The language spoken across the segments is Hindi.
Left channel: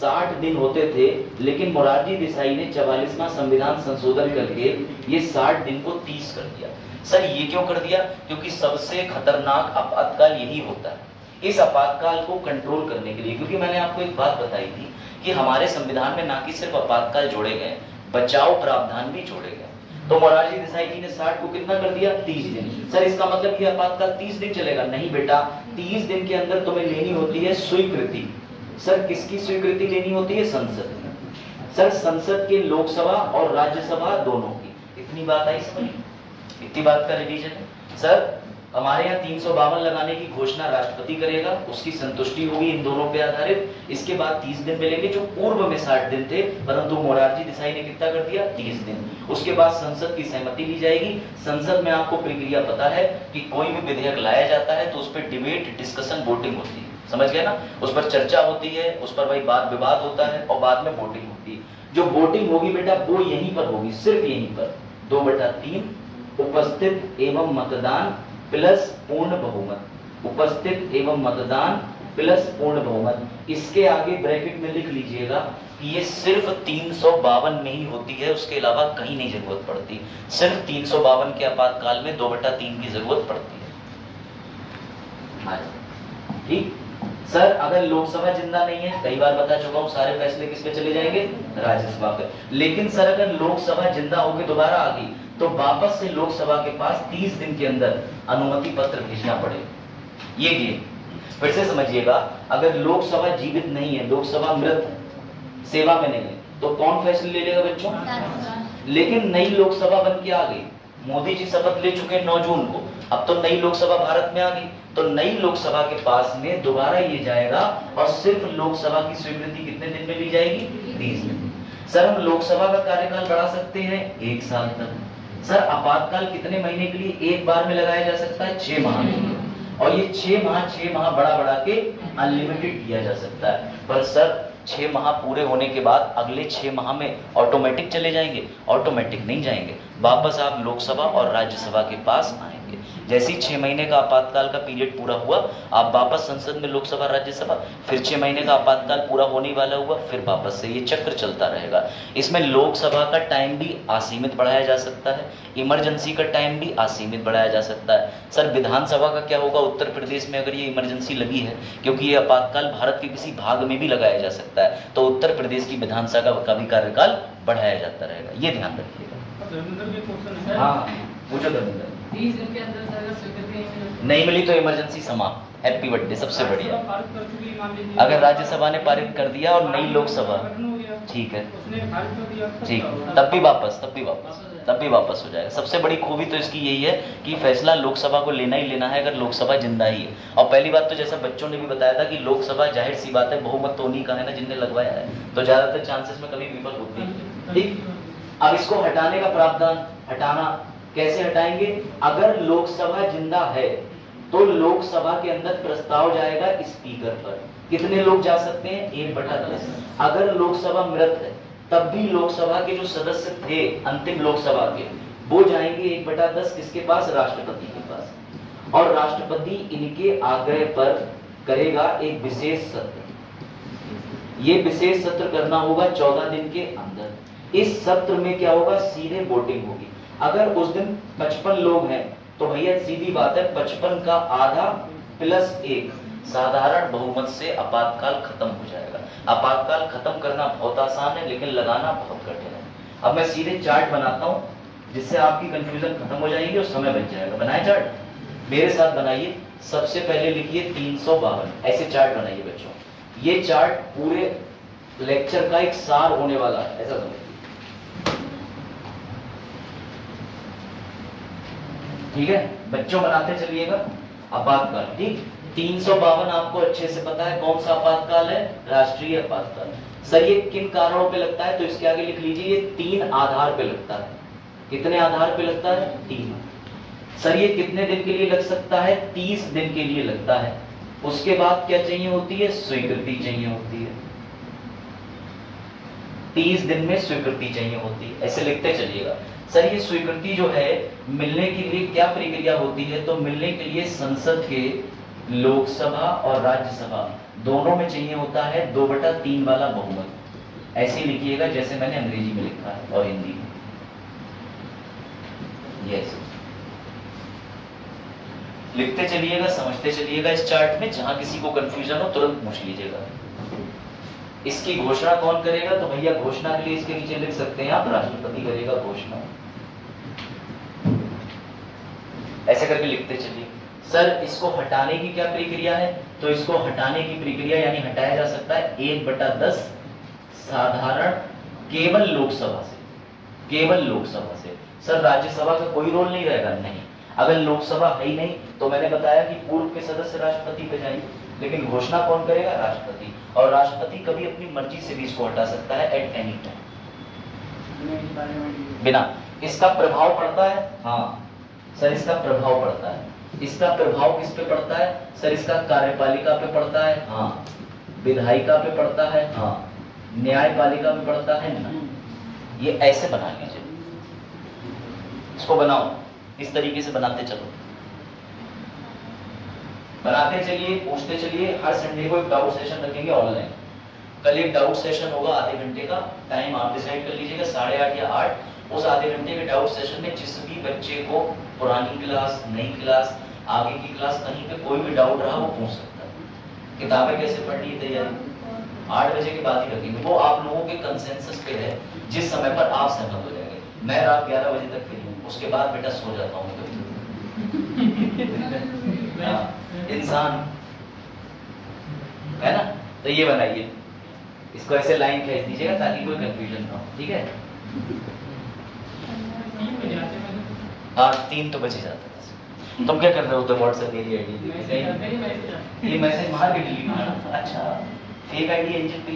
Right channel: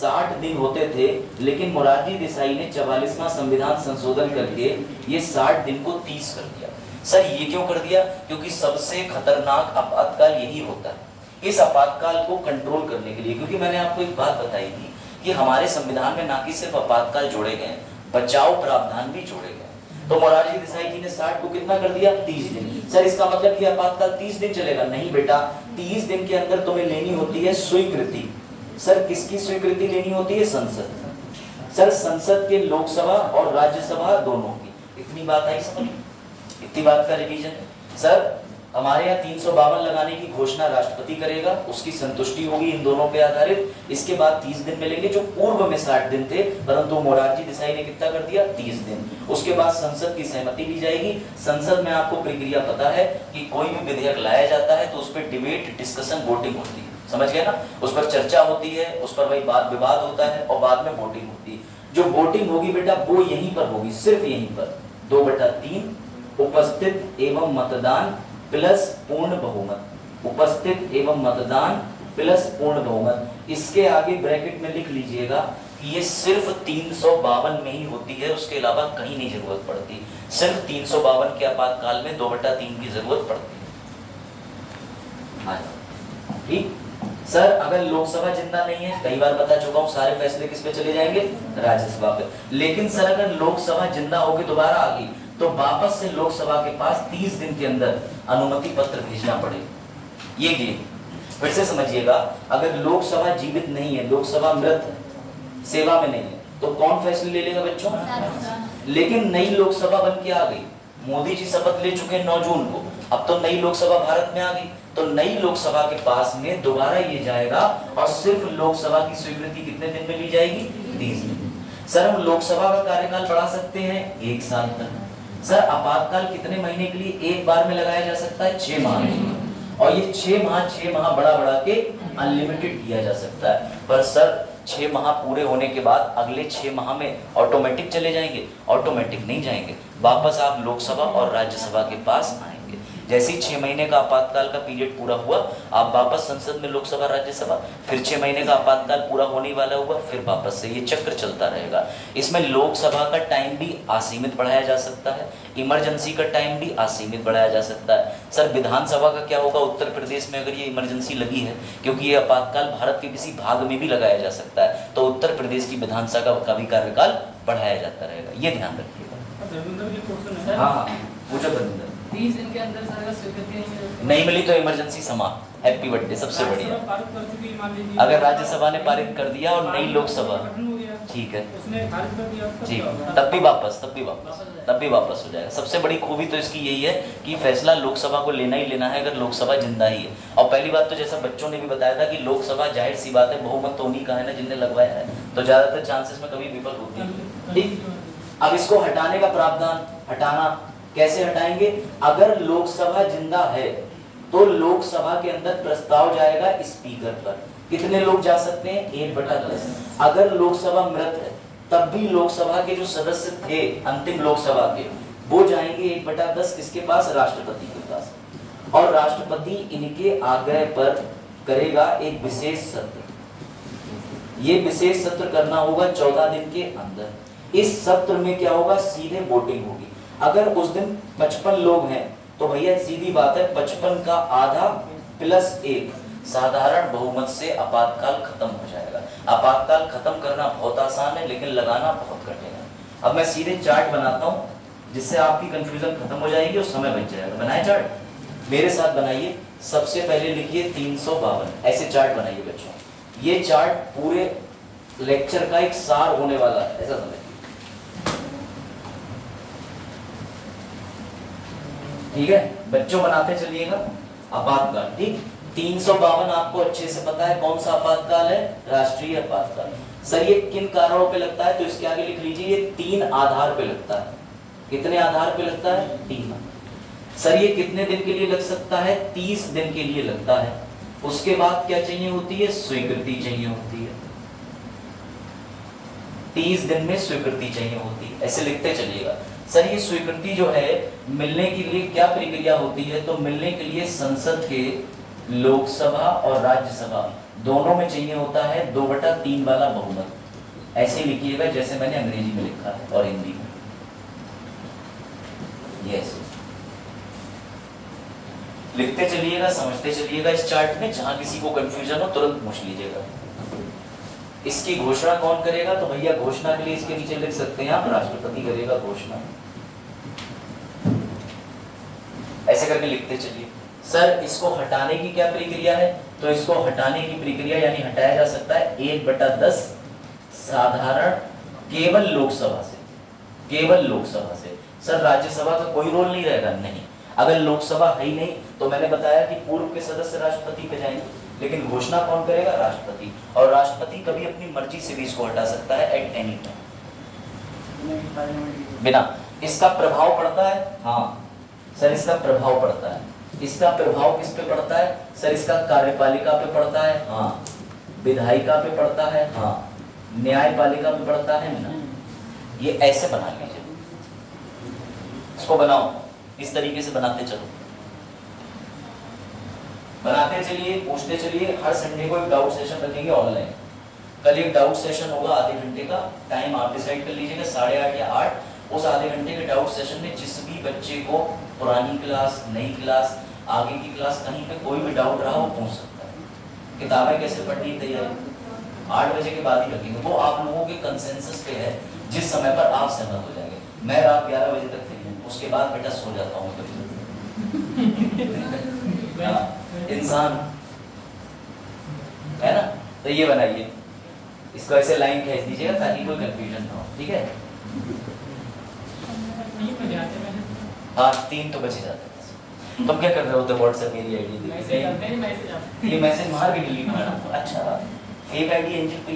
60 दिन होते थे, लेकिन मोरारजी देसाई ने 44वां संविधान संशोधन करके ये 60 दिन को 30 कर दिया। सर ये क्यों कर दिया? क्योंकि सबसे खतरनाक आपातकाल यही होता है। इस आपातकाल को कंट्रोल करने के लिए, क्योंकि मैंने आपको एक बात बताई थी कि हमारे संविधान में ना कि सिर्फ आपातकाल जोड़े गए, बचाव प्रावधान भी जोड़े गए। तो मोरारजी देसाई जी ने 60 को कितना कर दिया? 30 दिन। सर इसका मतलब कि आपातकाल 30 दिन चलेगा? नहीं बेटा, 30 दिन के अंदर तुम्हें लेनी होती है स्वीकृति। सर किसकी स्वीकृति लेनी होती है? संसद। सर संसद के लोकसभा और राज्यसभा दोनों की। इतनी बात आई समझ? इतनी बात का रिवीजन है। सर हमारे यहाँ 352 लगाने की घोषणा राष्ट्रपति करेगा, उसकी संतुष्टि होगी इन दोनों पे आधारित। इसके बाद 30 दिन मिलेंगे, जो पूर्व में 60 दिन थे, परंतु मोरारजी देसाई ने कितना कर दिया? 30 दिन। उसके बाद संसद की सहमति ली जाएगी। संसद में आपको प्रक्रिया पता है कि कोई भी विधेयक लाया जाता है तो उस पर डिबेट, डिस्कशन, वोटिंग होती है। समझ गए ना? उस पर चर्चा होती है, उस पर वही बात विवाद होता है और बाद में वोटिंग होती है। जो वोटिंग होगी बेटा वो यहीं पर होगी, सिर्फ यहीं पर। 2/3 उपस्थित एवं मतदान प्लस पूर्ण बहुमत। उपस्थित एवं मतदान प्लस पूर्ण बहुमत। इसके आगे ब्रैकेट में लिख लीजिएगा कि ये सिर्फ 352 में ही होती है, उसके अलावा कहीं नहीं जरूरत पड़ती। सिर्फ 352 के आपातकाल में 2/3 की जरूरत पड़ती है। ठीक सर, अगर लोकसभा जिंदा नहीं है, कई बार बता चुका हूं, सारे फैसले किस पे चले जाएंगे? राज्यसभा पे। लेकिन सर अगर लोकसभा जिंदा होकर दोबारा आ गई तो वापस से लोकसभा के पास 30 दिन के अंदर अनुमति पत्र भेजना पड़ेगा। ये फिर से समझिएगा, अगर लोकसभा जीवित नहीं है, लोकसभा मृत है, सेवा में नहीं है, तो कौन फैसले ले लेगा बच्चों? लेकिन नई लोकसभा बन के आ गई, मोदी जी शपथ ले चुके 9 जून को, अब तो नई लोकसभा भारत में आ गई, तो नई लोकसभा के पास में दोबारा ये जाएगा और सिर्फ लोकसभा की स्वीकृति कितने दिन में ली जाएगी? 30 दिन। सर हम लोकसभा का कार्यकाल बढ़ा सकते हैं 1 साल तक। सर आपातकाल कितने महीने के लिए एक बार में लगाया जा सकता है? 6 माह में। और ये 6 माह बढ़ा के अनलिमिटेड किया जा सकता है। पर सर 6 माह पूरे होने के बाद अगले 6 माह में ऑटोमेटिक चले जाएंगे? ऑटोमेटिक नहीं जाएंगे, वापस आप लोकसभा और राज्यसभा के पास आएंगे। जैसे ही 6 महीने का आपातकाल का पीरियड पूरा हुआ, आप वापस संसद में लोकसभा राज्यसभा, फिर 6 महीने का आपातकाल पूरा होने वाला हुआ, फिर वापस से ये चक्र चलता रहेगा। इसमें लोकसभा का टाइम भी असीमित बढ़ाया जा सकता है, इमरजेंसी का टाइम भी असीमित बढ़ाया जा सकता है। सर विधानसभा का क्या होगा उत्तर प्रदेश में अगर ये इमरजेंसी लगी है? क्योंकि ये आपातकाल भारत के किसी भाग में भी लगाया जा सकता है, तो उत्तर प्रदेश की विधानसभा का भी कार्यकाल बढ़ाया जाता रहेगा। ये ध्यान रखिएगा। हाँ पूछो धर्मेंद्र। 30 दिन के अंदर सर स्वीकृति नहीं मिली तो इमरजेंसी समाप्त। हैप्पी बर्थडे, सबसे बढ़िया। अगर राज्यसभा ने पारित कर दिया और नई लोकसभा, ठीक है, ठीक, तब भी वापस हो जाएगा। सबसे बड़ी खूबी तो इसकी यही है कि फैसला लोकसभा को लेना ही लेना है अगर लोकसभा जिंदा ही है। और पहली बात तो जैसा बच्चों ने भी बताया था कि लोकसभा जाहिर सी बात है बहुमत तो उन्हीं का है ना जिनने लगवाया है, तो ज्यादातर चांसेस में कभी विफल होती है। ठीक, अब इसको हटाने का प्रावधान, हटाना कैसे हटाएंगे? अगर लोकसभा जिंदा है तो लोकसभा के अंदर प्रस्ताव जाएगा स्पीकर पर। कितने लोग जा सकते हैं? 1/10। अगर लोकसभा मृत है तब भी लोकसभा के जो सदस्य थे अंतिम लोकसभा के, वो जाएंगे 1/10 किसके पास? राष्ट्रपति के पास। और राष्ट्रपति इनके आग्रह पर करेगा एक विशेष सत्र। ये विशेष सत्र करना होगा 14 दिन के अंदर। इस सत्र में क्या होगा? सीधे वोटिंग होगी। अगर उस दिन 55 लोग हैं तो भैया सीधी बात है 55 का आधा प्लस 1 साधारण बहुमत से आपातकाल खत्म हो जाएगा। आपातकाल खत्म करना बहुत आसान है लेकिन लगाना बहुत कठिन है। अब मैं सीधे चार्ट बनाता हूं जिससे आपकी कंफ्यूजन खत्म हो जाएगी और समय बच जाएगा। बनाए चार्ट, मेरे साथ बनाइए। सबसे पहले लिखिए 352, ऐसे चार्ट बनाइए बच्चों। ये चार्ट पूरे लेक्चर का एक सार होने वाला है, ऐसा समझिए। ठीक है बच्चों, बनाते चलिएगा। आपातकाल, ठीक, 352 आपको अच्छे से पता है कौन सा आपातकाल है? राष्ट्रीय आपातकाल। सर ये किन कारणों पे लगता है? तो इसके आगे लिख लीजिए ये 3 आधार पे लगता है। कितने आधार पे लगता है? 3। सर ये कितने दिन के लिए लग सकता है? 30 दिन के लिए लगता है। उसके बाद क्या चाहिए होती है? स्वीकृति चाहिए होती है। 30 दिन में स्वीकृति चाहिए होती है, ऐसे लिखते चलिएगा। सर ये स्वीकृति जो है मिलने के लिए क्या प्रक्रिया होती है? तो मिलने के लिए संसद के लोकसभा और राज्यसभा दोनों में चाहिए होता है 2/3 वाला बहुमत। ऐसे लिखिएगा जैसे मैंने अंग्रेजी में लिखा है और हिंदी में। यस, लिखते चलिएगा, समझते चलिएगा इस चार्ट में। जहां किसी को कंफ्यूजन हो तुरंत पूछ लीजिएगा। इसकी घोषणा कौन करेगा? तो भैया घोषणा के लिए इसके नीचे लिख सकते हैं आप, राष्ट्रपति करेगा घोषणा। ऐसे करके लिखते चलिए। सर इसको हटाने की क्या प्रक्रिया है? तो इसको हटाने की प्रक्रिया यानी हटाया जा सकता है 1/10 साधारण केवल लोकसभा से, केवल लोकसभा से। सर राज्यसभा का कोई रोल नहीं रहेगा? नहीं। अगर लोकसभा है ही नहीं तो मैंने बताया कि पूर्व के सदस्य राष्ट्रपति पे जाएंगे, लेकिन घोषणा कौन करेगा? राष्ट्रपति। और राष्ट्रपति कभी अपनी मर्जी से भी इसको हटा सकता है एट एनी टाइम, बिना। इसका प्रभाव पड़ता है? हाँ सर इसका प्रभाव पड़ता है। इसका प्रभाव किस पे पड़ता है? सर इसका कार्यपालिका पे पड़ता है? हाँ। विधायिका पे पड़ता है? हाँ। न्यायपालिका पे पड़ता है ना। ये ऐसे बना लीजिए, इसको बनाओ, इस तरीके से बनाते चलो, बनाते चलिए, पूछते चलिए। हर संडे को एक डाउट सेशन रखेंगे ऑनलाइन। कल एक डाउट सेशन होगा आधे घंटे का, टाइम आप डिसाइड कर लीजिएगा 8:30 या 8। उस आधे घंटे के डाउट सेशन में जिस भी बच्चे को पुरानी क्लास, नई क्लास, आगे की क्लास, कहीं पे कोई भी डाउट रहा वो पूछ सकता है। किताबें कैसे पढ़नी, तैयारी 8 बजे के बाद ही रखेंगे। वो आप लोगों के कंसेंसस पे है, जिस समय पर आप सहमत हो जाएंगे। मैं रात 11 बजे तक फ्री हूँ, उसके बाद बेटा सो जाता हूँ कभी। इंसान है ना। तो ये बनाइए, इसको ऐसे लाइन खींच दीजिएगा ताकि कोई कंफ्यूजन ना हो, ठीक है। हाँ 3 तो बजे जाते हैं। तुम क्या कर रहे हो? व्हाट्सएप मेरी आईडी, ये मैसेज मार के डिलीट करना। अच्छा फेक आईडी इंजन पे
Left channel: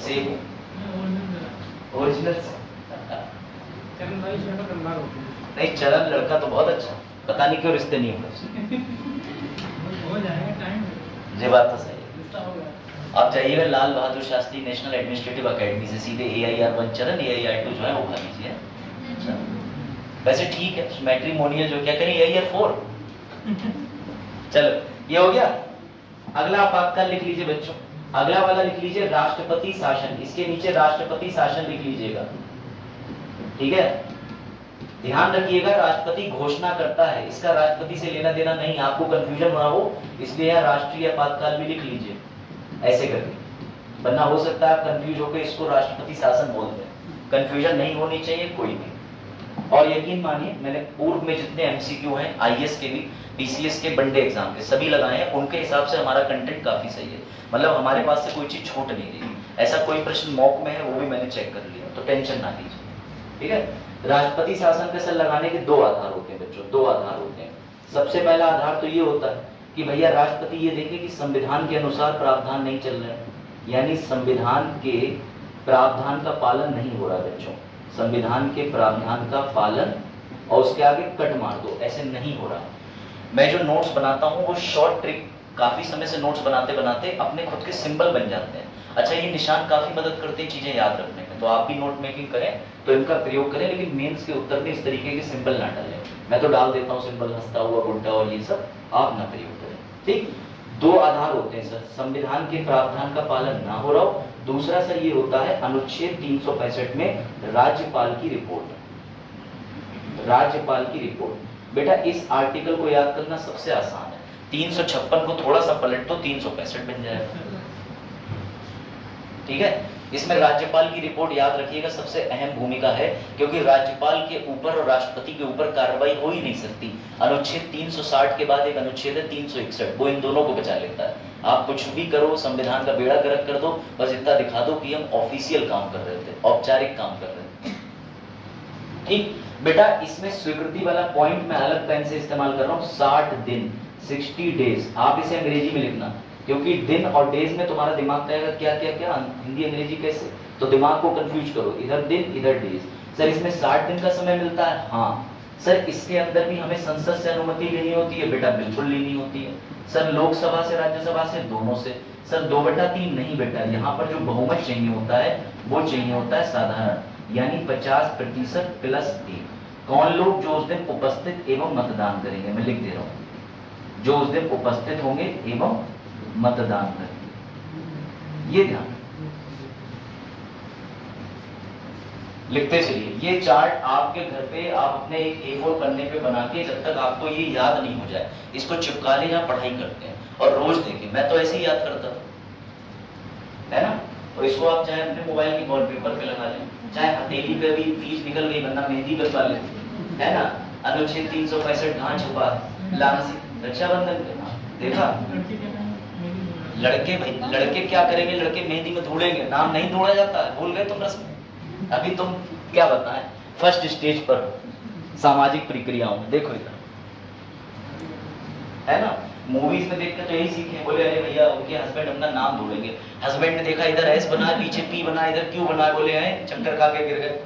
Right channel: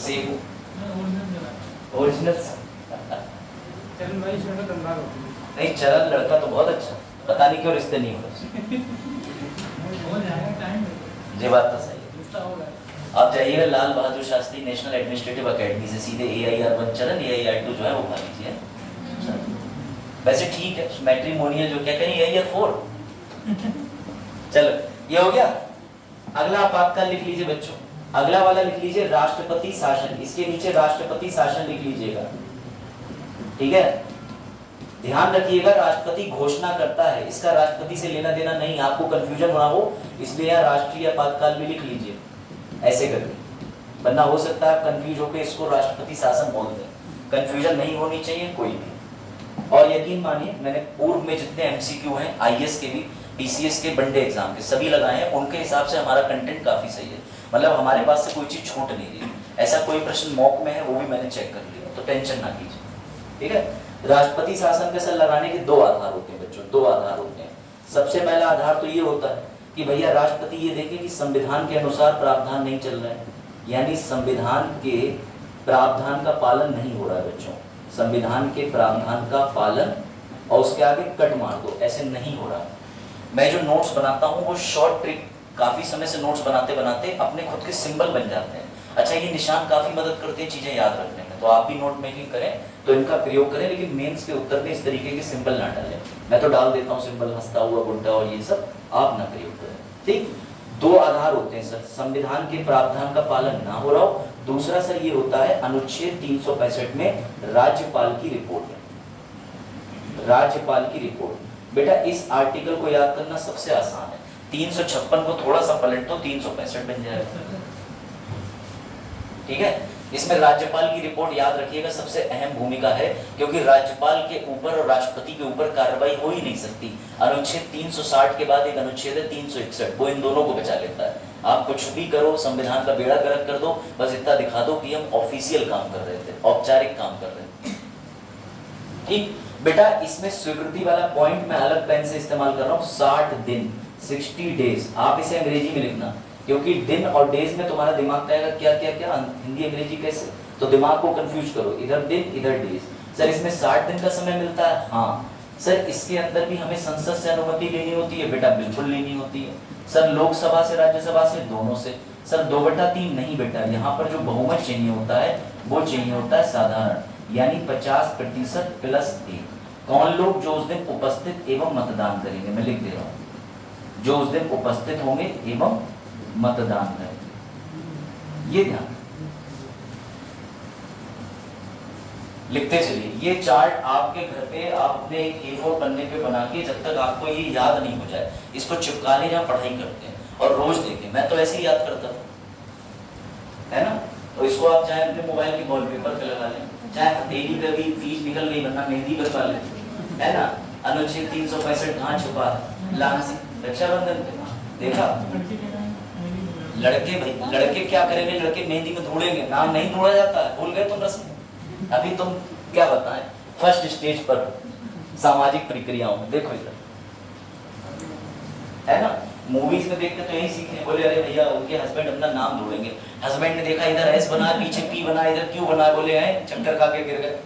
सेव ओरिजिनल। नहीं चरण लड़का तो बहुत अच्छा, पता नहीं क्यों रिश्ते नहीं हो रहे। ये बात तो सही है। आप जाइएगा Lal Bahadur Shastri national administrative academy से सीधे AIR1 चरण, AIR2 जो है वो खा लीजिए। वैसे ठीक है, मैट्रिमोनियल जो क्या करें AIR4। चलो ये हो गया। अगला आपातकाल लिख लीजिए बच्चों, अगला वाला लिख लीजिए राष्ट्रपति शासन। इसके नीचे राष्ट्रपति शासन लिख लीजिएगा, ठीक है। ध्यान रखिएगा राष्ट्रपति घोषणा करता है, इसका राष्ट्रपति से लेना देना नहीं। आपको कंफ्यूजन ना हो इसलिए यहाँ राष्ट्रीय आपातकाल भी लिख लीजिए ऐसे करके, वरना हो सकता है आप कंफ्यूज होकर इसको राष्ट्रपति शासन बोल दें। कंफ्यूजन नहीं होनी चाहिए कोई भी। और यकीन मानिए मैंने पूर्व में जितने MCQ हैं IAS के भी, PCS के, वनडे एग्जाम के सभी लगाए हैं, उनके हिसाब से हमारा कंटेंट काफी सही है। मतलब हमारे पास से कोई चीज छूट नहीं रही। ऐसा कोई प्रश्न मॉक में है वो भी मैंने चेक कर लिया, तो टेंशन ना लीजिए, ठीक है। राष्ट्रपति शासन पे सर लगाने के 2 आधार होते हैं बच्चों, 2 आधार होते हैं। सबसे पहला आधार तो ये होता है कि भैया राष्ट्रपति ये देखे कि संविधान के अनुसार प्रावधान नहीं चल रहा है, यानी संविधान के प्रावधान का पालन नहीं हो रहा है बच्चों। संविधान के प्रावधान का पालन, और उसके आगे कट मार दो, ऐसे नहीं हो रहा। मैं जो नोट्स बनाता हूँ वो शॉर्ट ट्रिक, काफी समय से नोट्स बनाते बनाते अपने खुद के सिंबल बन जाते हैं। अच्छा ये निशान काफी मदद करते हैं चीजें याद रखने में, तो आप भी नोट मेकिंग करें तो इनका प्रयोग करें, लेकिन मेंस के उत्तर में इस तरीके के सिंबल ना डालें। मैं तो डाल देता हूँ सिंबल, हंसता हुआ गुड्डा और ये सब, आप ना प्रयोग करें, ठीक। 2 आधार होते हैं सर, संविधान के प्रावधान का पालन ना हो रहा हो। दूसरा सर ये होता है अनुच्छेद 365 में राज्यपाल की रिपोर्ट। राज्यपाल की रिपोर्ट बेटा इस आर्टिकल को याद करना सबसे आसान है। 356 को थोड़ा सा पलट तो 365 बन जाएगा, ठीक है। इसमें राज्यपाल की रिपोर्ट याद रखिएगा सबसे अहम भूमिका है, क्योंकि राज्यपाल के ऊपर और राष्ट्रपति के ऊपर कार्रवाई हो ही नहीं सकती। अनुच्छेद 360 के बाद एक अनुच्छेद है 361, वो इन दोनों को बचा लेता है। आप कुछ भी करो, संविधान का बेड़ा गर्क कर दो, बस इतना दिखा दो कि हम ऑफिशियल काम कर रहे थे, औपचारिक काम कर रहे थे, ठीक। बेटा इसमें स्वीकृति वाला पॉइंट मैं अलग पेन से इस्तेमाल कर रहा हूँ, 60 दिन 60 डेज। आप इसे अंग्रेजी में लिखना, क्योंकि दिन और डेज में तुम्हारा दिमाग कहेगा क्या क्या क्या, हिंदी अंग्रेजी कैसे, तो दिमाग को कंफ्यूज करो, इधर दिन इधर डेज। सर इसमें 60 दिन का समय मिलता है, हाँ। सर इसके अंदर भी हमें संसद से अनुमति लेनी होती है बेटा, बिल्कुल लेनी होती है। सर लोकसभा से, राज्यसभा से, दोनों से। सर 2/3 नहीं बेटा, यहाँ पर जो बहुमत चाहिए होता है वो चाहिए होता है साधारण, यानी 50% + 1। कौन लोग जो उस दिन उपस्थित एवं मतदान करेंगे, मैं लिख दे रहा हूँ, जो उस दिन उपस्थित होंगे एवं मतदान करेंगे। ये ध्यान लिखते चलिए। ये चार्ट आपके घर पे आप अपने एक A4 पन्ने पे बना के, जब तक आपको ये याद नहीं हो जाए, इसको चिपका ले जहाँ पढ़ाई करते हैं और रोज देखें। मैं तो ऐसे ही याद करता था, है ना। तो इसको आप चाहे अपने मोबाइल के वॉलपेपर पे लगा लें, चाहे हथेली पे भी तीज निकल गई वरना मेहंदी बनवा लें, है ना। अनुच्छेद 365 कहाँ छुपा लांसी रक्षाबंधन पे देखा। लड़के भाई लड़के क्या करेंगे, लड़के मेहंदी में धूड़ेंगे। नाम नहीं धूड़ा जाता है, भूल गए तुम रस्म। अभी तुम क्या बताएं, फर्स्ट स्टेज पर हो सामाजिक प्रक्रियाओं में। देखो इधर, है ना, मूवीज में देखते तो यही सीखे। बोले अरे भैया उनके हस्बैंड अपना नाम धोड़ेंगे। हस्बैंड ने देखा इधर एस बना, पीछे पी बना, इधर क्यों बना, बोले हैं चक्कर खा के गिर गए।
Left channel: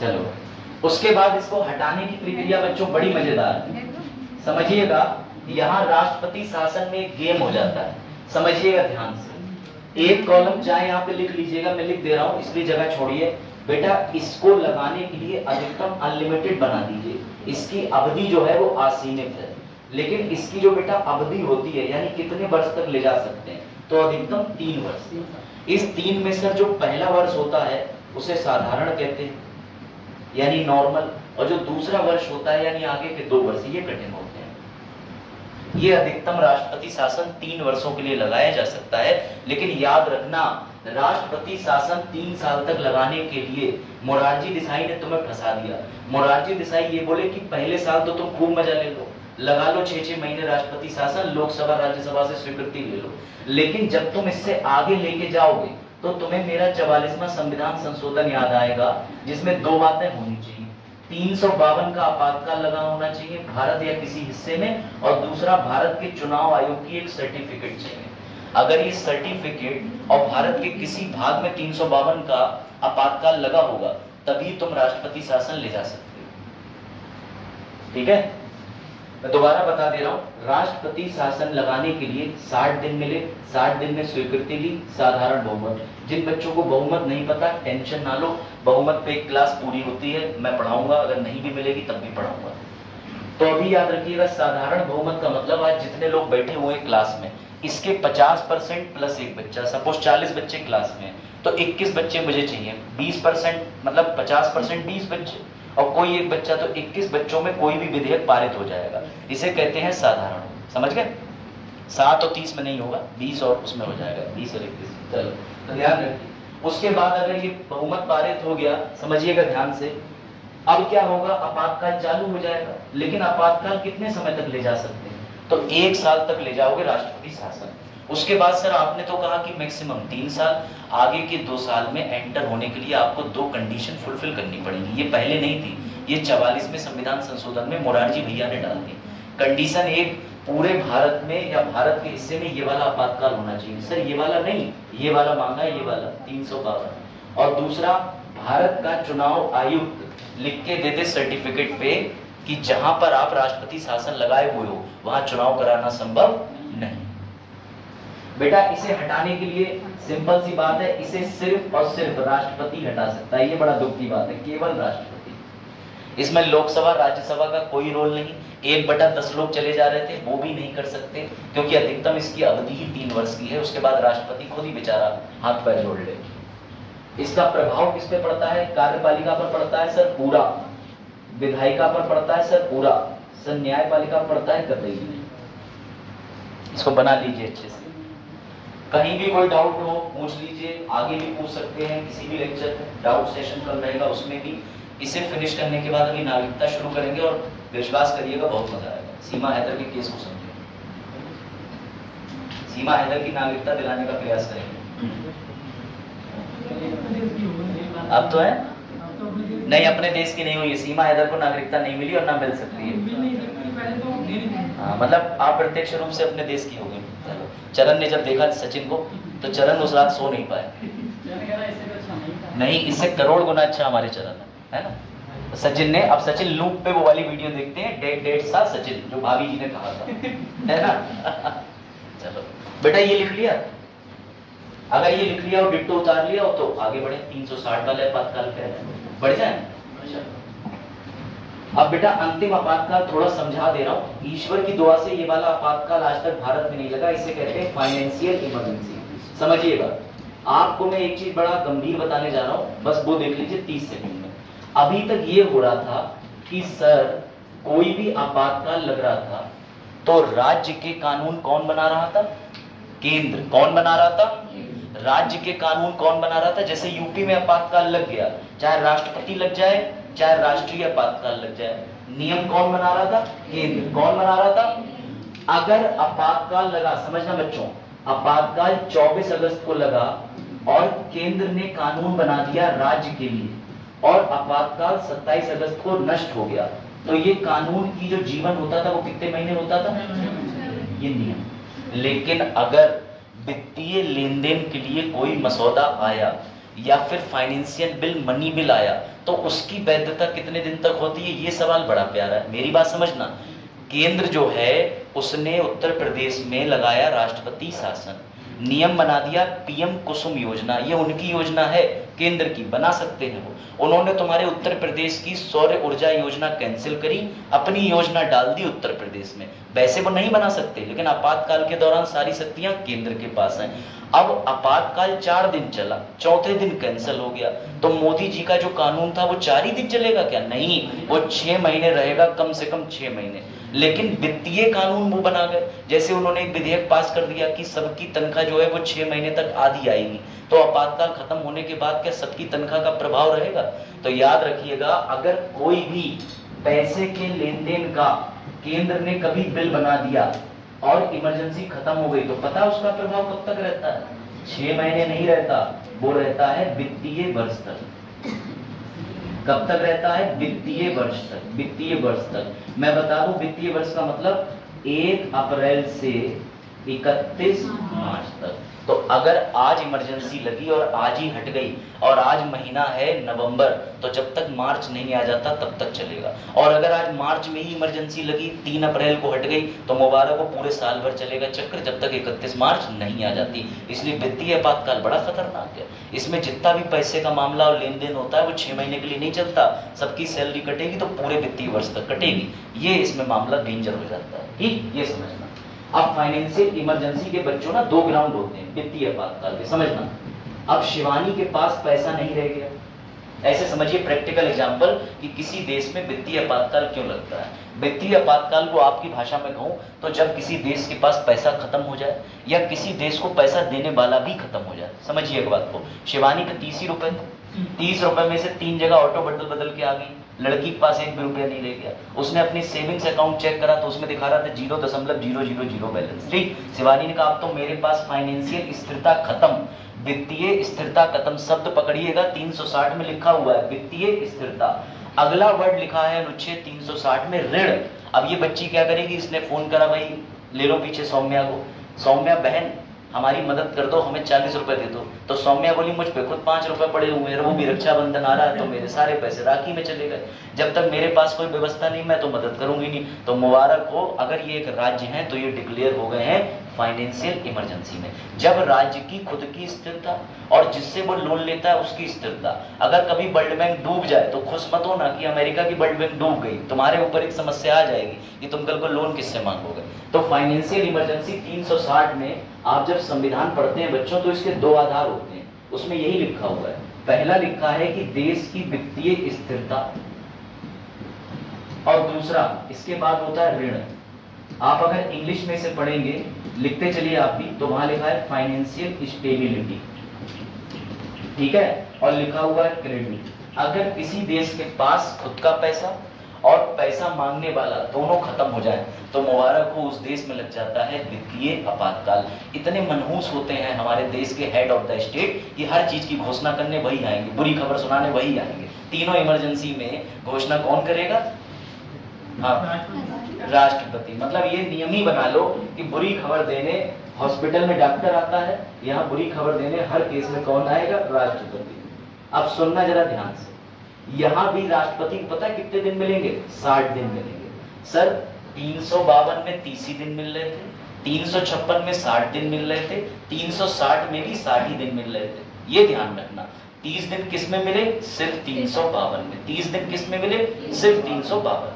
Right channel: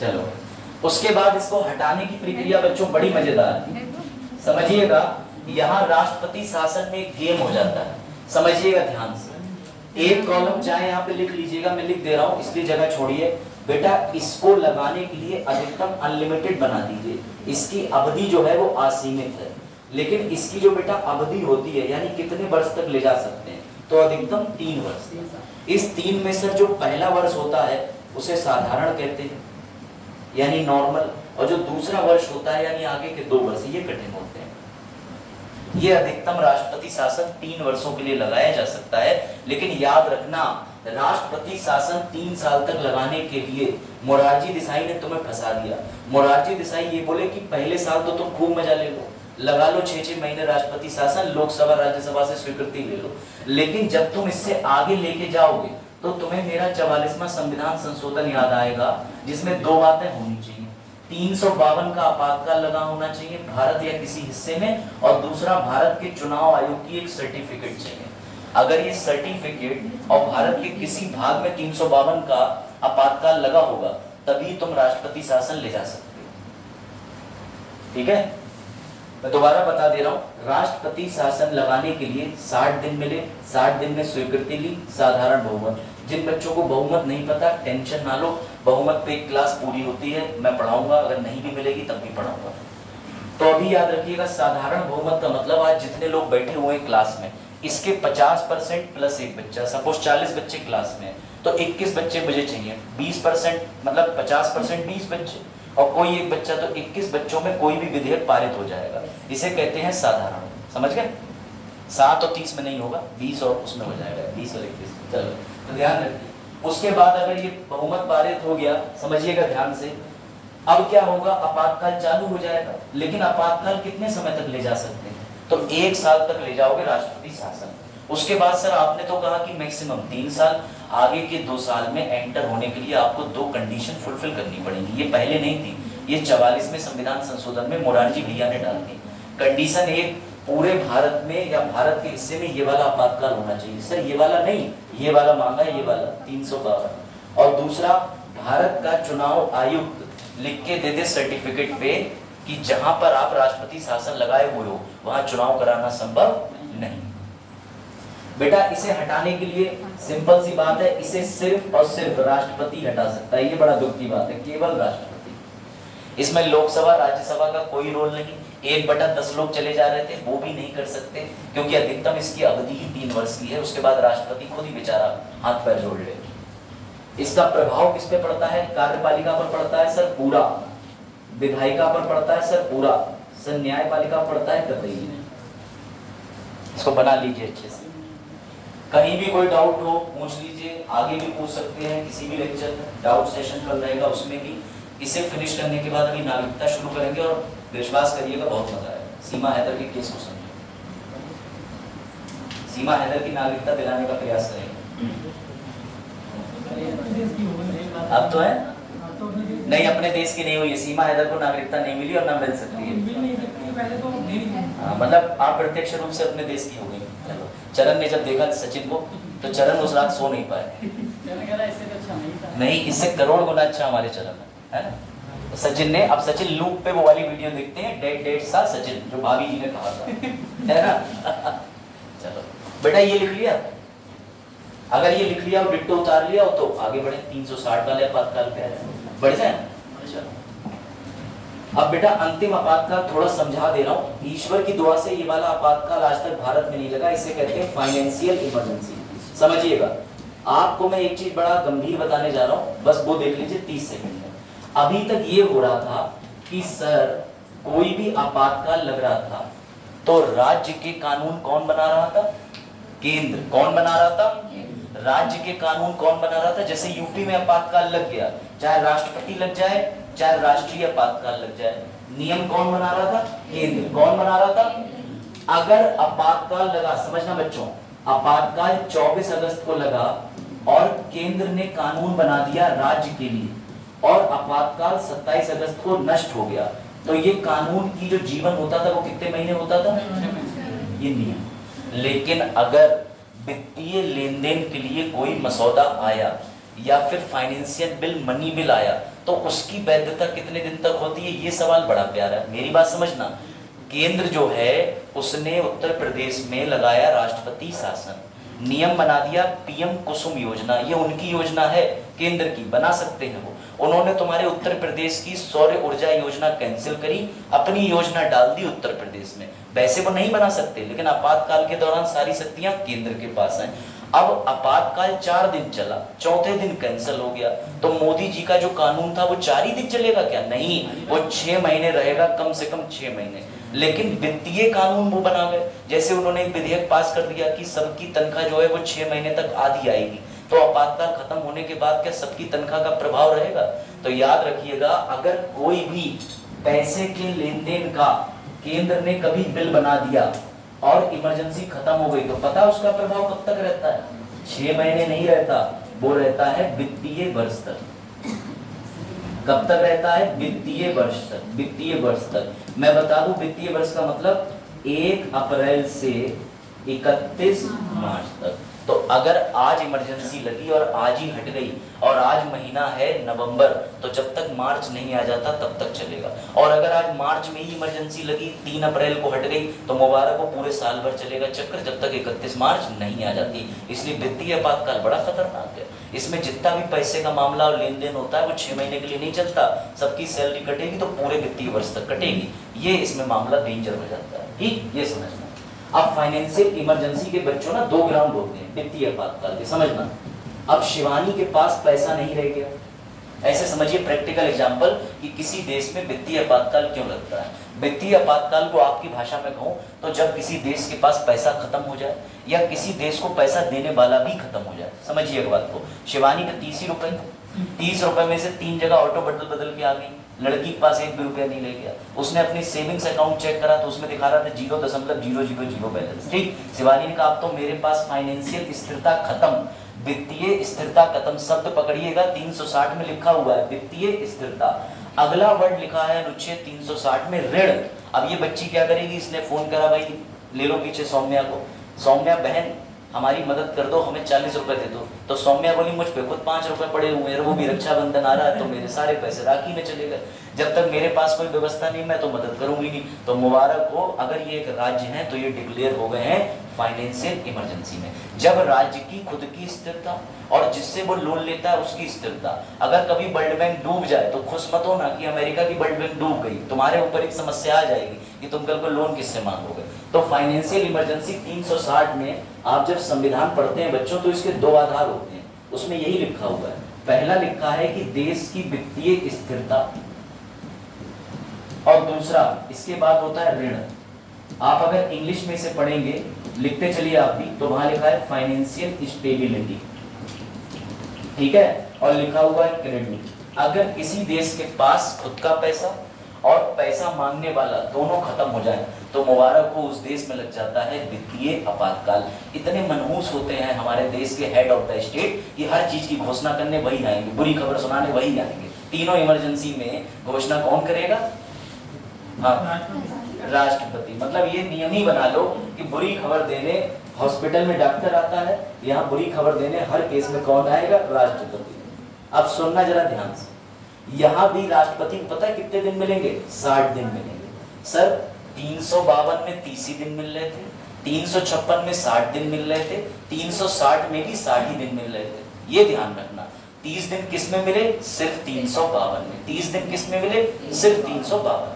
चलो उसके बाद इसको हटाने की प्रक्रिया बच्चों बड़ी मजेदार है, समझिएगा। यहाँ राष्ट्रपति शासन में एक गेम हो जाता है, समझिएगा ध्यान से। एक कॉलम चाहे यहाँ पे लिख लीजिएगा, मैं लिख दे रहा हूँ इसलिए जगह छोड़िए। बेटा इसको लगाने के लिए अधिकतम अनलिमिटेड बना दीजिए। इसकी अवधि जो है वो असीमित है, लेकिन इसकी जो बेटा अवधि होती है यानी कितने वर्ष तक ले जा सकते हैं, तो अधिकतम 3 वर्ष। इस 3 में से जो पहला वर्ष होता है उसे साधारण कहते हैं यानी नॉर्मल, और जो दूसरा वर्ष होता है यानी आगे के 2 वर्ष ये कठिन होते हैं। ये अधिकतम राष्ट्रपति शासन 3 वर्षों के लिए लगाया जा सकता है, लेकिन याद रखना राष्ट्रपति शासन 3 साल तक लगाने के लिए मोरारजी देसाई ने तुम्हें फंसा दिया। मोरारजी देसाई ये बोले कि पहले साल तो तुम खूब मजा ले लो, लगा लो 6-6 महीने राष्ट्रपति शासन, लोकसभा राज्यसभा से स्वीकृति ले लो, लेकिन जब तुम इससे आगे लेके जाओगे तो तुम्हें मेरा 44वां संविधान संशोधन याद आएगा, जिसमें 2 बातें होनी चाहिए। 352 का आपातकाल लगा होना चाहिए भारत या किसी हिस्से में, और दूसरा भारत के चुनाव आयोग की एक सर्टिफिकेट चाहिए। अगर ये सर्टिफिकेट और भारत के किसी भाग में 352 का आपातकाल लगा होगा तभी तुम राष्ट्रपति शासन ले जा सकते हो। ठीक है, मैं दोबारा बता दे रहा हूं। राष्ट्रपति शासन लगाने के लिए 60 दिन मिले, 60 दिन में स्वीकृति ली, साधारण बहुमत। जिन बच्चों को बहुमत नहीं पता टेंशन ना लो, बहुमत पे एक क्लास पूरी होती है, मैं पढ़ाऊंगा, अगर नहीं भी मिलेगी तब भी पढ़ाऊंगा। तो अभी याद रखिएगा साधारण बहुमत का मतलब आज जितने लोग बैठे हुए क्लास में इसके 50% प्लस एक बच्चा, सपोज 40 बच्चे क्लास में तो 21 बच्चे मुझे चाहिए। 20% मतलब 50% 20 बच्चे और कोई एक बच्चा, तो 21 बच्चों में कोई भी विधेयक पारित हो जाएगा। इसे कहते हैं साधारण, समझ गए। 7 और 30 में नहीं होगा, 20 और उसमें हो जाएगा, 20 और 21। चलो तो ध्यान रखिए। उसके बाद अगर ये बहुमत पारित हो गया, समझिएगा ध्यान से, अब क्या होगा, आपातकाल चालू हो जाएगा। लेकिन आपातकाल कितने समय तक ले जा सकते हैं, तो 1 साल तक ले जाओगे राष्ट्रपति शासन। उसके बाद सर आपने तो कहा कि मैक्सिमम 3 साल, आगे के 2 साल में एंटर होने के लिए आपको 2 कंडीशन फुलफिल करनी पड़ेगी। ये पहले नहीं थी, ये 44वें संविधान संशोधन में मोरारजी भैया ने डाल दी। कंडीशन 1, पूरे भारत में या भारत के हिस्से में ये वाला आपातकाल होना चाहिए। सर ये वाला नहीं, ये वाला मांगा है, ये वाला 352। और दूसरा, भारत का चुनाव आयुक्त लिख के दे दे सर्टिफिकेट पे कि जहां पर आप राष्ट्रपति शासन लगाए हुए हो वहां चुनाव कराना संभव नहीं। बेटा इसे हटाने के लिए सिंपल सी बात है, इसे सिर्फ और सिर्फ राष्ट्रपति हटा सकता है। ये बड़ा दुख की बात है, केवल राष्ट्रपति। इसमें लोकसभा राज्यसभा का कोई रोल नहीं। 1/10 लोग चले जा रहे थे, वो भी नहीं कर सकते क्योंकि अधिकतम इसकी अवधि ही 3 वर्ष की है। उसके बाद राष्ट्रपति खुद ही बेचारा हाथ पैर जोड़ ले। इसका प्रभाव किस पे पड़ता है, कार्यपालिका पर पड़ता है सर पूरा, विधायिका पर पड़ता है सर पूरा, सर न्यायपालिका पर पड़ता है कतई भी। इसको बना लीजिए अच्छे से। कहीं भी कोई डाउट हो पूछ लीजिए, आगे भी पूछ सकते हैं किसी भी लेक्चर में, डाउट सेशन कल रहेगा उसमें भी। इसे फिनिश करने के बाद अभी नागरिकता शुरू करेंगे और विश्वास करिएगा बहुत मजा आएगा। सीमा हैदर के केस को समझिए, सीमा हैदर की नागरिकता दिलाने का प्रयास करेंगे। अब तो है नहीं, अपने देश की नहीं हुई है, सीमा हैदर को नागरिकता नहीं मिली और ना मिल सकती है। हाँ, मतलब आप प्रत्यक्ष रूप से अपने देश की हो गई। चरण ने जब देखा सचिन को तो चरण उस रात सो नहीं पाए। नहीं, इससे करोड़ गुना अच्छा हमारे चरण है ना। तो सचिन ने, अब सचिन लूप पे वो वाली वीडियो देखते हैं, डेट सा सचिन जो भाभी जी ने कहा था, है ना। चलो बेटा ये लिख लिया, अगर ये लिख लिया और डिट्टो उतार लिया हो तो आगे बढ़े। 360 वाले आपातकाल क्या है, बढ़ जाए। अब बेटा अंतिम आपातकाल थोड़ा समझा दे रहा हूँ, ईश्वर की दुआ से ये वाला आपातकाल आज तक भारत में नहीं लगा, इसे कहते हैं फाइनेंशियल इमरजेंसी। समझिएगा, आपको मैं एक चीज बड़ा गंभीर बताने जा रहा हूँ, बस वो देख लीजिए 30 सेकंड में। अभी तक ये हो रहा था कि सर कोई भी आपातकाल लग रहा था तो राज्य के कानून कौन बना रहा था? केंद्र। कौन बना रहा था? राज्य के कानून कौन बना रहा था? जैसे यूपी में आपातकाल लग गया, चाहे राष्ट्रपति लग जाए चाहे राष्ट्रीय आपातकाल लग जाए, नियम कौन बना रहा था? केंद्र। कौन बना रहा था? अगर आपातकाल लगा, समझना बच्चों, आपातकाल 24 अगस्त को लगा और केंद्र ने कानून बना दिया राज्य के लिए और आपातकाल 27 अगस्त को नष्ट हो गया, तो ये कानून की जो जीवन होता था वो कितने महीने होता था? ये नियम। लेकिन अगर वित्तीय लेन देन के लिए कोई मसौदा आया या फिर फाइनेंशियल बिल, मनी बिल आया, तो उसकी वैधता कितने दिन तक होती है? ये सवाल बड़ा प्यारा है, मेरी बात समझना। केंद्र जो है उसने उत्तर प्रदेश में लगाया राष्ट्रपति शासन, नियम बना दिया पीएम कुसुम योजना, ये उनकी योजना है, केंद्र की, बना सकते हैं वो। उन्होंने तुम्हारे उत्तर प्रदेश की सौर ऊर्जा योजना कैंसिल करी, अपनी योजना डाल दी उत्तर प्रदेश में। वैसे वो नहीं बना सकते, लेकिन आपातकाल के दौरान सारी शक्तियां केंद्र के पास हैं। अब आपातकाल 4 दिन चला, चौथे दिन कैंसिल हो गया, तो मोदी जी का जो कानून था वो 4 ही दिन चलेगा क्या? नहीं, वो 6 महीने रहेगा, कम से कम 6 महीने। लेकिन वित्तीय कानून वो बना गए, जैसे उन्होंने एक विधेयक पास कर दिया कि सबकी तनख्वाह जो है वो 6 महीने तक आधी आएगी, तो आपातकाल खत्म होने के बाद क्या सबकी तनख्वाह का प्रभाव रहेगा? तो याद रखिएगा, अगर कोई भी पैसे के लेन देन का केंद्र ने कभी बिल बना दिया और इमरजेंसी खत्म हो गई, तो पता उसका प्रभाव कब तक रहता है? 6 महीने नहीं रहता, वो रहता है वित्तीय वर्ष तक। कब तक रहता है? वित्तीय वर्ष तक। वित्तीय वर्ष तक मैं बता दूं, वित्तीय वर्ष का मतलब 1 अप्रैल से 31 मार्च तक। तो अगर आज इमरजेंसी लगी और आज ही हट गई और आज महीना है नवंबर, तो जब तक मार्च नहीं आ जाता तब तक चलेगा। और अगर आज मार्च में ही इमरजेंसी लगी, 3 अप्रैल को हट गई, तो मुबारक को पूरे साल भर चलेगा चक्र, जब तक 31 मार्च नहीं आ जाती। इसलिए वित्तीय आपातकाल बड़ा खतरनाक है। इसमें जितना भी पैसे का मामला और लेन देन होता है वो 6 महीने के लिए नहीं चलता, सबकी सैलरी कटेगी तो पूरे वित्तीय वर्ष तक कटेगी। ये इसमें मामला डेंजर हो जाता है, ठीक, ये समझना। अब फाइनेंशियल इमरजेंसी के बच्चों ना 2 ग्राउंड होते हैं वित्तीय आपातकाल के, समझना। अब शिवानी के पास पैसा नहीं रह गया, ऐसे समझिए प्रैक्टिकल एग्जांपल कि किसी देश में वित्तीय आपातकाल क्यों लगता है। वित्तीय आपातकाल को आपकी भाषा में कहूं तो जब किसी देश के पास पैसा खत्म हो जाए या किसी देश को पैसा देने वाला भी खत्म हो जाए। समझिए एक बात को, शिवानी के 30 ही रुपए, 30 रुपए में से 3 जगह ऑटो बदल के आ गई, लड़की के पास 1 भी रुपया नहीं ले गया। उसने अपनी सेविंग्स अकाउंट चेक करा तो उसमें दिखा रहा था 0.000 बैलेंस। ठीक, शिवानी ने कहा अब तो मेरे पास फाइनेंशियल स्थिरता खत्म, वित्तीय स्थिरता खत्म। शब्द पकड़िएगा, 360 में लिखा हुआ है वित्तीय स्थिरता। अगला वर्ड लिखा है अनुच्छेद 360 में ऋण। अब ये बच्ची क्या करेगी, इसने फोन करा, भाई ले लो पीछे सौम्या को, सौम्या बहन हमारी मदद कर दो, हमें 40 रुपए दे दो। तो सौम्या बोली मुझ पे खुद 5 रुपए पड़े हुए हैं, वो भी रक्षाबंधन आ रहा है तो मेरे सारे पैसे राखी में चले गए, जब तक मेरे पास कोई व्यवस्था नहीं मैं तो मदद करूंगी नहीं। तो मुबारक हो, अगर ये एक राज्य है तो ये डिक्लेयर हो गए हैं फाइनेंशियल इमरजेंसी में। जब राज्य की खुद की स्थिरता और जिससे वो लोन लेता है उसकी स्थिरता, अगर कभी वर्ल्ड बैंक डूब जाए तो खुश मत होना कि अमेरिका की वर्ल्ड बैंक डूब गई, तुम्हारे ऊपर एक समस्या आ जाएगी कि तुम कल को लोन किससे मांगोगे। तो फाइनेंशियल इमरजेंसी 360 में आप जब संविधान पढ़ते हैं बच्चों तो इसके 2 आधार होते हैं, उसमें यही लिखा हुआ है। पहला लिखा है कि देश की वित्तीय स्थिरता और दूसरा इसके बाद होता है ऋण। आप अगर इंग्लिश में से पढ़ेंगे, लिखते चलिए आप भी, तो वहां लिखा है फाइनेंशियल स्टेबिलिटी, ठीक है, और लिखा हुआ है क्रेडिट। अगर किसी देश के पास खुद का पैसा और पैसा मांगने वाला दोनों खत्म हो जाए तो मुबारक को उस देश में लग जाता है वित्तीय आपातकाल। इतने मनहूस होते हैं हमारे देश के हेड ऑफ द स्टेट कि हर चीज की घोषणा करने वही आएंगे, बुरी खबर सुनाने वही आएंगे। तीनों इमरजेंसी में घोषणा कौन करेगा? हाँ, राष्ट्रपति। मतलब ये नियम ही बना लो कि बुरी खबर देने हॉस्पिटल में डॉक्टर आता है, यहाँ बुरी खबर देने हर केस में कौन आएगा? राष्ट्रपति। अब सुनना जरा ध्यान से, यहाँ भी राष्ट्रपति को पता है कितने दिन मिलेंगे? 60 दिन मिलेंगे। सर 352 में 30 ही दिन मिल रहे थे, 356 में 60 दिन मिल रहे थे, 360 में भी 60 ही दिन मिल रहे थे। ये ध्यान रखना, 30 दिन किस में मिले? सिर्फ 352 में। 30 दिन किस में मिले? सिर्फ 352।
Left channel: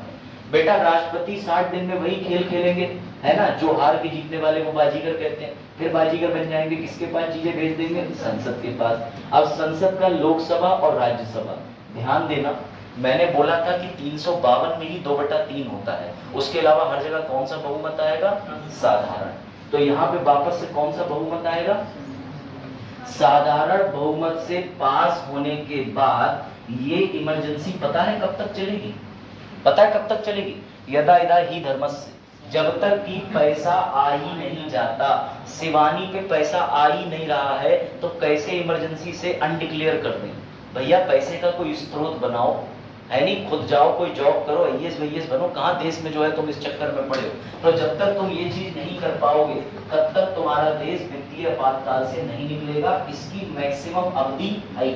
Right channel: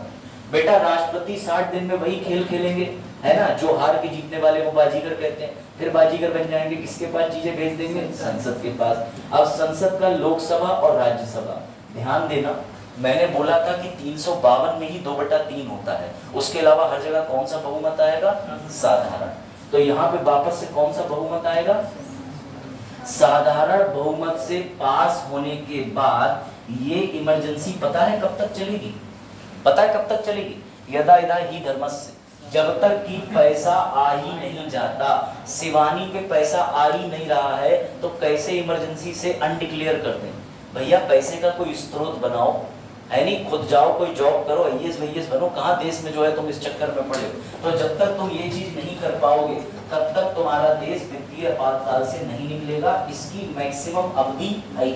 बेटा राष्ट्रपति 60 दिन में वही खेल खेलेंगे, है ना, जो हार के जीतने वाले को बाजीगर कहते हैं। फिर बाजीगर बन जाएंगे, किसके पास चीजें भेज देंगे? संसद के पास। अब संसद का लोकसभा और राज्यसभा, ध्यान देना, मैंने बोला था कि 352 में ही 2/3 होता है, उसके अलावा हर जगह कौन सा बहुमत आएगा? साधारण। तो यहाँ पे वापस से कौन सा बहुमत आएगा? साधारण बहुमत से पास होने के बाद ये इमरजेंसी पता है कब तक चलेगी? पता है कब तक चलेगी? यदा यदा ही धर्मस्य, जब तक कि पैसा आ ही नहीं जाता। शिवानी पे पैसा आ ही नहीं रहा है तो कैसे इमरजेंसी से अनडिक्लेयर कर दें? भैया पैसे का कोई स्रोत बनाओ, है नहीं, खुद जाओ कोई जॉब करो, आईएएस बनो। कहाँ देश में जो है तुम इस चक्कर में पड़े हो। तो जब तक तुम ये चीज नहीं कर पाओगे तब तक तुम्हारा देश वित्तीय आपातकाल से नहीं निकलेगा। इसकी मैक्सिमम अवधि है।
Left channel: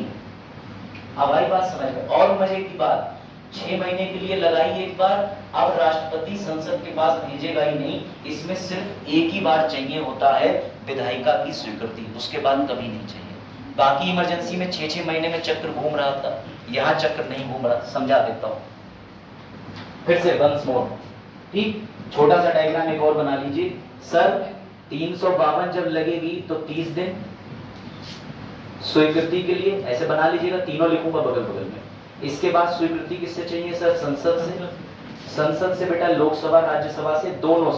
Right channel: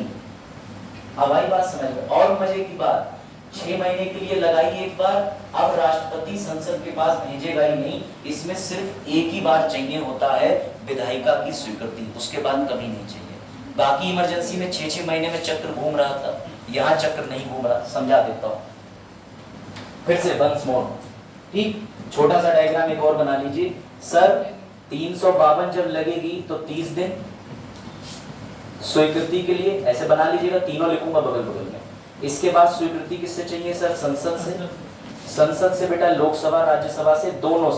अब आई बात समझ में। और मजे की बात, 6 महीने के लिए लगाई एक बार। अब राष्ट्रपति संसद के पास भेजेगा ही नहीं, इसमें सिर्फ एक ही बार चाहिए होता है विधायिका की स्वीकृति, उसके बाद कभी नहीं चाहिए। बाकी इमरजेंसी में 6-6 महीने में चक्र घूम रहा था, यहाँ चक्र नहीं घूम रहा। समझा देता हूं फिर से वंस मोर, ठीक। छोटा सा डायग्राम एक और बना लीजिए। सर 352 जब लगेगी तो 30 दिन स्वीकृति के लिए, ऐसे बना लीजिएगा, तीनों लिखूंगा बगल बगल में। इसके बाद स्वीकृति किससे चाहिए सर? संसद से। संसद से बेटा लोकसभा राज्यसभा से, दोनों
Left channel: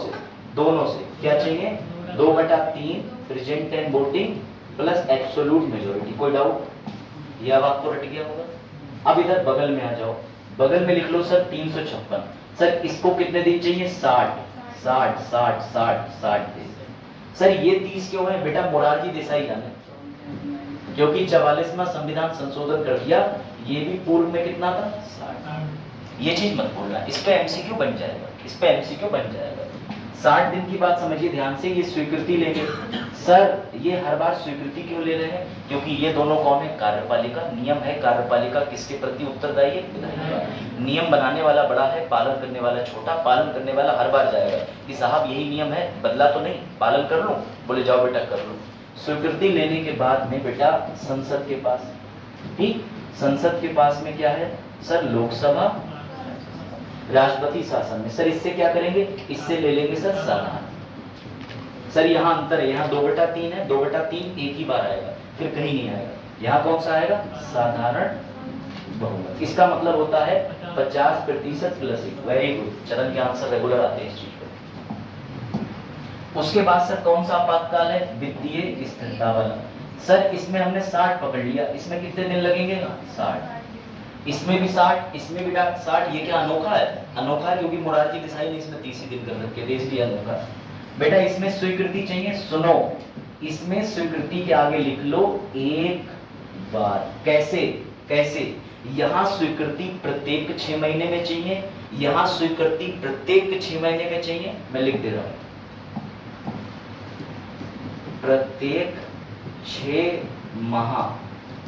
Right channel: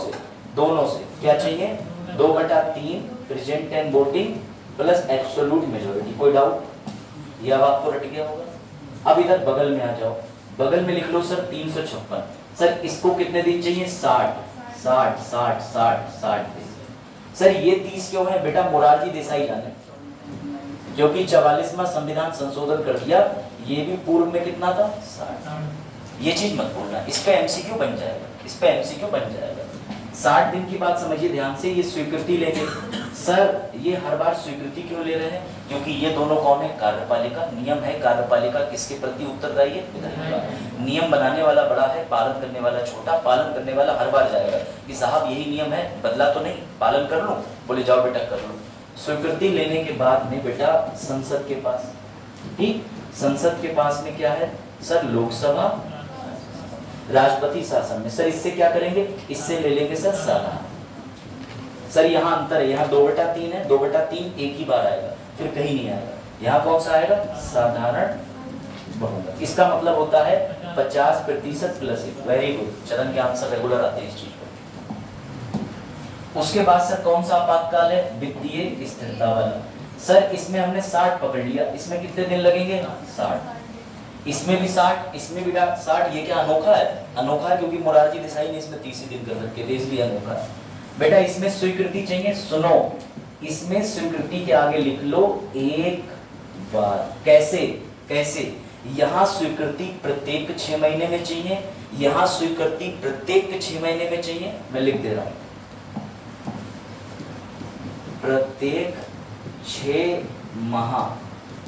से क्या चाहिए? 2/3 present and voting plus absolute majority. कोई डाउट? ये अब आपको रट गया होगा। अब इधर बगल में आ जाओ, बगल में लिख लो सर 356। सर इसको कितने दिन चाहिए? 60 दिन। सर ये 30 क्यों है? बेटा मोरारजी देसाई जाने, क्योंकि 44वां संविधान संशोधन कर दिया। ये भी पूर्व में कितना था? 60। ये चीज मत भूलना, इस पे एमसीक्यू बन जाएगा। 60 दिन की बात समझिए ध्यान से। ये स्वीकृति लेंगे। सर ये हर बार स्वीकृति क्यों ले रहे हैं? क्योंकि ये दोनों कौन है? कार्यपालिका। नियम है कार्यपालिका किसके प्रति उत्तरदायी है? विधायिका। नियम बनाने वाला बड़ा है, पालन करने वाला छोटा। पालन करने वाला हर बार जाएगा कि साहब यही नियम है, बदला तो नहीं, पालन कर लो। बोले जाओ बेटा कर लो। स्वीकृति लेने के बाद में बेटा संसद के पास, ठीक, संसद के पास में क्या है सर? लोकसभा, राष्ट्रपति शासन में। सर इससे क्या करेंगे? इससे ले लेंगे सर साधारण। सर यहाँ अंतर है, यहाँ 2/3 है, 2/3 एक ही बार आएगा, फिर कहीं नहीं आएगा। यहाँ कौन सा आएगा? साधारण बहुमत। इसका मतलब होता है 50% प्लस 1। वेरी गुड, चरण के आंसर रेगुलर आते हैं इस चीज पर। उसके बाद सर कौन सा आपातकाल है? वित्तीय स्थिरता वाला। सर इसमें हमने 60 पकड़ लिया, इसमें कितने दिन लगेंगे? 60। इसमें भी 60, इसमें भी 60। ये क्या अनोखा है? अनोखा है क्योंकि मोरारजी देसाई ने इसमें 30 दिन कर रखे थे, इसलिए अनोखा है। बेटा इसमें स्वीकृति चाहिए, सुनो, इसमें स्वीकृति के आगे लिख लो एक बार। कैसे? यहाँ स्वीकृति प्रत्येक 6 महीने में चाहिए, यहाँ स्वीकृति प्रत्येक 6 महीने में चाहिए। मैं लिख दे रहा हूं, प्रत्येक 6 माह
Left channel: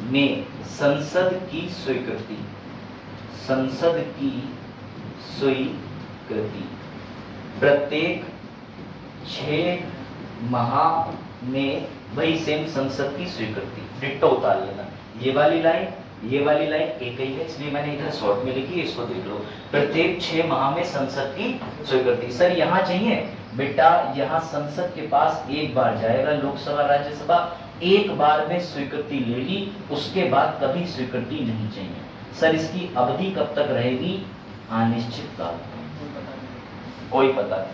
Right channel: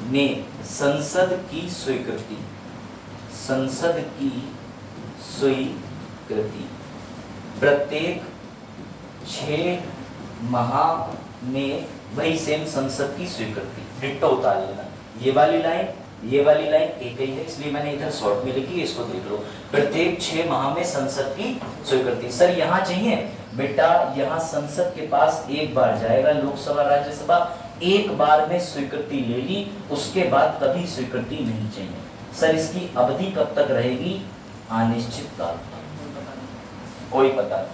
में संसद की स्वीकृति, प्रत्येक 6 माह में वही सेम संसद की स्वीकृति। डिट्टो उतार लेना। ये वाली लाइन एक ही है, इसलिए मैंने इधर शॉर्ट में लिखी, इसको देख लो। प्रत्येक 6 माह में संसद की स्वीकृति। सर यहाँ चाहिए बेटा, यहाँ संसद के पास एक बार जाएगा, लोकसभा राज्यसभा एक बार में स्वीकृति ले ली, उसके बाद कभी स्वीकृति नहीं चाहिए। सर इसकी अवधि कब तक रहेगी? अनिश्चित काल तक। कोई पता नहीं।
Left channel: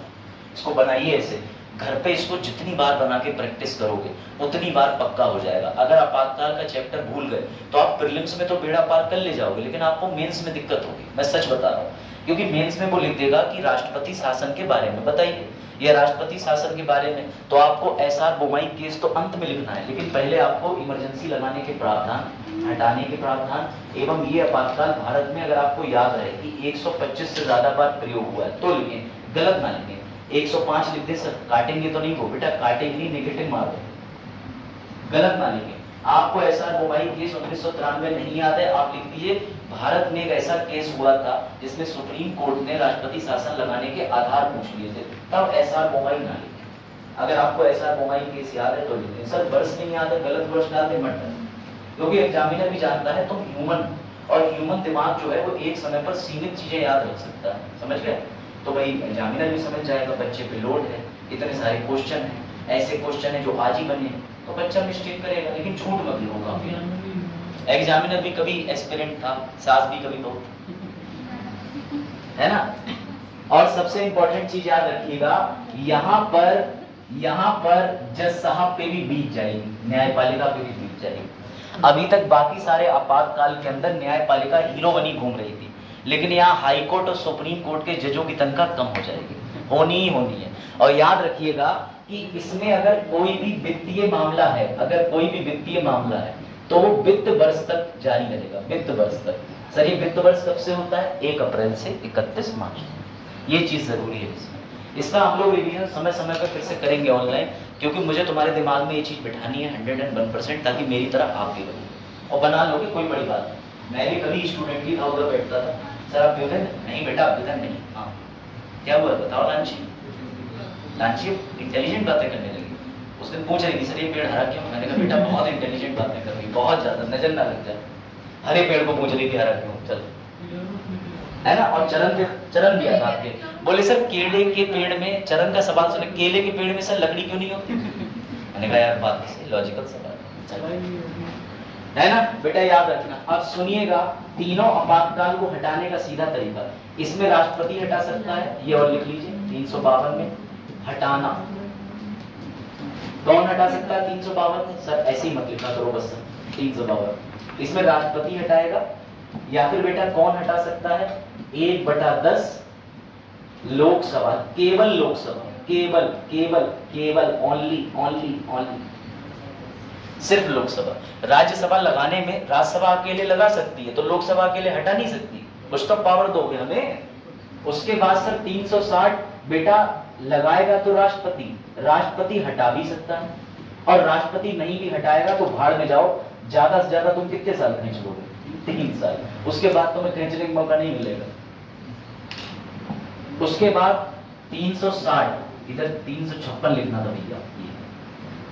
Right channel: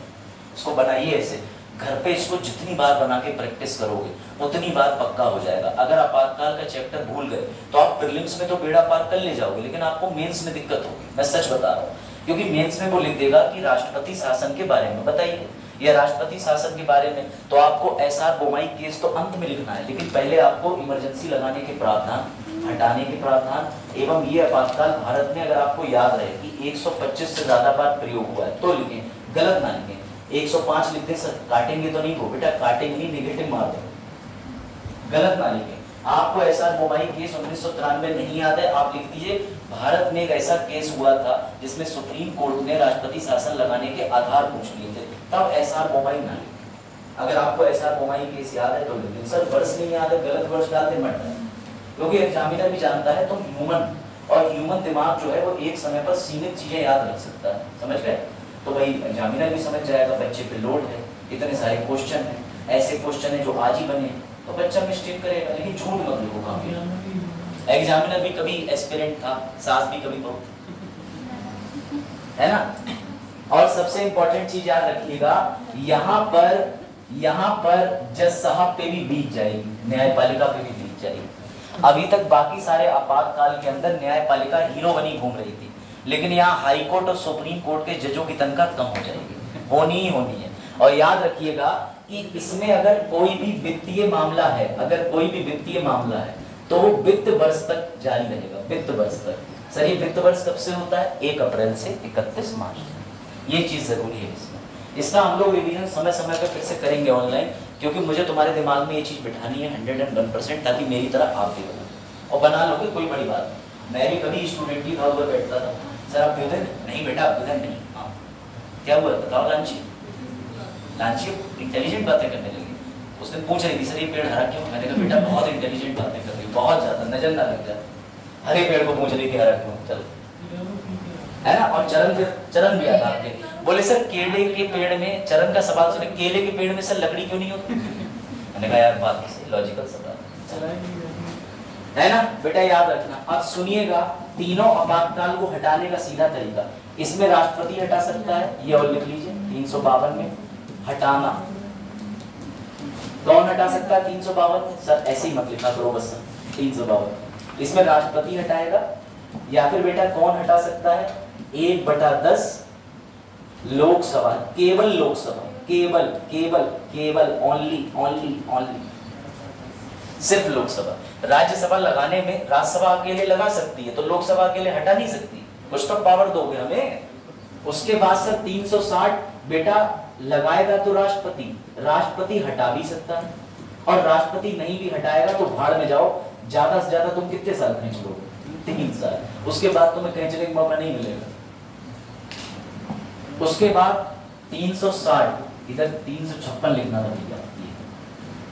इसको बनाइए ऐसे, घर पे इसको जितनी बार बना के प्रैक्टिस करोगे उतनी बार पक्का हो जाएगा। अगर आपातकाल का चैप्टर भूल गए तो आप प्रीलिम्स में तो बेड़ा पार कर ले जाओगे, लेकिन आपको मेंस में दिक्कत होगी। मैं सच बता रहा हूँ, क्योंकि मेंस में वो लिख देगा कि राष्ट्रपति शासन के बारे में बताइए, या राष्ट्रपति शासन के बारे में, तो आपको एसआर बोमाई केस तो अंत में लिखना है, लेकिन पहले आपको इमरजेंसी लगाने के प्रावधान, हटाने के प्रावधान एवं ये आपातकाल भारत में अगर आपको याद रहे कि 125 से ज्यादा बार प्रयोग हुआ है तो लिखें, गलत ना लिखें। 105 लिखते सर काटेंगे तो नहीं, को बेटा काटेंगे नहीं, नेगेटिव मार दो, गलत ना लिखें। आपको एसआर बोमाई केस 1993 नहीं याद है, आप लिख दीजिए भारत में एक ऐसा केस हुआ था जिसमें सुप्रीम कोर्ट ने राष्ट्रपति शासन लगाने के आधार पूछ लिए थे, तब एसआर बोमाई ना लिखें। अगर आपको एसआर बोमाई केस याद है तो लिख दें। सर वर्ष नहीं याद है, गलत वर्ष डालते मत डालें। क्योंकि एग्जामिनर भी जानता है तुम ह्यूमन, और ह्यूमन दिमाग जो है वो एक समय पर सीमित चीजें याद रख सकता है, समझ गए? तो भाई एग्जामिनर भी समझ जाएगा बच्चे पे लोड है, इतने सारे क्वेश्चन हैं, ऐसे क्वेश्चन है जो आज ही बने, तो बच्चा मिस्टेक करेगा, लेकिन झूठ मत लिखो काम। एग्जामिनर भी कभी एस्पिरेंट था, सास भी कभी बहू, है ना? और सबसे इंपॉर्टेंट चीज याद रखिएगा, यहाँ पर जज साहब पे भी बीत जाएगी, न्यायपालिका पे भी बीत जाएगी। अभी तक बाकी सारे आपातकाल के अंदर न्यायपालिका हीरो बनी घूम रही थी, लेकिन यहाँ हाई कोर्ट और सुप्रीम कोर्ट के जजों की तनख्वाह कम हो जाएगी, होनी ही होनी है। और याद रखिएगा कि इसमें अगर कोई भी वित्तीय मामला है, तो वो वित्त वर्ष तक जारी रहेगा, वित्त वर्ष तक। सर ये वित्त वर्ष कब से होता है? 1 अप्रैल से 31 मार्च तक। ये चीज जरूरी है इसमें। इसका हम लोग रिवीजन समय समय पर फिर से करेंगे ऑनलाइन, क्योंकि मुझे तुम्हारे दिमाग में ये चीज बिठानी है 101%, ताकि मेरी तरह आप भी बनो, और बना लोगे, कोई बड़ी बात नहीं। मैं भी कभी स्टूडेंट ही था, उधर बैठता था, सर आप अभ्युदय नहीं बेटा, अभ्युदय नहीं। हाँ क्या हुआ बताओ? लांची इंटेलिजेंट बातें करने लगी। उस दिन पूछ रही थी सर ये पेड़ हरा क्यों? मैंने कहा बेटा बहुत इंटेलिजेंट बातें कर रही, बहुत ज्यादा, नजर ना लग जाए। हरे पेड़ को पूछ रही थी हरा क्यों, चल, है ना? और चरण भी आता आपके, बोले सर केले के पेड़ में, चरण का सवाल सुने, केले के पेड़ में सर लकड़ी क्यों नहीं होती? मैंने कहा यार बात से लॉजिकल सवाल है ना बेटा, याद रखना। अब सुनिएगा, तीनों आपातकाल को हटाने का सीधा तरीका, इसमें राष्ट्रपति हटा सकता है, ये और लिख लीजिए 352 में हटाना। कौन हटा सकता है 352 में? सर ऐसे ही मत लिखा करो बस, 352 इसमें राष्ट्रपति हटाएगा, या फिर बेटा कौन हटा सकता है? 1/10 लोकसभा, केवल लोकसभा, केवल ओनली सिर्फ लोकसभा। राज्यसभा लगाने में राज्यसभा अकेले लगा सकती है, तो लोकसभा अकेले हटा नहीं सकती, कुछ तो पावर दोगे हमें। उसके बाद सर 360 बेटा लगाएगा तो राष्ट्रपति हटा भी सकता है, और राष्ट्रपति नहीं भी हटाएगा तो भाड़ में जाओ। ज्यादा से ज्यादा तुम कितने साल खींच लोगे? 3 साल, उसके बाद तुम्हें खींचने का मौका नहीं मिलेगा। उसके बाद 360, इधर 356 लिखना था भैया,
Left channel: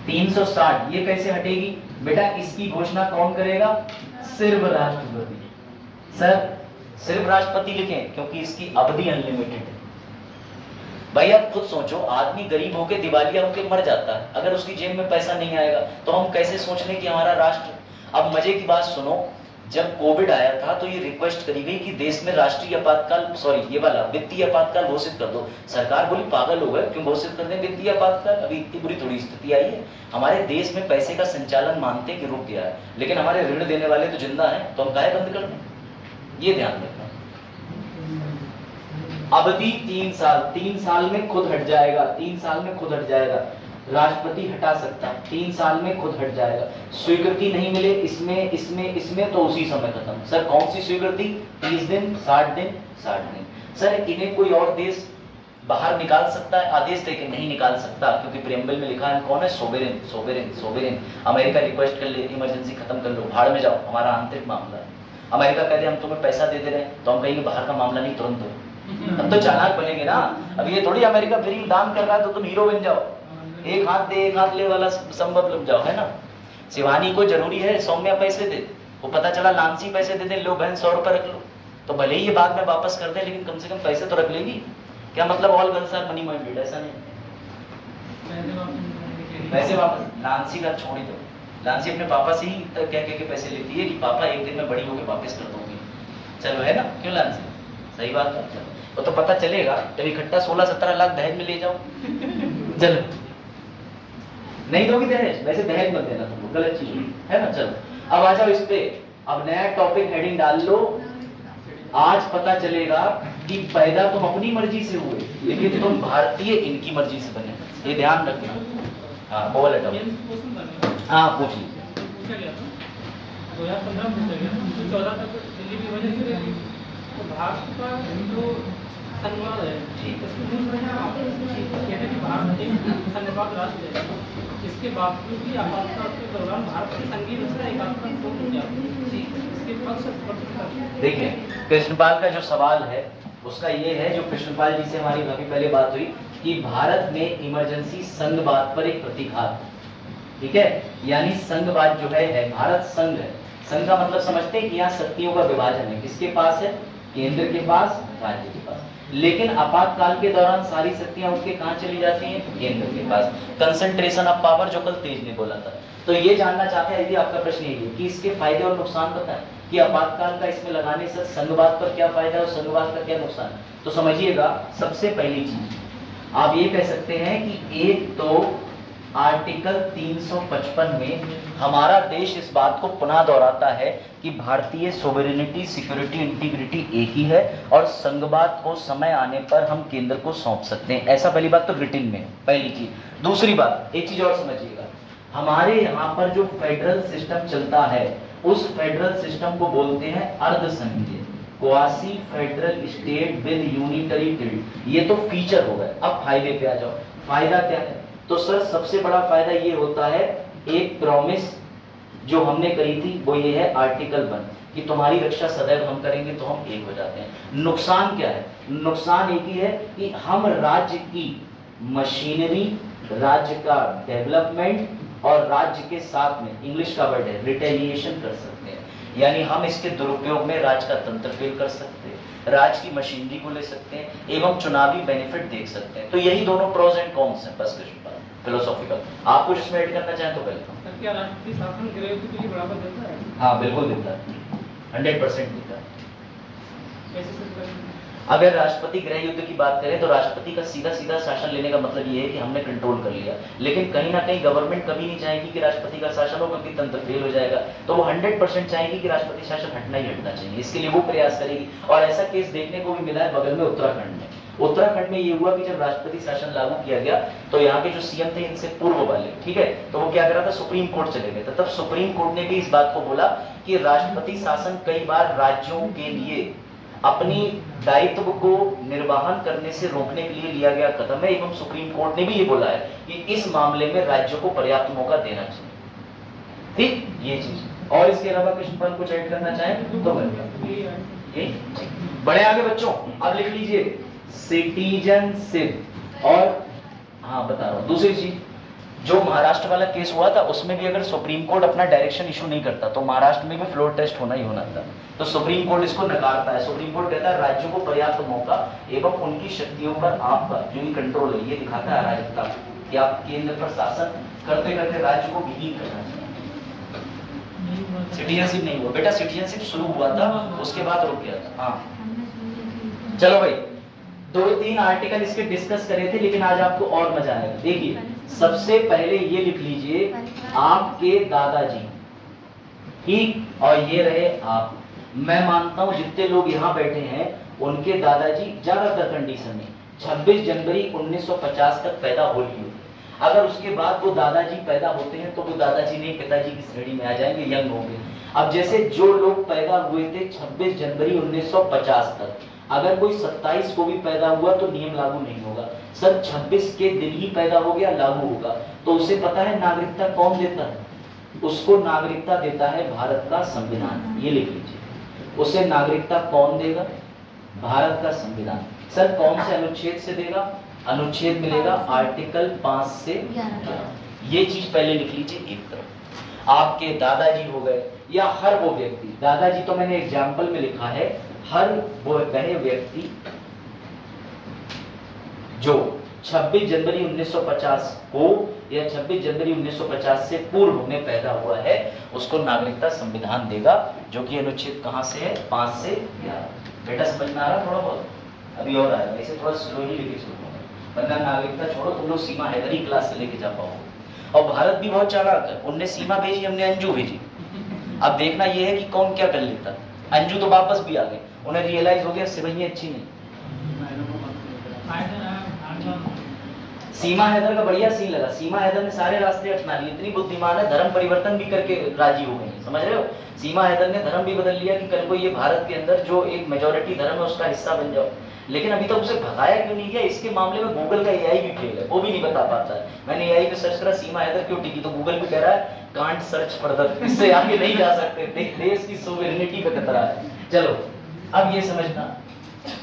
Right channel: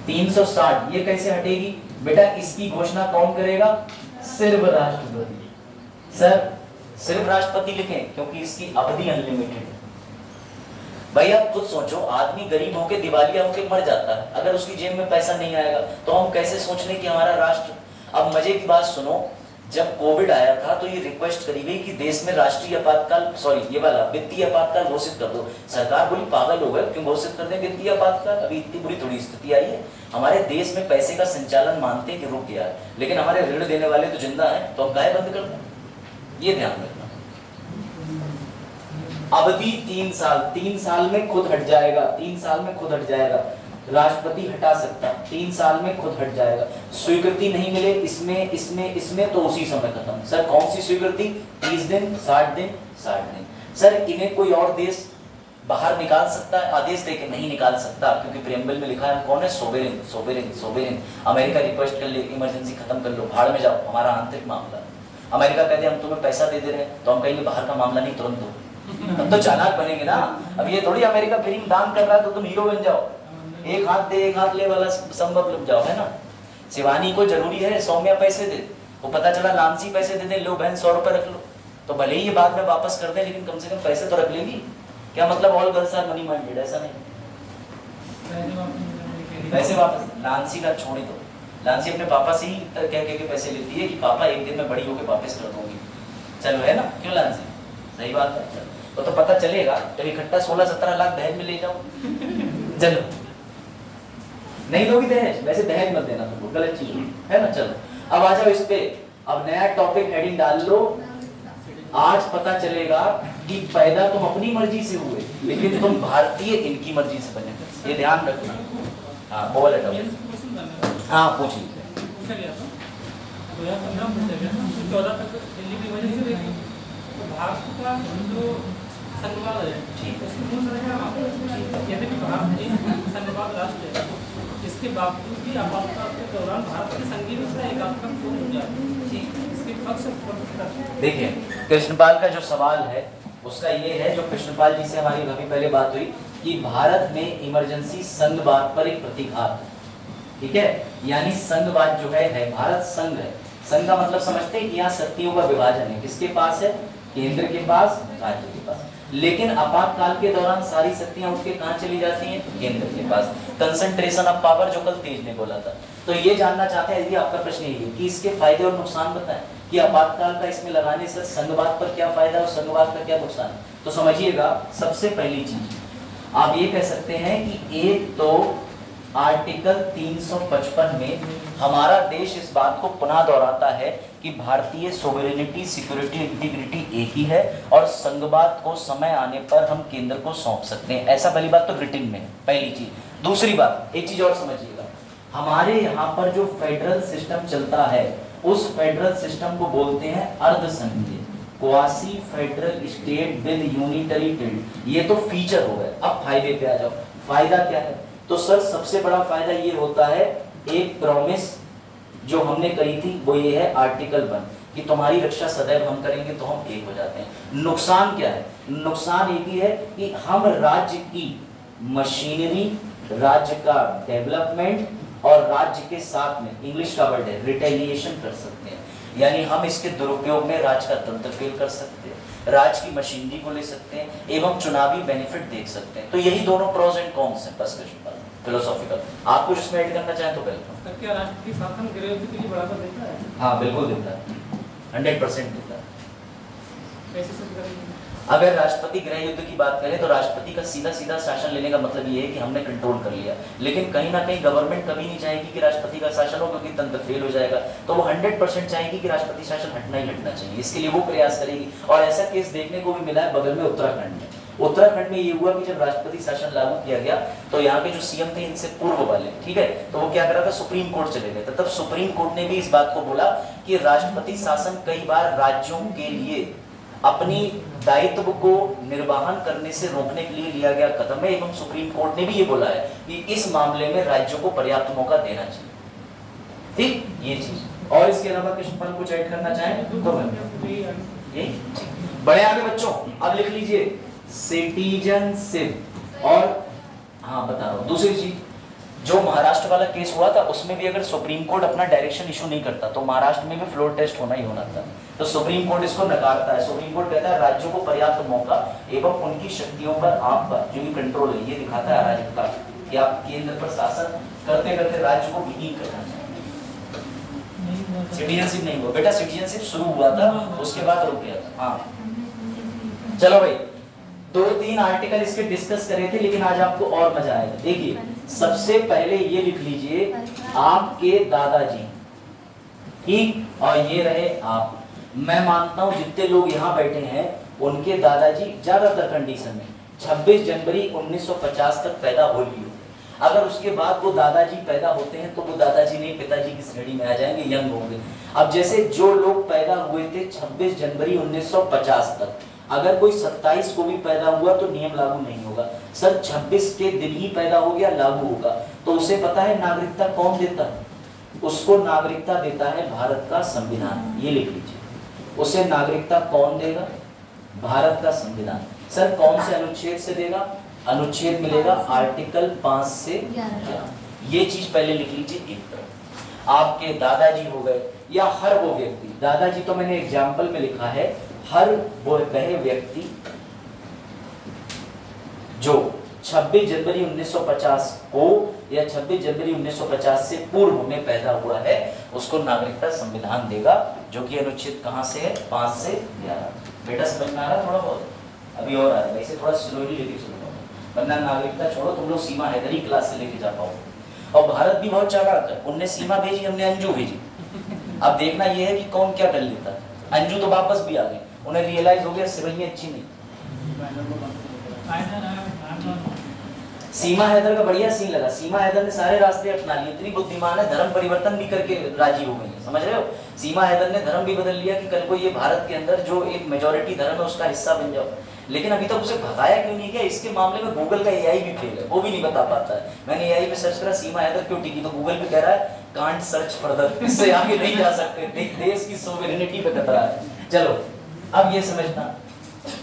360 ये कैसे हटेगी बेटा? इसकी घोषणा कौन करेगा? सिर्फ राष्ट्रपति। सर सिर्फ राष्ट्रपति लिखें, क्योंकि इसकी अवधि अनलिमिटेड है। भाई आप खुद सोचो, आदमी गरीब होके दिवालिया होके मर जाता है, अगर उसकी जेब में पैसा नहीं आएगा तो हम कैसे सोच लें कि हमारा राष्ट्र। अब मजे की बात सुनो, जब कोविड आया था तो ये रिक्वेस्ट करी गई कि देश में राष्ट्रीय आपातकाल, सॉरी ये वाला वित्तीय आपातकाल घोषित कर दो। सरकार बोली पागल हो गए, क्यों घोषित कर दें वित्तीय आपातकाल? अभी इतनी बुरी थोड़ी स्थिति आई है, हमारे देश में पैसे का संचालन मानते कि रुक गया है, लेकिन हमारे ऋण देने वाले तो जिंदा है, तो हम काहे बंद कर दें? ये ध्यान रखना। अवधि 3 साल, 3 साल में खुद हट जाएगा, 3 साल में खुद हट जाएगा। राष्ट्रपति हटा सकता है, 3 साल में खुद हट जाएगा। स्वीकृति नहीं मिले इसमें तो उसी समय खत्म। सर कौन सी स्वीकृति? 30 दिन, 60 दिन, 60 दिन। सर इन्हें कोई और देश बाहर निकाल सकता है आदेश देके? नहीं निकाल सकता, क्योंकि प्रेम्बल में लिखा है कौन है? सोवेरेन। अमेरिका रिक्वेस्ट कर ले, इमरजेंसी खत्म कर लो, भाड़ में जाओ, हमारा आंतरिक मामला है। अमेरिका कहते हम तुम्हें पैसा दे रहे हैं, तो हम कहेंगे बाहर का मामला नहीं, तुरंत दो। तब तो चालाक बनेंगे ना। अब ये थोड़ी अमेरिका फ्री दान कर रहा है तो तुम हीरो बन जाओ, एक हाथ दे एक हाथ ले वाला संभव लग जाओ, है ना। शिवानी को जरूरी है सौम्या पैसे दे, वो पता चला नामसी पैसे दे दे, लो बहन 100 रुपए रख लो, तो भले ही ये बाद में वापस कर दे, लेकिन कम से कम पैसे तो रख लेंगी। क्या मतलब all girls are money minded? ऐसा नहीं, पैसे वापस। नानसी का छोड़ ही दो, नानसी अपने पापा से ही कह के पैसे लेती है कि पापा एक दिन में बड़ी होकर वापस कर दूंगी। चलो है ना, क्यों नानसी? सही बात है। तो पता चलेगा जब इकट्ठा 16-17 लाख दहेज में ले जाओ। चलो नहीं दोगी दहेज, वैसे दहेज मत देना, तुमको गलत चीज है ना। चलो अब आ जाओ इस पे, अब नया टॉपिक हेडिंग डाल लो। आज पता चलेगा कि पैदा तुम अपनी मर्जी से हुए, लेकिन तुम भारतीय इनकी मर्जी से बने, ये ध्यान रखना। हाँ बोल हटाओ, हाँ पूछ लीजिए। भारत का जो संघवाद है, संघवाद राष्ट्र है, इसके बावजूद भी आपातकाल के दौरान भारत की संघीय व्यवस्था एकात्मक क्यों हो जाती है? इसके पक्ष देखिए, कृष्णपाल का जो सवाल है उसका ये है, जो कृष्णपाल जी से हमारी काफी पहले बात हुई कि भारत में इमरजेंसी संघवाद पर एक प्रतिघात, ठीक है, यानी संघवाद जो है भारत संघ है। संघ का मतलब समझते हैं कि यहाँ शक्तियों का विभाजन है, किसके पास है, केंद्र के पास, राज्य के पास। लेकिन आपातकाल के दौरान सारी शक्तियां उठ के कहां चली जाती हैं, केंद्र के पास। कंसंट्रेशन ऑफ पावर जो कल तेज ने बोला था। तो ये जानना चाहते हैं, यदि आपका प्रश्न ये है कि इसके फायदे और नुकसान बताएं कि आपातकाल का इसमें लगाने से संघवाद पर क्या फायदा और संघवाद का क्या नुकसान है। तो समझिएगा, सबसे पहली चीज आप ये कह सकते हैं कि एक तो आर्टिकल 355 में हमारा देश इस बात को पुनः दोहराता है कि भारतीय सोवरेनिटी, सिक्योरिटी, इंटीग्रिटी एक ही है और संघवाद को समय आने पर हम केंद्र को सौंप सकते हैं। ऐसा पहली बात तो ब्रिटेन में है, पहली चीज। दूसरी बात, एक चीज और समझिएगा, हमारे यहाँ पर जो फेडरल सिस्टम चलता है उस फेडरल सिस्टम को बोलते हैं अर्धसंघीय, quasi federal state with unitary tilt. ये तो फीचर हो गए। अब फायदे पे आ जाओ। फायदा क्या है, तो सर सबसे बड़ा फायदा ये होता है, एक प्रॉमिस जो हमने करी थी वो ये है आर्टिकल 1 कि तुम्हारी रक्षा सदैव हम करेंगे, तो हम एक हो जाते हैं। नुकसान क्या है, नुकसान एक ही है कि हम राज्य की मशीनरी, राज्य का डेवलपमेंट और राज्य के साथ में, इंग्लिश का वर्ड है, रिटेलिएशन कर सकते हैं। यानी हम इसके दुरुपयोग में राज्य का तंत्र फेल कर सकते हैं, राज्य की मशीनरी को ले सकते हैं एवं चुनावी बेनिफिट देख सकते हैं। तो यही दोनों प्रोज एंड कॉन्स हैं। बस फिलोसॉफिकल आप कुछ इसमें ऐड करना चाहें तो वेलकम। क्या राष्ट्रपति शासन गृह युद्ध के लिए बढ़ावा देता है? हाँ बिल्कुल देता है, 100% देता है। कैसे सिद्ध करेंगे? अगर राष्ट्रपति गृह युद्ध की बात करें तो राष्ट्रपति का सीधा सीधा शासन लेने का मतलब ये है कि हमने कंट्रोल कर लिया। लेकिन कहीं ना कहीं गवर्नमेंट कभी नहीं चाहेगी कि राष्ट्रपति का शासन हो, क्योंकि तंत्र फेल हो जाएगा। तो वो 100% चाहेगी कि राष्ट्रपति शासन हटना ही हटना चाहिए। इसके लिए वो प्रयास करेगी। और ऐसा केस देखने को भी मिला है बगल में उत्तराखंड में। उत्तराखंड में ये हुआ कि जब राष्ट्रपति शासन लागू किया गया तो यहाँ पे जो सीएम थे इनसे पूर्व वाले, ठीक है, तो वो क्या कर रहा था, सुप्रीम कोर्ट चले गए थे। तब सुप्रीम कोर्ट ने भी इस बात को बोला कि राष्ट्रपति शासन कई बार राज्यों के लिए अपनी दायित्व को निर्वाहन करने से रोकने के लिए लिया गया कदम है। एवं सुप्रीम कोर्ट ने भी ये बोला है कि इस मामले में राज्यों को पर्याप्त मौका देना चाहिए। ठीक, ये चीज। और इसके अलावा कृष्णपाल कुछ ऐड करना चाहें तो यही। बड़े आगे बच्चों, अब लिख लीजिए सिटीजनशिप। और हाँ बता रहा हूं दूसरी चीज, जो महाराष्ट्र वाला केस हुआ था उसमें भी अगर सुप्रीम कोर्ट अपना डायरेक्शन इशू नहीं करता तो महाराष्ट्र में भी फ्लोर टेस्ट होना ही होना था। तो सुप्रीम कोर्ट इसको नकारता है। सुप्रीम कोर्ट कहता है राज्यों को पर्याप्त मौका एवं उनकी शक्तियों पर आपका जो ये कंट्रोल है, ये दिखाता है अराजकता कि आप केंद्र पर शासन करते करते राज्य को विहीन करना चाहिए। सिटीजनशिप नहीं हुआ बेटा, सिटीजनशिप शुरू हुआ था उसके बाद रुक गया था। हाँ चलो भाई, 2-3 आर्टिकल इसके डिस्कस करे थे, लेकिन आज आपको और मजा आएगा। देखिए सबसे पहले ये लिख लीजिए आपके दादाजी, ठीक, और ये रहे आप। मैं मानता हूं जितने लोग यहाँ बैठे हैं उनके दादाजी ज्यादातर कंडीशन में 26 जनवरी 1950 तक पैदा हो लिए। अगर उसके बाद वो दादाजी पैदा होते हैं तो वो दादाजी नहीं पिताजी की श्रेणी में आ जाएंगे, यंग होंगे। अब जैसे जो लोग पैदा हुए थे 26 जनवरी 1950 तक, अगर कोई 27 को भी पैदा हुआ तो नियम लागू नहीं होगा। सर 26 के दिन ही पैदा हो गया, लागू होगा। तो उसे पता है नागरिकता कौन देता है? उसको नागरिकता देता है भारत का संविधान। ये लिख लीजिए, उसे नागरिकता कौन देगा? भारत का संविधान। सर कौन से अनुच्छेद से देगा? अनुच्छेद मिलेगा आर्टिकल 5 से 11। ये चीज पहले लिख लीजिए एक तरफ। आपके दादाजी हो गए या हर वो व्यक्ति, दादाजी तो मैंने एग्जाम्पल में लिखा है, हर वो वह व्यक्ति जो 26 जनवरी 1950 को या 26 जनवरी 1950 से पूर्व में पैदा हुआ है उसको नागरिकता संविधान देगा, जो कि अनुच्छेद कहां से है? 5 से 11। बेटा समझ में आ रहा थोड़ा बहुत? अभी और आएगा, इसे थोड़ा स्लोली लेके चलूंगा, वरना नागरिकता छोड़ो तुम लोग सीमा हैदरी क्लास से लेके जा पाओगे। और भारत भी बहुत चालाक है, उनने सीमा भेजी, हमने अंजू भेजी। अब देखना यह है कि कौन क्या कर लेता है। अंजू तो वापस भी आ गए, उन्हें रियलाइज हो गया सिवैया अच्छी नहीं। सीमा हैदर का बढ़िया सीन लगा, सीमा हैदर ने सारे रास्ते अपना लिए, इतनी बुद्धिमान है, धर्म परिवर्तन भी करके राजी हो गई, समझ रहे हो? सीमा हैदर ने धर्म भी बदल लिया कि कल को ये भारत के अंदर जो एक मेजोरिटी धर्म है उसका हिस्सा बन जाओ। लेकिन अभी तक उसे भगाया क्यों नहीं गया? इसके मामले में गूगल का एआई भी फेल है, वो भी नहीं बता पाता है। मैंने एआई पे सर्च करा सीमा हैदर क्यों टिकी, तो गूगल भी कह रहा है कांट सर्च फर्दर, इससे आगे नहीं जा सकते, देश की सोवेरेनिटी पे खतरा है। चलो अब ये समझना,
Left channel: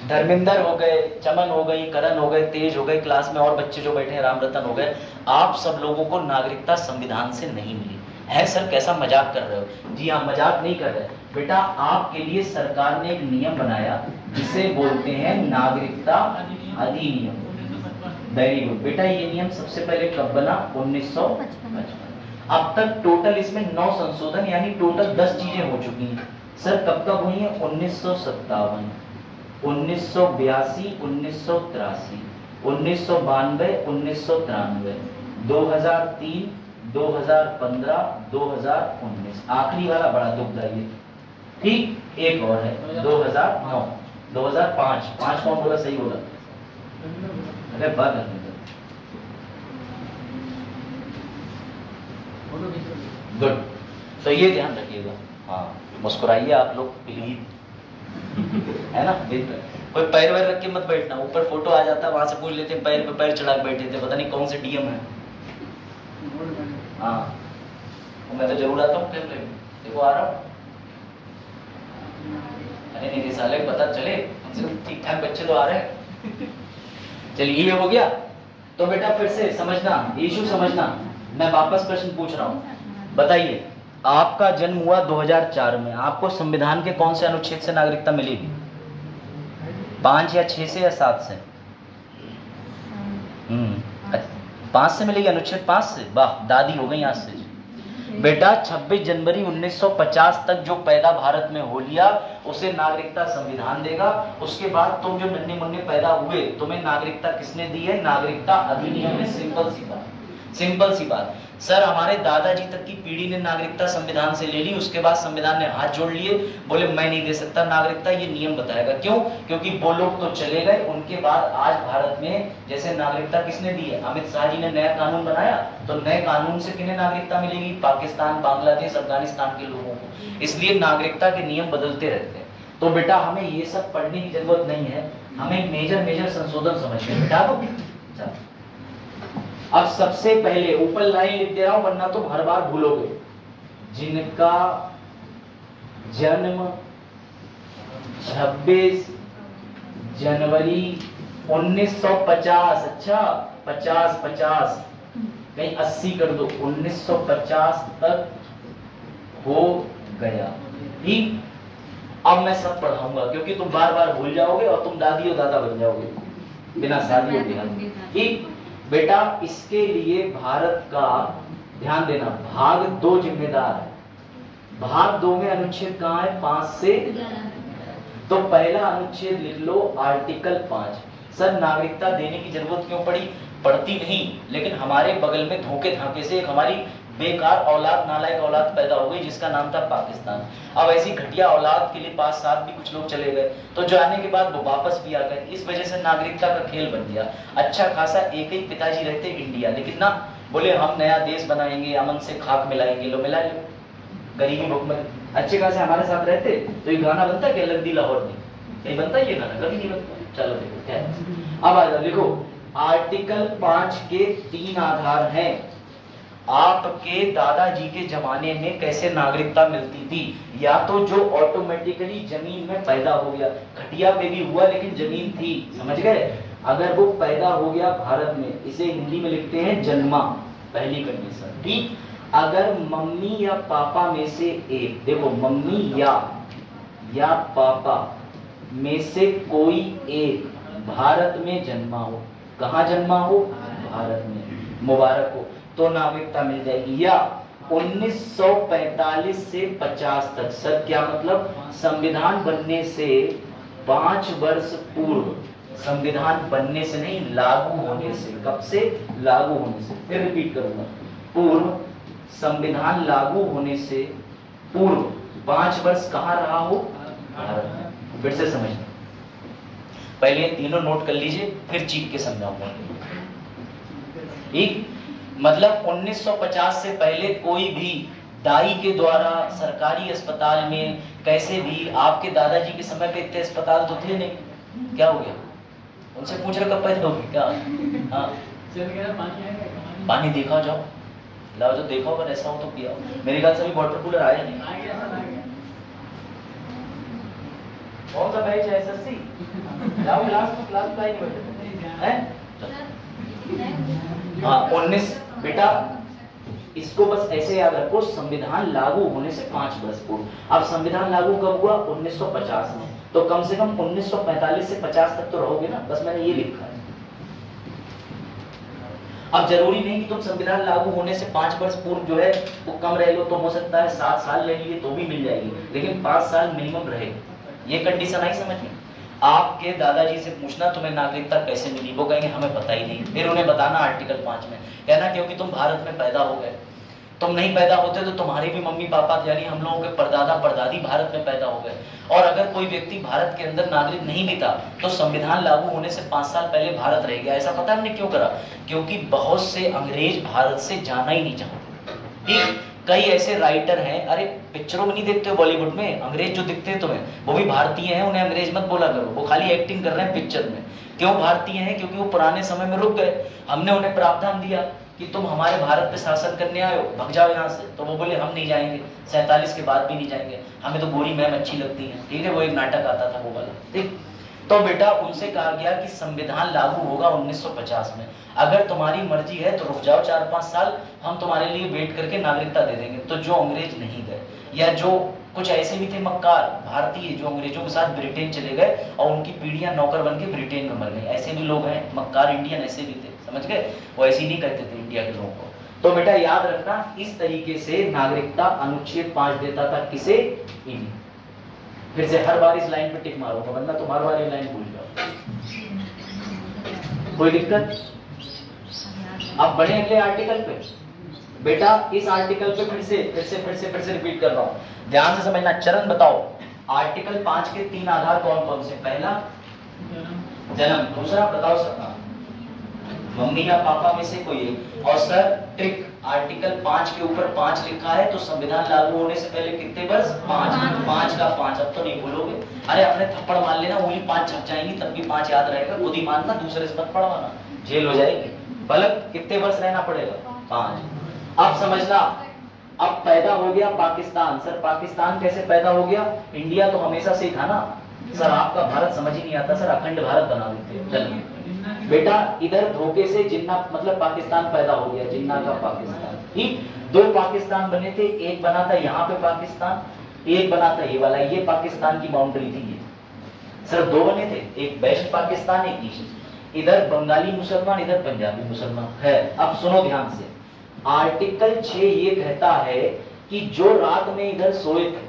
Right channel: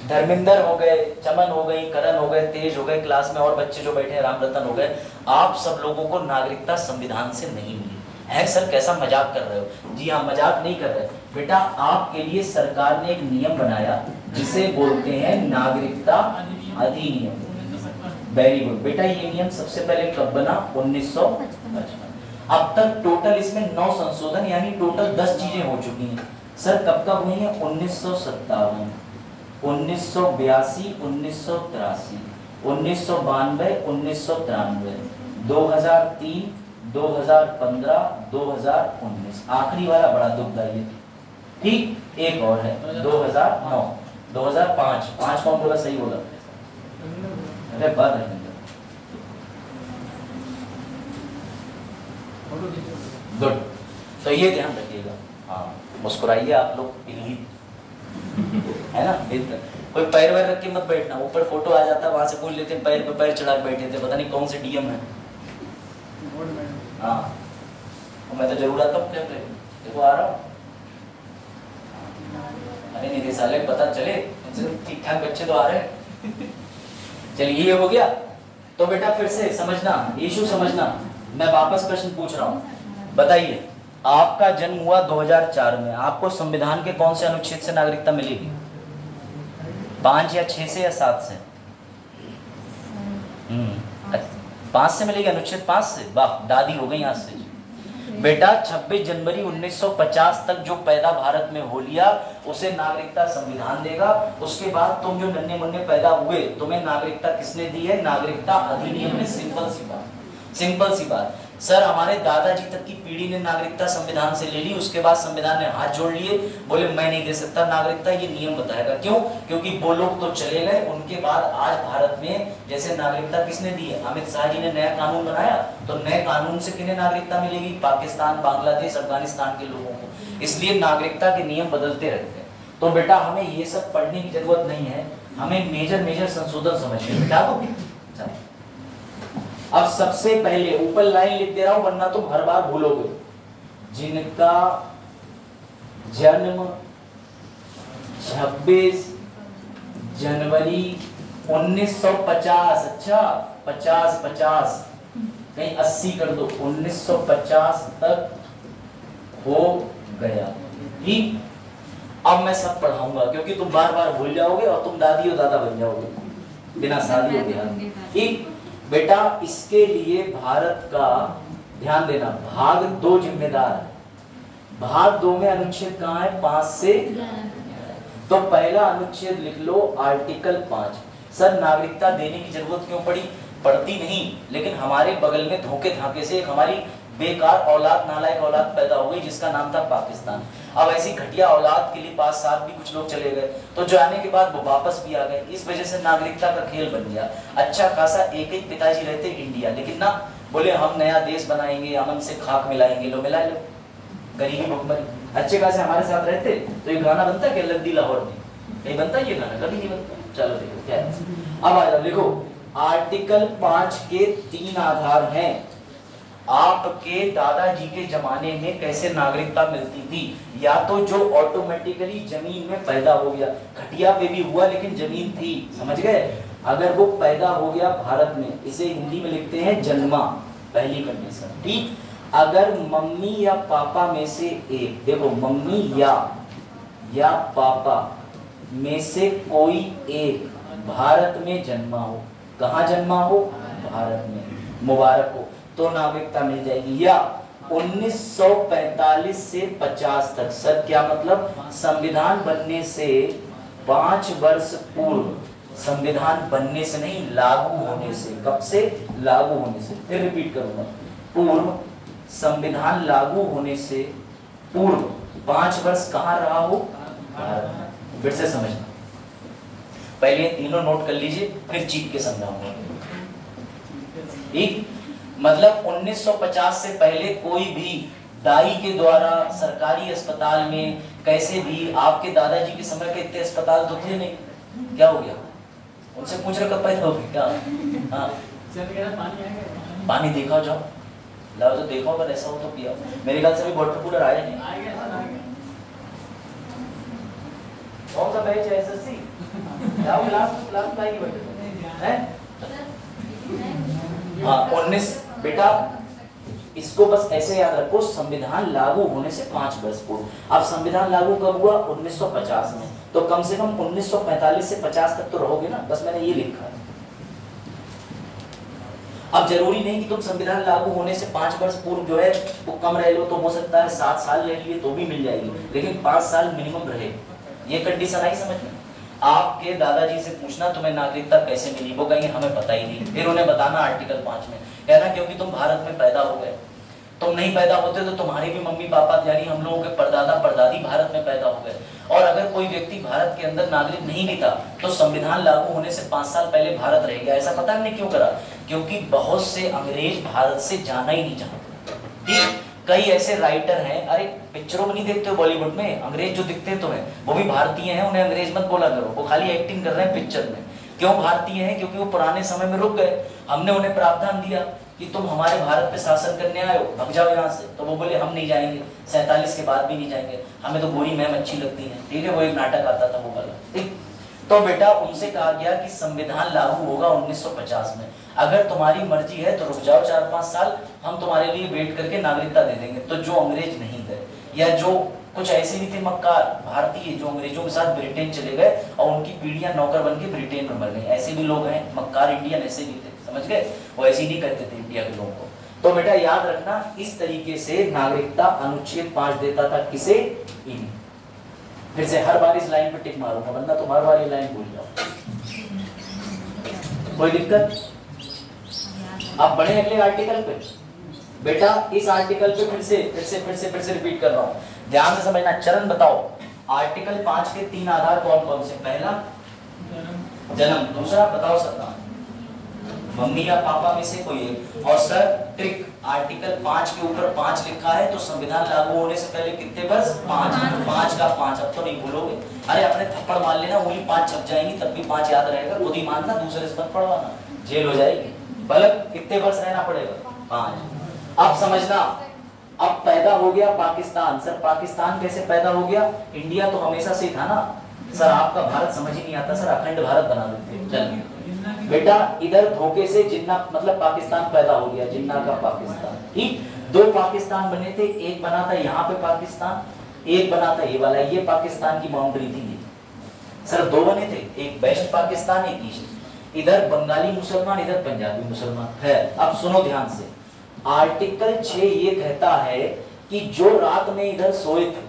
धर्मेंद्र हो गए, चमन हो गई, करण हो गए, तेज हो गए, क्लास में और बच्चे जो बैठे हैं, राम रतन हो गए, आप सब लोगों को नागरिकता संविधान से नहीं मिली है। सर कैसा मजाक कर रहे हो? जी हाँ, मजाक नहीं कर रहे बेटा, आपके लिए सरकार ने एक नियम बनाया जिसे बोलते हैं नागरिकता अधिनियम। वेरी गुड बेटा, ये नियम सबसे पहले कब बना? 1955। अब तक टोटल इसमें 9 संशोधन यानी टोटल 10 चीजें हो चुकी हैं। सर कब कब हुई हैं? 1957, 1982, 1983, 1992, 1993, 2003, 2015, 2019, आखिरी वाला बड़ा दुखदाई। ठीक, एक और है 2009, 2005, 5 कौन बोला? सही बोला? अरे बात है। गुड, तो ये ध्यान रखिएगा। हाँ, मुस्कुराइए आप लोग प्लीज, है ना? कोई पैर वैर रख के मत बैठना, ऊपर फोटो आ जाता है वहां से पूछ लेते हैं पैर पे पैर चढ़ा के बैठे थे, पता नहीं कौन से डीएम है। हाँ, मैं तो जरूर आता हूँ कैमरे में, देखो आ रहा हूँ। अरे निदेशालय पता चले, ठीक ठाक बच्चे तो आ रहे हैं। चलिए ये हो गया। तो बेटा फिर से समझना, इशू समझना। मैं वापस प्रश्न पूछ रहा हूँ, बताइए आपका जन्म हुआ 2004 में, आपको संविधान के कौन से अनुच्छेद से नागरिकता मिलेगी? 5 या 6 से या 7 से? 5 से मिलेगी, अनुच्छेद 5 से। वाह, दादी हो गई आज से। बेटा 26 जनवरी 1950 तक जो पैदा भारत में हो लिया उसे नागरिकता संविधान देगा। उसके बाद तुम जो नन्हे मुन्ने पैदा हुए तुम्हें नागरिकता किसने दी है? नागरिकता अधिनियम में। सिंपल सी बात, सिंपल सी बात। सर हमारे दादाजी तक की पीढ़ी ने नागरिकता संविधान से ले ली, उसके बाद संविधान ने हाथ जोड़ लिए, बोले मैं नहीं दे सकता नागरिकता, ये नियम बताएगा। क्यों? क्योंकि वो लोग तो चले गए, उनके बाद आज भारत में जैसे नागरिकता किसने दी है? अमित शाह जी ने नया कानून बनाया, तो नए कानून से किन्हें नागरिकता मिलेगी? पाकिस्तान, बांग्लादेश, अफगानिस्तान के लोगों को। इसलिए नागरिकता के नियम बदलते रहते हैं। तो बेटा हमें ये सब पढ़ने की जरूरत नहीं है, हमें मेजर संशोधन समझिए बेटा। अब सबसे पहले ऊपर लाइन लिख दे रहा हूं वरना तुम हर बार भूलोगे। जिनका जन्म 26 जनवरी 1950, अच्छा 50 कहीं 80 कर दो, 1950 तक हो गया। ठीक, अब मैं सब पढ़ाऊंगा क्योंकि तुम बार बार भूल जाओगे और तुम दादी और दादा बन जाओगे बिना शादी के। ठीक बेटा, इसके लिए भारत का ध्यान देना, भाग 2 जिम्मेदार है। भाग 2 में अनुच्छेद कहाँ है? 5 से। तो पहला अनुच्छेद लिख लो, आर्टिकल 5। सर नागरिकता देने की जरूरत क्यों पड़ी? पड़ती नहीं, लेकिन हमारे बगल में धोखे धाके से एक हमारी बेकार औलाद, नालायक औलाद पैदा हो गई जिसका नाम था पाकिस्तान। अब ऐसी घटिया औलाद के लिए 5-7 भी कुछ लोग चले गए, तो जो आने के बाद वो वापस भी आ गए। इस वजह से नागरिकता का खेल बन गया। अच्छा खासा एक पिताजी रहते इंडिया, लेकिन ना बोले हम नया देश बनाएंगे, अमन से खाक मिलाएंगे, लो मिला लो, गरीबी भुखमरी। अच्छे खासे हमारे साथ रहते तो ये गाना बनता क्या? लद्दी लाहौर में नहीं बनता ये गाना, कभी नहीं बनता। चलो देखो क्या है। अब आ जाओ, लिखो आर्टिकल 5 के 3 आधार हैं। आपके दादाजी के जमाने में कैसे नागरिकता मिलती थी? या तो जो ऑटोमेटिकली जमीन में पैदा हो गया, खटिया पे भी हुआ लेकिन जमीन थी, समझ गए? अगर वो पैदा हो गया भारत में, इसे हिंदी में लिखते हैं जन्मा, पहली कंडीशन। ठीक, अगर मम्मी या पापा में से एक, देखो मम्मी या पापा में से कोई एक भारत में जन्मा हो, कहाँ जन्मा हो? भारत में, मुबारक हो, तो नागरिकता मिल जाएगी। या 1945 से 50 तक, सर क्या मतलब? संविधान बनने से 5 वर्ष पूर्व, संविधान बनने से नहीं लागू होने से। कब से? लागू होने से। फिर रिपीट करूंगा, पूर्व, संविधान लागू होने से पूर्व 5 वर्ष कहाँ रहा हो? भारत में। फिर से समझना, पहले ये तीनों नोट कर लीजिए, फिर चीख के समझाऊंगा। ठीक, मतलब 1950 से पहले कोई भी दाई के द्वारा सरकारी अस्पताल में कैसे भी, आपके दादाजी के समय के इतने अस्पताल तो थे नहीं, क्या हो गया? उनसे पूछ रहे कब पैदा होगी क्या? हाँ, पानी देखा जाओ, लाओ तो देखो, अगर ऐसा हो तो पिया। मेरे ख्याल से भी वाटर कूलर आया नहीं। कौन सा बैच है? SSC जाओ लास्ट लाइन है। हाँ 19 बेटा इसको बस ऐसे याद रखो, संविधान लागू होने से 5 वर्ष पूर्व। अब संविधान लागू कब हुआ? 1950 में, तो कम से कम 1945 से 50 तक तो रहोगे ना, बस मैंने ये लिखा है। अब जरूरी नहीं कि तुम संविधान लागू होने से 5 वर्ष पूर्व जो है वो कम रह लो, तो हो सकता है 7 साल रह लिए तो भी मिल जाएगी, लेकिन 5 साल मिनिमम रहेगा। ये कंडीशन आई समझ में? आपके दादाजी से पूछना तुम्हें नागरिकता कैसे मिली, वो कहेंगे हमें पता ही नहीं। फिर उन्हें बताना आर्टिकल 5 में, कहना क्योंकि तुम भारत में पैदा हो गए, तुम नहीं पैदा होते तो तुम्हारे भी मम्मी पापा यानी हम लोगों के परदादा परदादी भारत में पैदा हो गए। और अगर कोई व्यक्ति भारत के अंदर नागरिक नहीं भी था तो संविधान लागू होने से 5 साल पहले भारत रह गया। ऐसा पता हमने क्यों करा? क्योंकि बहुत से अंग्रेज भारत से जाना ही नहीं चाहते। ठीक, कई ऐसे राइटर हैं, अरे पिक्चरों में नहीं देखते बॉलीवुड में, अंग्रेज जो दिखते हैं तुम्हें वो भी भारतीय हैं, उन्हें अंग्रेज मत बोला करो, वो खाली एक्टिंग कर रहे हैं पिक्चर में। क्यों भारतीय हैं? क्योंकि वो पुराने समय में रुक गए, हमने उन्हें प्रावधान दिया कि तुम हमारे भारत पे शासन करने आए हो, भाग जाओ यहाँ से, तो वो बोले हम नहीं जाएंगे, 47 के बाद भी नहीं जाएंगे, हमें तो गोरी मैम अच्छी लगती है। ठीक है, वो एक नाटक आता था वो वाला। ठीक, तो बेटा उनसे कहा गया कि संविधान लागू होगा 1950 में, अगर तुम्हारी मर्जी है तो रुक जाओ 4-5 साल, हम तुम्हारे लिए वेट करके नागरिकता दे देंगे। तो जो अंग्रेज नहीं गए, या जो कुछ ऐसे भी थे मक्कार भारतीय जो अंग्रेजों के साथ ब्रिटेन चले गए और उनकी पीढ़ियां नौकर बन के ब्रिटेन में मर गई, ऐसे भी लोग हैं मक्कार इंडियन, ऐसे भी थे, समझ गए? वो ऐसे ही नहीं कहते थे इंडिया के लोगों को। तो बेटा याद रखना, इस तरीके से नागरिकता अनुच्छेद 5 देता था किसे? इन्हें। फिर से हर बार इस लाइन पे टिक मारूंगा, वरना तुम हर बार ये लाइन भूल जाओ। कोई दिक्कत? अब बढ़े अगले आर्टिकल पे। बेटा इस आर्टिकल पे फिर से रिपीट कर रहा हूं, ध्यान से समझना। चरण बताओ, आर्टिकल 5 के 3 आधार कौन कौन से? पहला जन्म, दूसरा बताओ सत्ता, मम्मी या पापा में से कोई एक, और सर ट्रिक, आर्टिकल 5 के ऊपर 5 लिखा है तो संविधान लागू होने से पहले कितने वर्ष? 5 का 5। अब तो नहीं भूलोगे, अरे अपने थप्पड़ मार लेना, वही 5 छप जाएंगी तब भी 5 याद रहेगा, खुद ही मानना, दूसरे से मत पढ़वाना, जेल हो जाएगी। बल्कि कितने वर्ष रहना पड़ेगा? 5। अब समझना, अब पैदा हो गया पाकिस्तान। सर पाकिस्तान कैसे पैदा हो गया? इंडिया तो हमेशा से था ना सर, आपका भारत समझ ही नहीं आता सर, अखंड भारत बना देते। चलिए बेटा, इधर धोखे से जिन्ना मतलब पाकिस्तान पैदा हो गया, जिन्ना का पाकिस्तान। ठीक, 2 पाकिस्तान बने थे, एक बना था यहाँ पे पाकिस्तान, एक बना था ये वाला, ये पाकिस्तान की बाउंड्री थी ये। सर 2 बने थे, एक वेस्ट पाकिस्तान, एक ईस्ट। इधर बंगाली मुसलमान, इधर पंजाबी मुसलमान है। अब सुनो ध्यान से, आर्टिकल 6 ये कहता है कि जो रात में इधर सोए थे,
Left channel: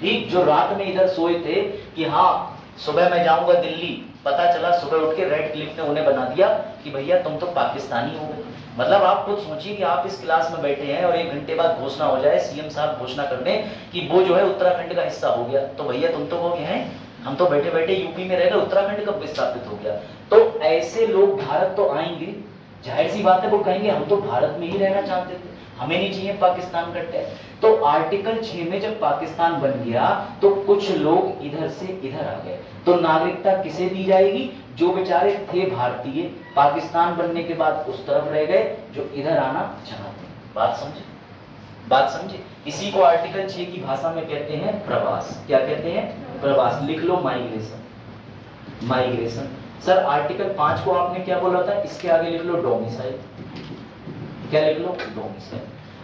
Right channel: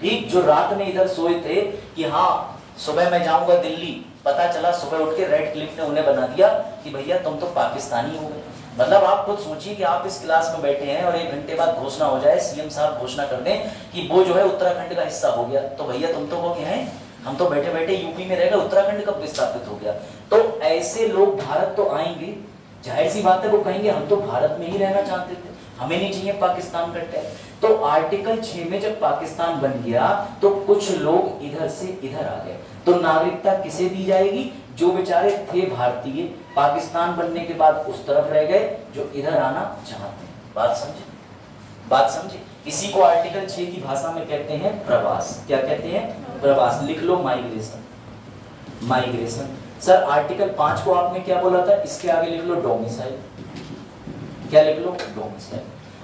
ठीक, जो रात में इधर सोए थे कि हाँ सुबह मैं जाऊंगा दिल्ली, पता चला सुबह उठ के रेड क्लिफ ने उन्हें बना दिया कि भैया तुम तो पाकिस्तानी हो गए। मतलब आप खुद सोचिए कि आप इस क्लास में बैठे हैं और 1 घंटे बाद घोषणा हो जाए, सीएम साहब घोषणा कर दें कि वो जो है उत्तराखंड का हिस्सा हो गया, तो भैया तुम तो कहोगे हैं हम तो बैठे बैठे यूपी में रह गए, उत्तराखंड कब विस्थापित हो गया। तो ऐसे लोग भारत तो आएंगे, जाहिर सी बात है वो कहेंगे हम तो भारत में ही रहना चाहते थे, हमें नहीं चाहिए पाकिस्तान का टैग। तो आर्टिकल 6 में जब पाकिस्तान बन गया तो कुछ लोग इधर से इधर आ गए, तो नागरिकता किसे दी जाएगी? जो बेचारे थे भारतीय, पाकिस्तान बनने के बाद उस तरफ रह गए, जो इधर आना चाहते हैं। बात समझे? बात समझे? इसी को आर्टिकल 6 की भाषा में कहते हैं प्रवास। क्या कहते हैं? प्रवास। लिख लो माइग्रेशन। माइग्रेशन। सर आर्टिकल 5 को आपने क्या बोला था? इसके आगे लिख लो डोमिसाइल। क्या लिख लो? डोमिसाइल।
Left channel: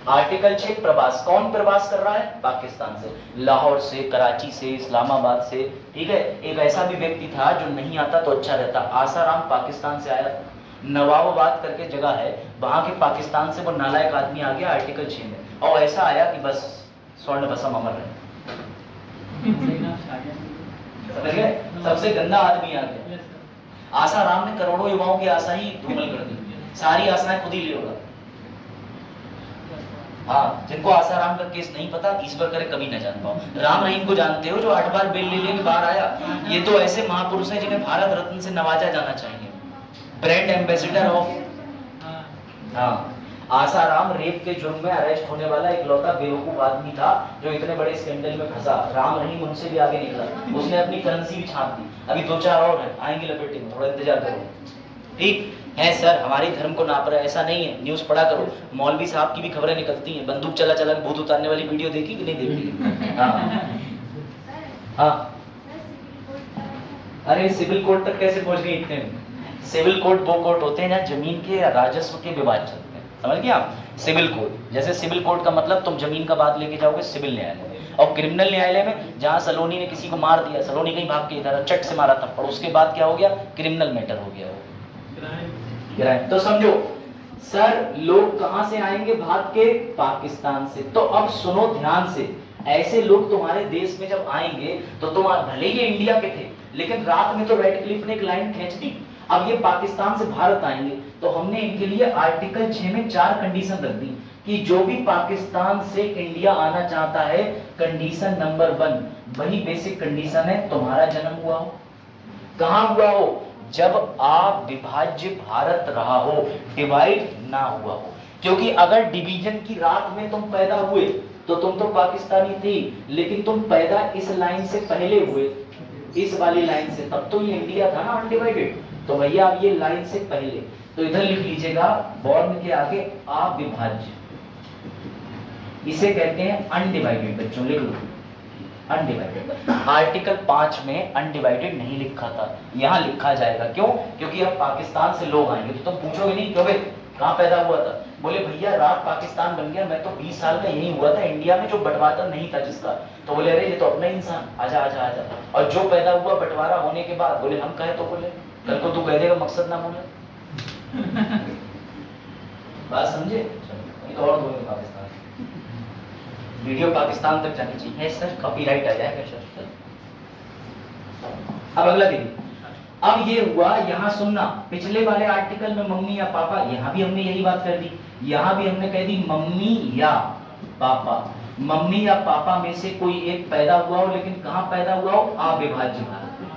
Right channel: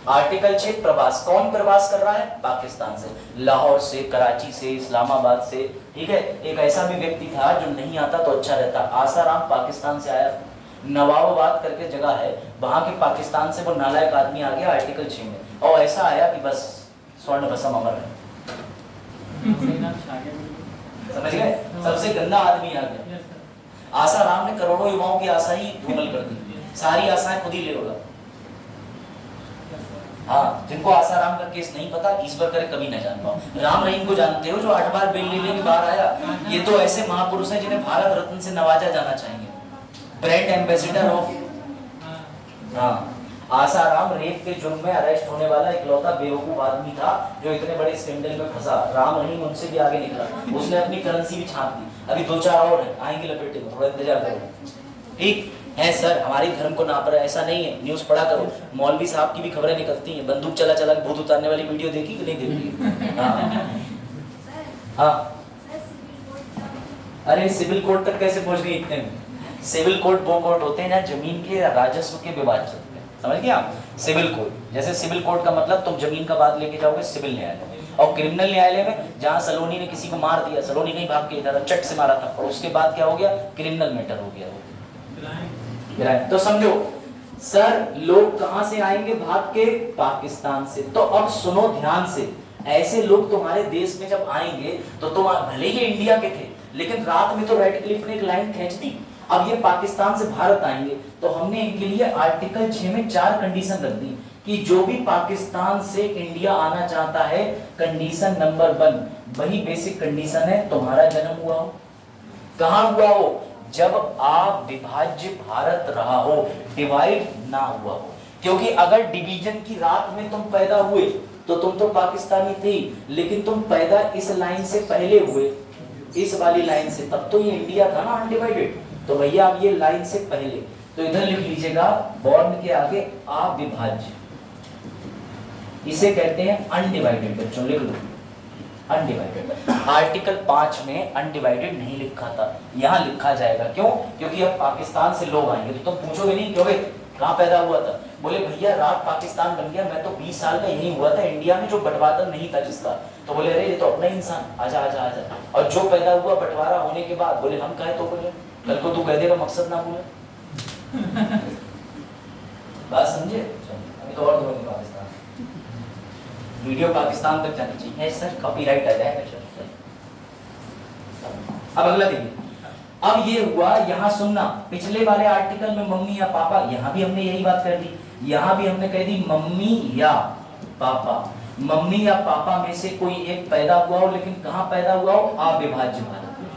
आर्टिकल 6 प्रवास। कौन प्रवास कर रहा है? पाकिस्तान से, लाहौर से, कराची से, इस्लामाबाद से। ठीक है, एक ऐसा भी व्यक्ति था जो नहीं आता तो अच्छा रहता, आसाराम पाकिस्तान से आया, नवाबाद करके जगह है, वहां के पाकिस्तान से वो नालायक आदमी आ गया आर्टिकल 6 में, और ऐसा आया कि बस स्वर्ण भस्म अमर है। समझ गए? सबसे गंदा आदमी आ गया। आसाराम ने करोड़ों युवाओं की आशा ही धूमिल कर दी, सारी आशाएं खुद ही ले होगा। हाँ, जिनको आसाराम का केस नहीं पता, ईश्वर करे कभी न जान पाओ। राम रहीम को जानते हो, जो 8 बार बेल लेने के बाहर आया? ये तो ऐसे महापुरुष हैं जिन्हें भारत रत्न से नवाजा जाना चाहिए, ब्रांड एम्बेसडर ऑफ। हाँ, आसाराम रेप के जुर्म में अरेस्ट होने वाला इकलौता बेवकूफ आदमी था जो इतने बड़े स्कैंडल में फंसा। राम रहीम उनसे भी आगे निकला, उसने अपनी करेंसी भी छाप दी। अभी 2-4 और हैं, आएंगे लपेटे में, थोड़ा इंतजार करो। ठीक है सर, हमारे धर्म को नाप रहा है, ऐसा नहीं है। न्यूज पढ़ा करो, मौलवी साहब की भी खबरें निकलती हैं, बंदूक चला चला भूत उतारने वाली वीडियो देखी कि नहीं देखी? हाँ हाँ अरे सिविल कोड तक कैसे पहुंच गई इतने में? सिविल कोड वो कोड होते हैं ना जमीन के राजस्व के विवाद चलते हैं, समझ गया? सिविल कोड, जैसे सिविल कोड का मतलब तुम जमीन का बात लेके जाओगे सिविल न्यायालय में, और क्रिमिनल न्यायालय में जहाँ सलोनी ने किसी को मार दिया, सलोनी कहीं भाग के इधर चट से मारा था, और उसके बाद क्या हो गया? क्रिमिनल मैटर हो गया, क्राइम। तो समझो सर, लोग कहां से आएंगे भाग के? पाकिस्तान से। तो अब सुनो ध्यान से, ऐसे लोग तुम्हारे देश में जब आएंगे तो तुम भले ही इंडिया के थे, लेकिन रात में तो रेडक्लिफ ने एक लाइन खींच दी, अब ये पाकिस्तान से भारत आएंगे, तो हमने इनके लिए आर्टिकल 6 में 4 कंडीशन रख दी कि जो भी पाकिस्तान से इंडिया आना चाहता है, कंडीशन नंबर 1 वही बेसिक कंडीशन है, तुम्हारा जन्म हुआ हो। कहां हुआ हो? जब आप विभाज्य भारत रहा हो, डिवाइड ना हुआ हो। क्योंकि अगर डिवीजन की रात में तुम पैदा हुए तो तुम तो पाकिस्तानी थे, लेकिन तुम पैदा इस लाइन से पहले हुए, इस वाली लाइन से, तब तो ये इंडिया था ना अनडिवाइडेड। तो भैया अब ये लाइन से पहले, तो इधर लिख लीजिएगा बॉर्न के आगे अविभाज्य, इसे कहते हैं अनडिवाइडेड। बच्चों लिख लो अनडिवाइडेड। आर्टिकल 5 में अनडिवाइडेड नहीं लिखा था, यहाँ लिखा जाएगा। क्यों? क्योंकि अब पाकिस्तान से लोग आएंगे तो तुम पूछोगे नहीं क्यों कहाँ पैदा हुआ था? बोले भैया रात पाकिस्तान बन गया, मैं तो 20 साल का यही हुआ था इंडिया में, जो बंटवारा नहीं था जिसका। तो बोले अरे ये तो अपना इंसान, आजा आजा आजा। और जो पैदा हुआ बंटवारा होने के बाद, बोले हम कहे तो बोले कल को तू कह देगा मकसद ना बोले। बात समझे? अभी तो और बोलेंगे पाकिस्तान, वीडियो पाकिस्तान तक जानी चाहिए सर, कॉपीराइट आ जाएगा सर। अब अगला देखिए, अब ये हुआ, यहाँ सुनना, पिछले वाले आर्टिकल में मम्मी या पापा, यहाँ भी हमने यही बात कर दी, यहाँ भी हमने कह दी मम्मी या पापा। मम्मी या पापा में से कोई एक पैदा हुआ हो, लेकिन कहाँ पैदा हुआ हो? अविभाज्य भारत में,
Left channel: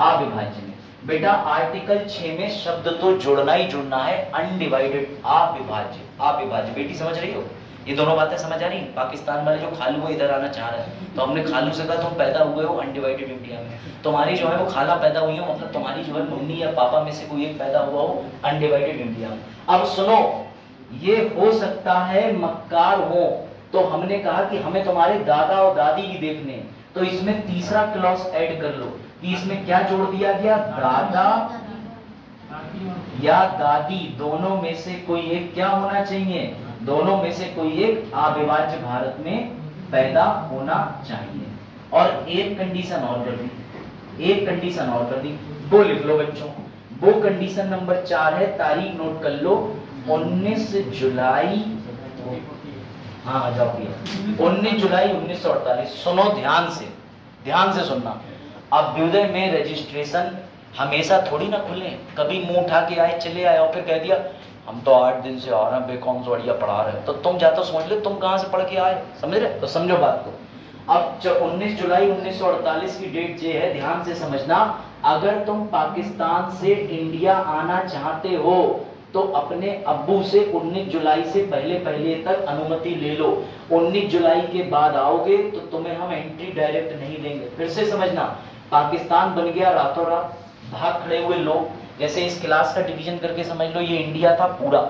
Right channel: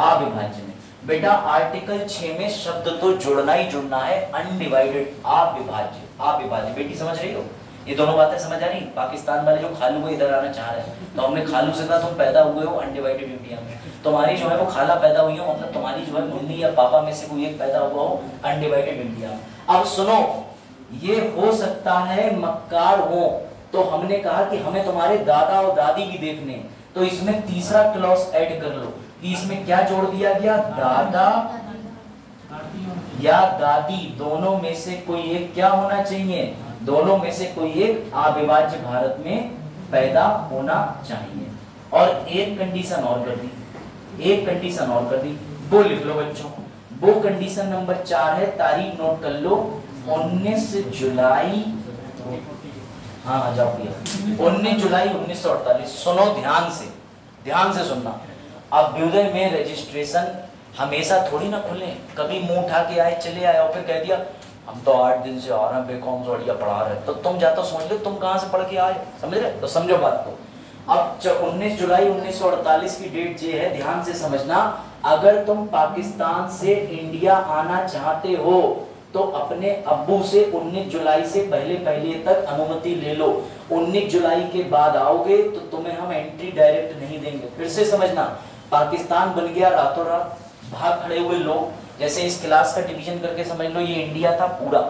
अविभाज्य में। बेटा आर्टिकल 6 में शब्द तो जुड़ना ही जुड़ना है, अनडिवाइडेड, अविभाज्य, अविभाज्य। बेटी समझ रही हो? ये दोनों बातें समझ आ रही? पाकिस्तान वाले जो खालू है इधर आना चाह रहे हैं, तो हमने खालू से कहा तुम पैदा हुए हो अनडिवाइडेड इंडिया में, तुम्हारी जो है वो खाला पैदा हुई हो, मतलब तुम्हारी जो है मम्मी या पापा में से कोई एक पैदा हुआ हो अनडिवाइडेड इंडिया में। अब सुनो, ये हो सकता है मक्कार हो, तो हमने कहा कि हमें तुम्हारे दादा और दादी भी देखने, तो इसमें तीसरा क्लॉज ऐड कर लो कि इसमें क्या जोड़ दिया गया? दादा या दादी, दोनों में से कोई एक क्या होना चाहिए? दोनों में से कोई एक अविभाज्य भारत में पैदा होना चाहिए। और एक कंडीशन और कर दी, एक कंडीशन और कर दी, वो लिख लो बच्चों। वो कंडीशन नंबर 4 है, तारीख नोट कर लो, 19 जुलाई, हाँ आ जाओ भैया, 19 जुलाई 1948। सुनो ध्यान से सुनना। अभ्युदय में रजिस्ट्रेशन हमेशा थोड़ी ना खुले, कभी मुंह उठा के आए चले आए और फिर कह दिया हम तो 8 दिन से आ रहे हैं, बेकॉम जोड़िया पढ़ा रहे हैं, तो तुम जाते समझ लो तुम कहां से पढ़ के आए, समझ रहे? तो समझो बात को। अब 19 जुलाई 1948 की डेट ये है, ध्यान से समझना। अगर तुम पाकिस्तान से इंडिया आना चाहते हो तो अपने अब्बू से 19 जुलाई से पहले तक अनुमति ले लो। 19 जुलाई के बाद आओगे तो तुम्हें हम एंट्री डायरेक्ट नहीं देंगे। फिर से समझना, पाकिस्तान बन गया रातों रात, भाग खड़े हुए लोग, जैसे इस क्लास का डिवीजन करके समझ लो ये इंडिया था पूरा,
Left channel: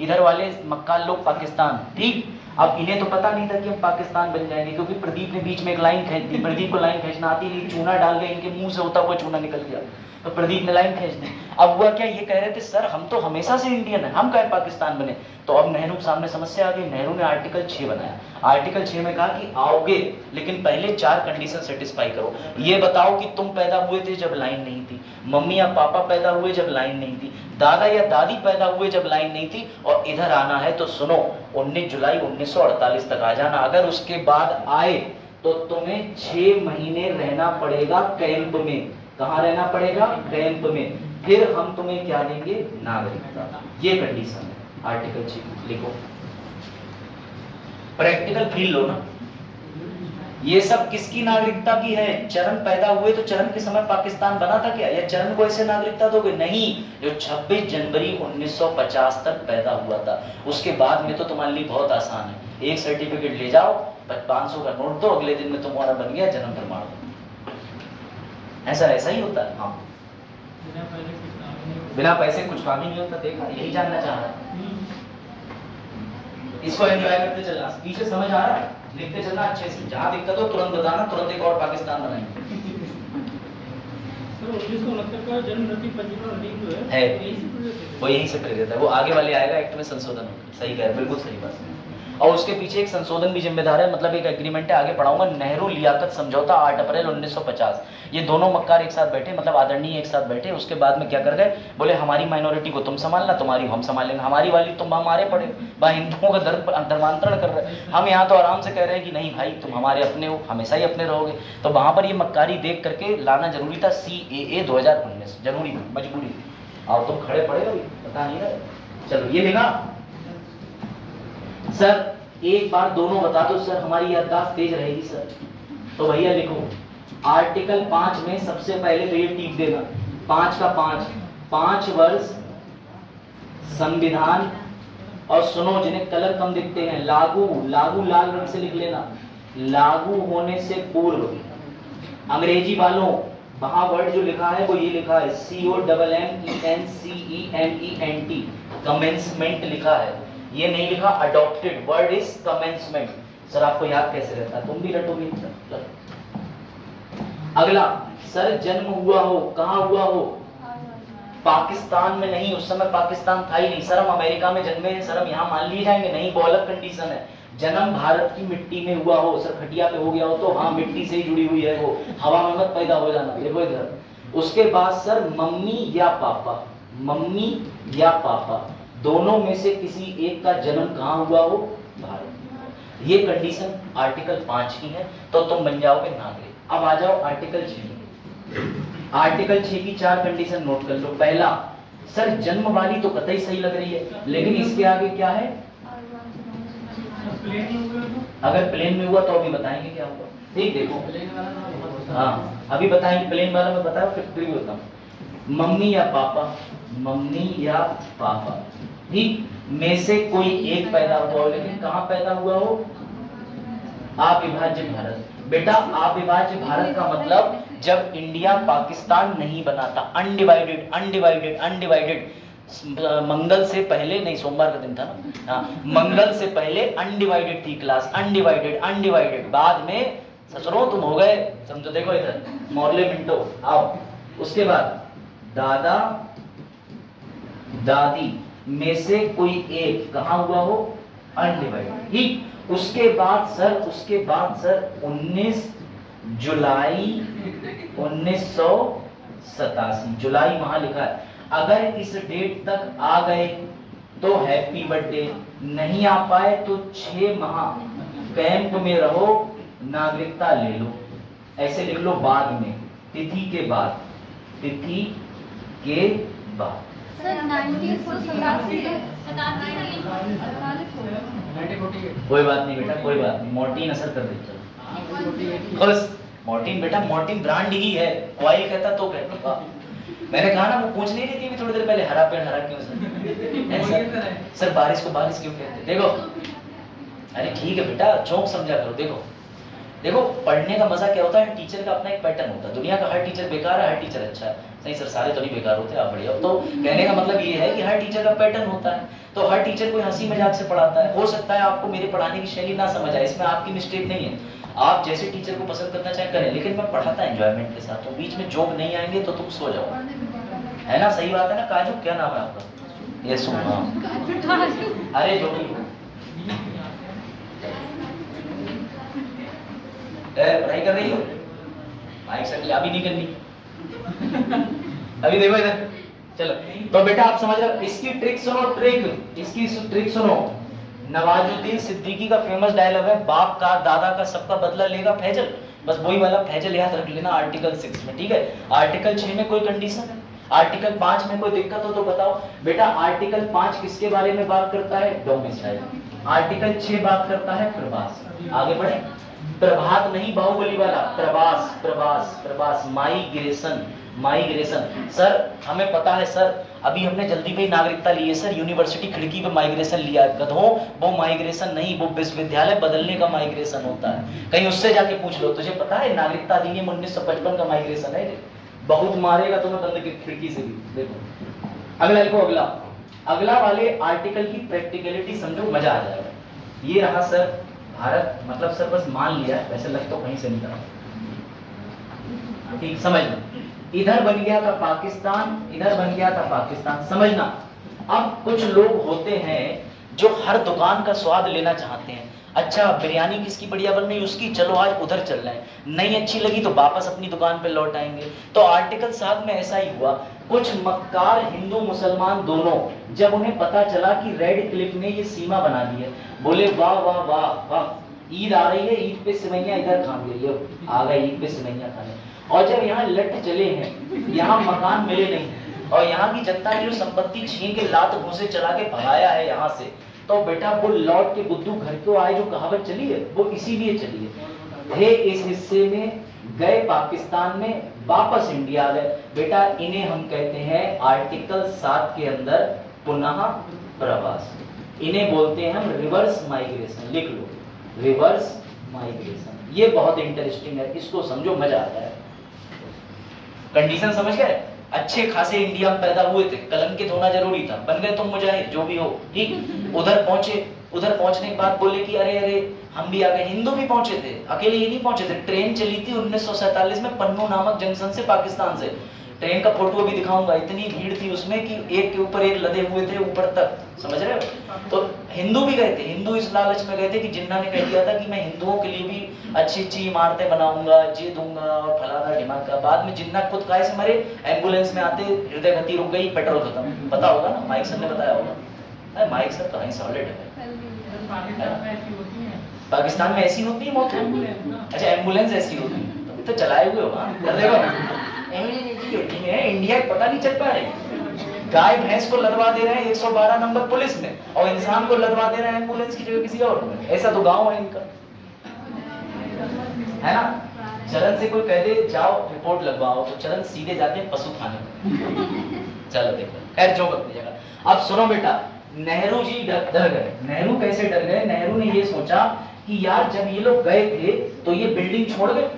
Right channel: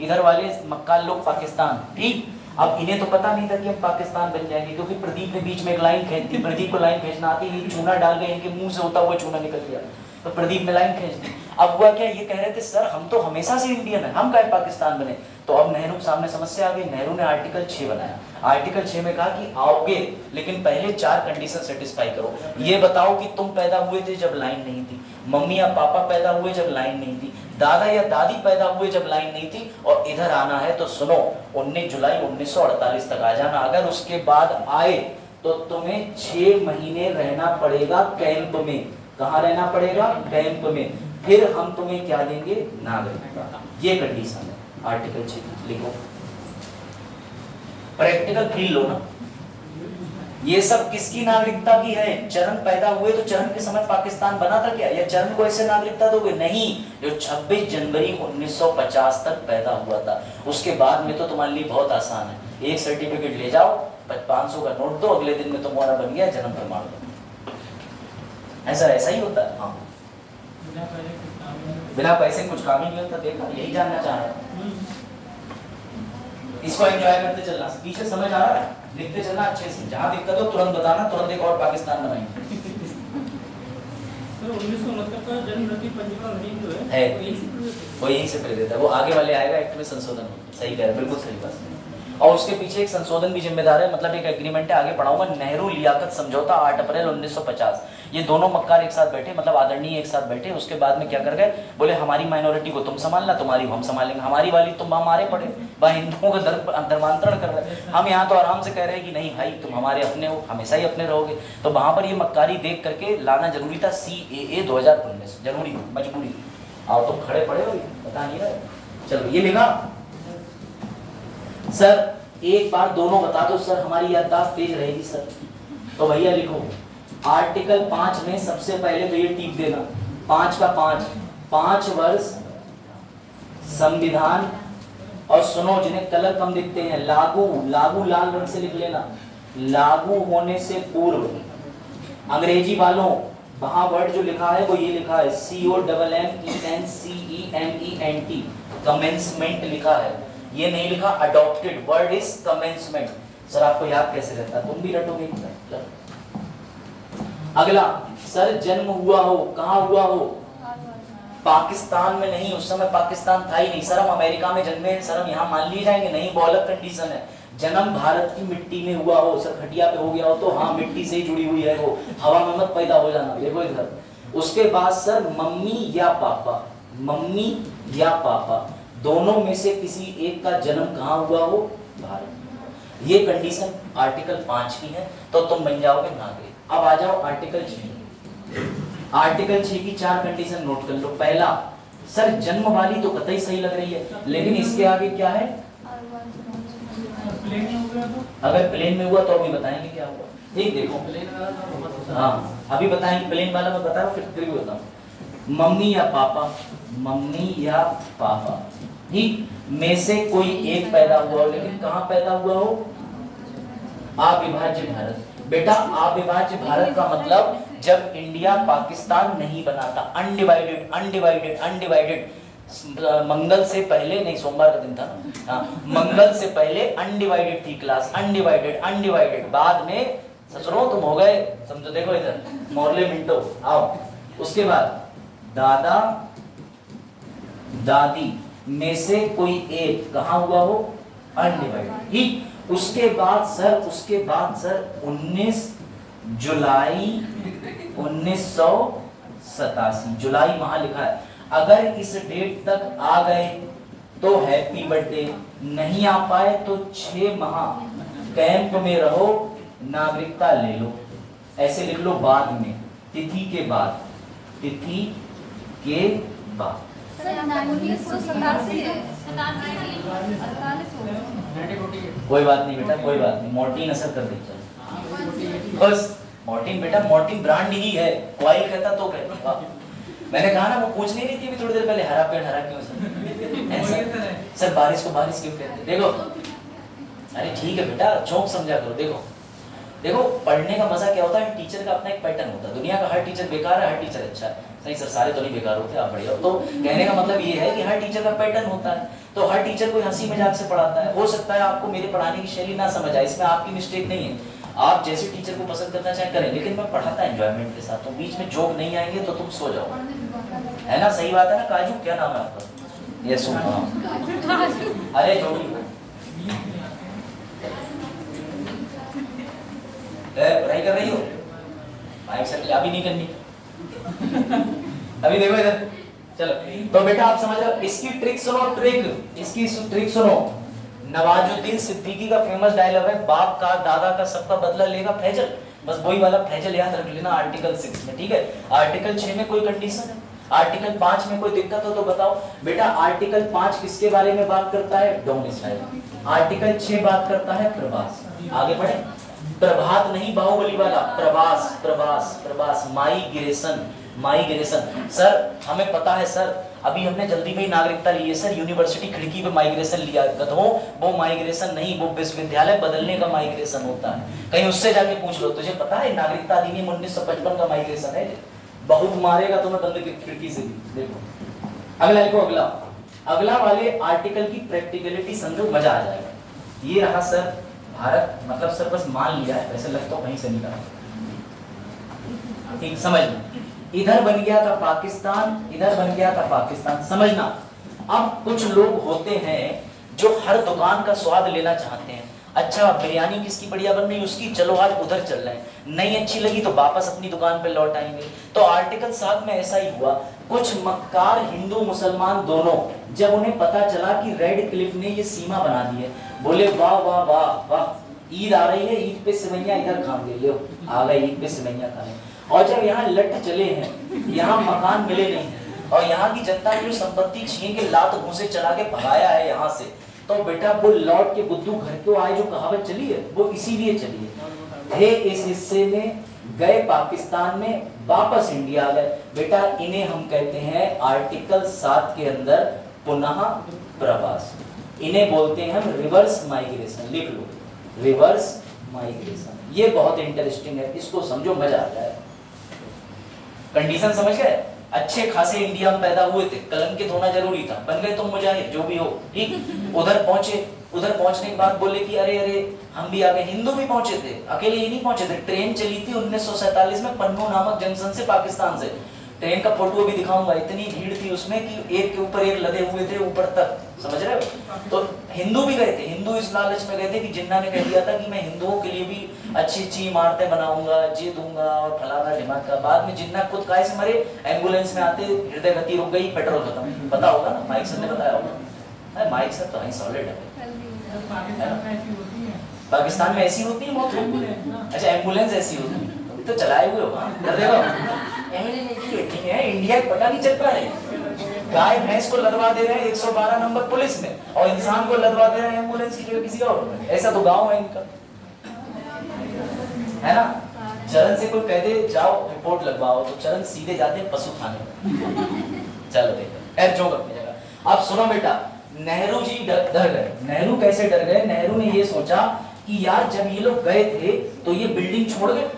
इधर वाले मक्काल लोग पाकिस्तान, ठीक। अब इन्हें तो पता नहीं था कि हम पाकिस्तान बन जाएंगे, क्योंकि प्रदीप ने बीच में एक लाइन खींच दी, प्रदीप को लाइन खींचना आती है, चूना डाल गए इनके मुंह से होता हुआ चूना निकल गया, तो प्रदीप ने लाइन खींच दी। अब हुआ क्या, ये कह रहे थे सर हम तो हमेशा से इंडियन है, हम काहे पाकिस्तान बने? तो अब नेहरू के सामने समस्या आ गई, नेहरू ने आर्टिकल 6 बनाया। आर्टिकल 6 में कहा कि आओगे लेकिन पहले 4 कंडीशन सेटिस्फाई करो। ये बताओ कि तुम पैदा हुए थे जब लाइन नहीं थी, मम्मी या पापा पैदा हुए जब लाइन नहीं थी, दादा या दादी पैदा हुए जब लाइन नहीं थी, और इधर आना है तो सुनो 19 जुलाई 1948 तक आ जाना। अगर उसके बाद आए तो तुम्हें 6 महीने रहना पड़ेगा कैंप में। कहाँ रहना पड़ेगा? कैंप में। फिर हम तुम्हें क्या देंगे? नागरिकता। ये कंडीशन है आर्टिकल 6। लिखो, प्रैक्टिकल फील लो ना। ये सब किसकी नागरिकता की है? चरण पैदा हुए तो चरण के समय पाकिस्तान बना था क्या? या चरण को ऐसे नागरिकता दोगे? नहीं, जो 26 जनवरी 1950 तक पैदा हुआ था, उसके बाद में तो तुम्हारे लिए बहुत आसान है। एक सर्टिफिकेट ले जाओ, 500 का नोट दो, अगले दिन में तुम्हारा बन गया जन्म प्रमाण पत्र। ऐसा ही होता है। हाँ, बिना पैसे कुछ काम ही नहीं होता। देखा, यही जानना चाह रहा है। इसको एंजॉय करते चलना, पीछे समझ आ रहा है, लिखते चलना अच्छे से, जहां दिक्कत हो तुरंत बताना, तुरंत एक और पाकिस्तान बनाएंगे। 1969 का जन्म नदी पंजीकरण अधिनियम जो है। यही से प्रेरित है। वो यहीं से प्रेरित है, वो आगे वाले आएगा एक्ट में संशोधन होगा। सही कह रहे हैं, बिल्कुल सही बात है। और उसके पीछे एक संशोधन भी जिम्मेदार है, मतलब एक एग्रीमेंट है, आगे पढ़ाऊंगा। नेहरू लियाकत समझौता 8 अप्रैल 1950। ये दोनों मक्कार एक साथ बैठे, मतलब आदरणीय एक साथ बैठे। उसके बाद में क्या कर गए, बोले हमारी माइनॉरिटी को तुम संभालना, तुम्हारी हम संभालेंगे, हमारी वाली तुम हमारे पड़े। वह हिंदुओं का धर्मांतरण कर रहे हैं, हम यहाँ तो आराम से कह रहे हैं कि नहीं भाई तुम हमारे अपने हो, हमेशा ही अपने रहोगे। तो वहां पर ये मक्कारी देख करके लाना जरूरी था। CAA 2019 जरूरी, मजबूरी। आओ तुम खड़े पड़े हो, पता नहीं रहे। चलो ये लिखा सर, एक बार दोनों बता दो सर, हमारी याददाश्त तेज रहेगी सर। तो भैया लिखो, आर्टिकल 5 में सबसे पहले तो ये टिक देना, 5 का 5 वर्ष संविधान। और सुनो, जिन्हें कलर कम दिखते हैं, लागू लाल रंग से लिख लेना, लागू होने से पूर्व। अंग्रेजी वालों वहां वर्ड जो लिखा है वो ये लिखा है COMMENCEMENT, कमेंसमेंट लिखा है, ये नहीं लिखा adopted. Word is commencement. Sir आपको याद कैसे रहता, तुम भी रटोगे। अगला, सर जन्म हुआ हो, कहां हुआ हो, पाकिस्तान में नहीं, उस समय पाकिस्तान था ही नहीं। सर हम अमेरिका में जन्मे हैं, सर हम यहाँ मान लिए जाएंगे, नहीं, वो अलग कंडीशन है। जन्म भारत की मिट्टी में हुआ हो, सर खटिया पे हो गया हो तो हाँ मिट्टी से ही जुड़ी हुई है वो, हवा में मत पैदा हो जाना। देखो इधर। उसके बाद सर मम्मी या पापा दोनों में से किसी एक का जन्म कहाँ हुआ हो, भारत। ये कंडीशन आर्टिकल 5 की है, तो तुम बन जाओगे नागरिक। अब आ जाओ आर्टिकल 6। आर्टिकल 6 की 4 कंडीशन नोट कर लो। पहला, सर जन्म वाली तो कतई सही लग रही है, लेकिन इसके आगे क्या है, अगर प्लेन में हुआ तो अभी बताएंगे क्या हुआ। ठीक देखो, हाँ अभी बताएंगे, प्लेन वाला मैं बताऊं फिर भी बताऊं। मम्मी या पापा ठीक में से कोई एक पैदा हुआ हो, लेकिन कहां पैदा हुआ हो, अविभाज्य भारत। बेटा अविभाज्य भारत का मतलब जब इंडिया पाकिस्तान नहीं बना था, अनडिवाइडेड मंगल से पहले नहीं, सोमवार का दिन था ना, मंगल से पहले अनडिवाइडेड थी क्लास, अनडिवाइडेड। बाद में ससुरो तुम हो गए, समझो। देखो इधर मोरले मिंटो आओ। उसके बाद दादा दादी में से कोई एक कहां हुआ हो, अनडिवाइडेड। ठीक। उसके बाद सर 19 जुलाई 1987, जुलाई वहां लिखा है। अगर इस डेट तक आ गए तो हैप्पी बर्थडे, नहीं आ पाए तो 6 माह कैंप में रहो, नागरिकता ले लो। ऐसे लिख लो बाद में, तिथि के बाद। सर 1987 कोई बात नहीं बेटा, कोई बात नहीं, मॉर्टिन असर कर देगा। बस मॉर्टिन बेटा, मॉर्टिन ब्रांड ही है, कोई कहता तो कहता। मैंने कहा ना वो पूछ नहीं रही थी थोड़ी देर पहले, हरा पेड़ हरा क्यों सर बारिश को बारिश क्यों कहते। देखो अरे ठीक है बेटा, चौक समझा करो। देखो पढ़ने का मजा क्या होता है, टीचर का अपना एक पैटर्न होता है। दुनिया का हर टीचर बेकार है, हर टीचर अच्छा है। नहीं सर सारे तो नहीं बेकार होते, आप बढ़िया हो। तो कहने का मतलब ये है कि हर टीचर का पैटर्न होता है, तो हर टीचर कोई हंसी मजाक से पढ़ाता है। हो सकता है आपको मेरे पढ़ाने की शैली ना समझ आए, इसमें आपकी मिस्टेक नहीं है, आप जैसे टीचर को पसंद करना चाहे करें, लेकिन मैं पढ़ाता एंजॉयमेंट के साथ। तो बीच में जोक नहीं आएंगे तो तुम सो जाओ, है ना, सही बात है ना। काजू क्या नाम है आपका, ये सुना, अरे जोड़ी पढ़ाई कर रही हो, माइक से अभी नहीं करनी, अभी देखो इधर। चलो तो बेटा आप समझ रहे हो, इसकी ट्रिक सुनो, इसकी ट्रिक सुनो। नवाजुद्दीन सिद्दीकी का फेमस डायलॉग है, बाप का दादा का सबका बदला लेगा फैजल। बस वही वाला फैजल याद रख लेना आर्टिकल 6 में, ठीक है। आर्टिकल 6 में कोई कंडीशन है, आर्टिकल 5 में कोई दिक्कत हो तो बताओ। बेटा आर्टिकल 5 किसके बारे में बात करता है, डोमिसाइल। आर्टिकल 6 बात करता है प्रवास। आगे बढ़े, प्रभात नहीं बाहुबली वाला, प्रवास, माइग्रेशन। सर हमें पता है सर, अभी हमने जल्दी में नागरिकता ली है सर, यूनिवर्सिटी खिड़की पे माइग्रेशन लिया। गधों, वो माइग्रेशन नहीं, वो विश्वविद्यालय बदलने का माइग्रेशन होता है। कहीं उससे जाके पूछ लो, तुझे पता है नागरिकता अधिनियम 1955 का माइग्रेशन है। बहुत मारेगा तुम्हें बंद खिड़की से भी। देखो अगला लिखो, अगला वाले आर्टिकल की प्रैक्टिकलिटी समझो, मजा आ जाएगा। ये रहा सर भारत, मतलब सर बस मान लिया है, वैसे लग तो कहीं से नहीं रहा, ठीक समझ लो। इधर बन गया था पाकिस्तान, इधर बन गया था पाकिस्तान। समझना, अब कुछ लोग होते हैं जो हर दुकान का स्वाद लेना चाहते हैं। अच्छा बिरयानी किसकी बढ़िया बन रही है उसकी, चलो आज उधर चल रहे हैं, नहीं अच्छी लगी तो वापस अपनी दुकान पे लौट आएंगे। तो आर्टिकल 7 में ऐसा ही हुआ। कुछ मक्कार हिंदू मुसलमान दोनों, जब उन्हें पता चला कि रेड क्लिफ ने ये सीमा बना दी है, बोले वाह वाह वाह वाह, ईद आ रही है, ईद पे सेवैयां इधर खा ले, आ गए ईद पे सेवैयां खाने। और जब यहाँ लट चले हैं, यहाँ मकान मिले नहीं और यहाँ की जनता ने जो संपत्ति छीन के लात घूंसे चला के भगाया है यहाँ से, तो बेटा वो लौट के बुद्धू घर को आए, जो कहावत चली है वो इसीलिए चली है। थे इस हिस्से में, गए पाकिस्तान में, वापस इंडिया आ गए। बेटा इन्हें हम कहते हैं आर्टिकल 7 के अंदर पुनः प्रवास, इन्हें बोलते हैं हम रिवर्स माइग्रेशन। लिख लो, रिवर्स माइग्रेशन। ये बहुत इंटरेस्टिंग है, इसको समझो, मजा आता है। कंडीशन समझ गए? अच्छे खासे इंडिया में पैदा हुए थे, कलंकित होना जरूरी था, बन गए तुम मुजाहिर जो भी हो, ठीक। उधर पहुंचे, उधर पहुंचने के बाद बोले कि अरे अरे हम भी आ गए। हिंदू भी पहुंचे थे, अकेले ही नहीं पहुंचे थे। ट्रेन चली थी 1947 में पन्नू नामक जंक्शन से पाकिस्तान से। ट्रेन का फोटो भी दिखाऊंगा, इतनी भीड़ थी उसमें कि एक के ऊपर एक लदे हुए थे ऊपर तक, समझ रहे हो? तो हिंदू भी गए थे, हिंदू इस लालच में गए थे कि जिन्ना ने कह दिया था कि मैं हिंदुओं के लिए भी अच्छी अच्छी इमारतें बनाऊंगा, ये दूंगा और फलाना ढिमाका। बाद में जिन्ना खुद काय से मरे, एम्बुलेंस में आते हृदय गति रुक गई, पेट्रोल खत्म। पता होगा ना, माइक सर ने बताया होगा। माइक सर तो सॉलिड है। पाकिस्तान में ऐसी होती है मौत? अच्छा एम्बुलेंस ऐसी होती है, तो चलाए हुए हो। इंडिया पता नहीं चल पा रही, गाय भैंस को लदवा दे रहे हैं 112 नंबर पुलिस में, और इंसान को लदवा दे रहे हैं एम्बुलेंस की जगह किसी और में। ऐसा तो गाँव है इनका, है ना? चरण से कोई कह दे जाओ रिपोर्ट लगवाओ, तो चरण सीधे जाते हैं पशु खाने में। चलो देखो, खैर जो अपनी जगह। अब सुनो बेटा, नेहरू जी डर गए। नेहरू कैसे डर गए? नेहरू ने ये सोचा कि यार जब ये लोग गए थे तो ये बिल्डिंग छोड़ गए।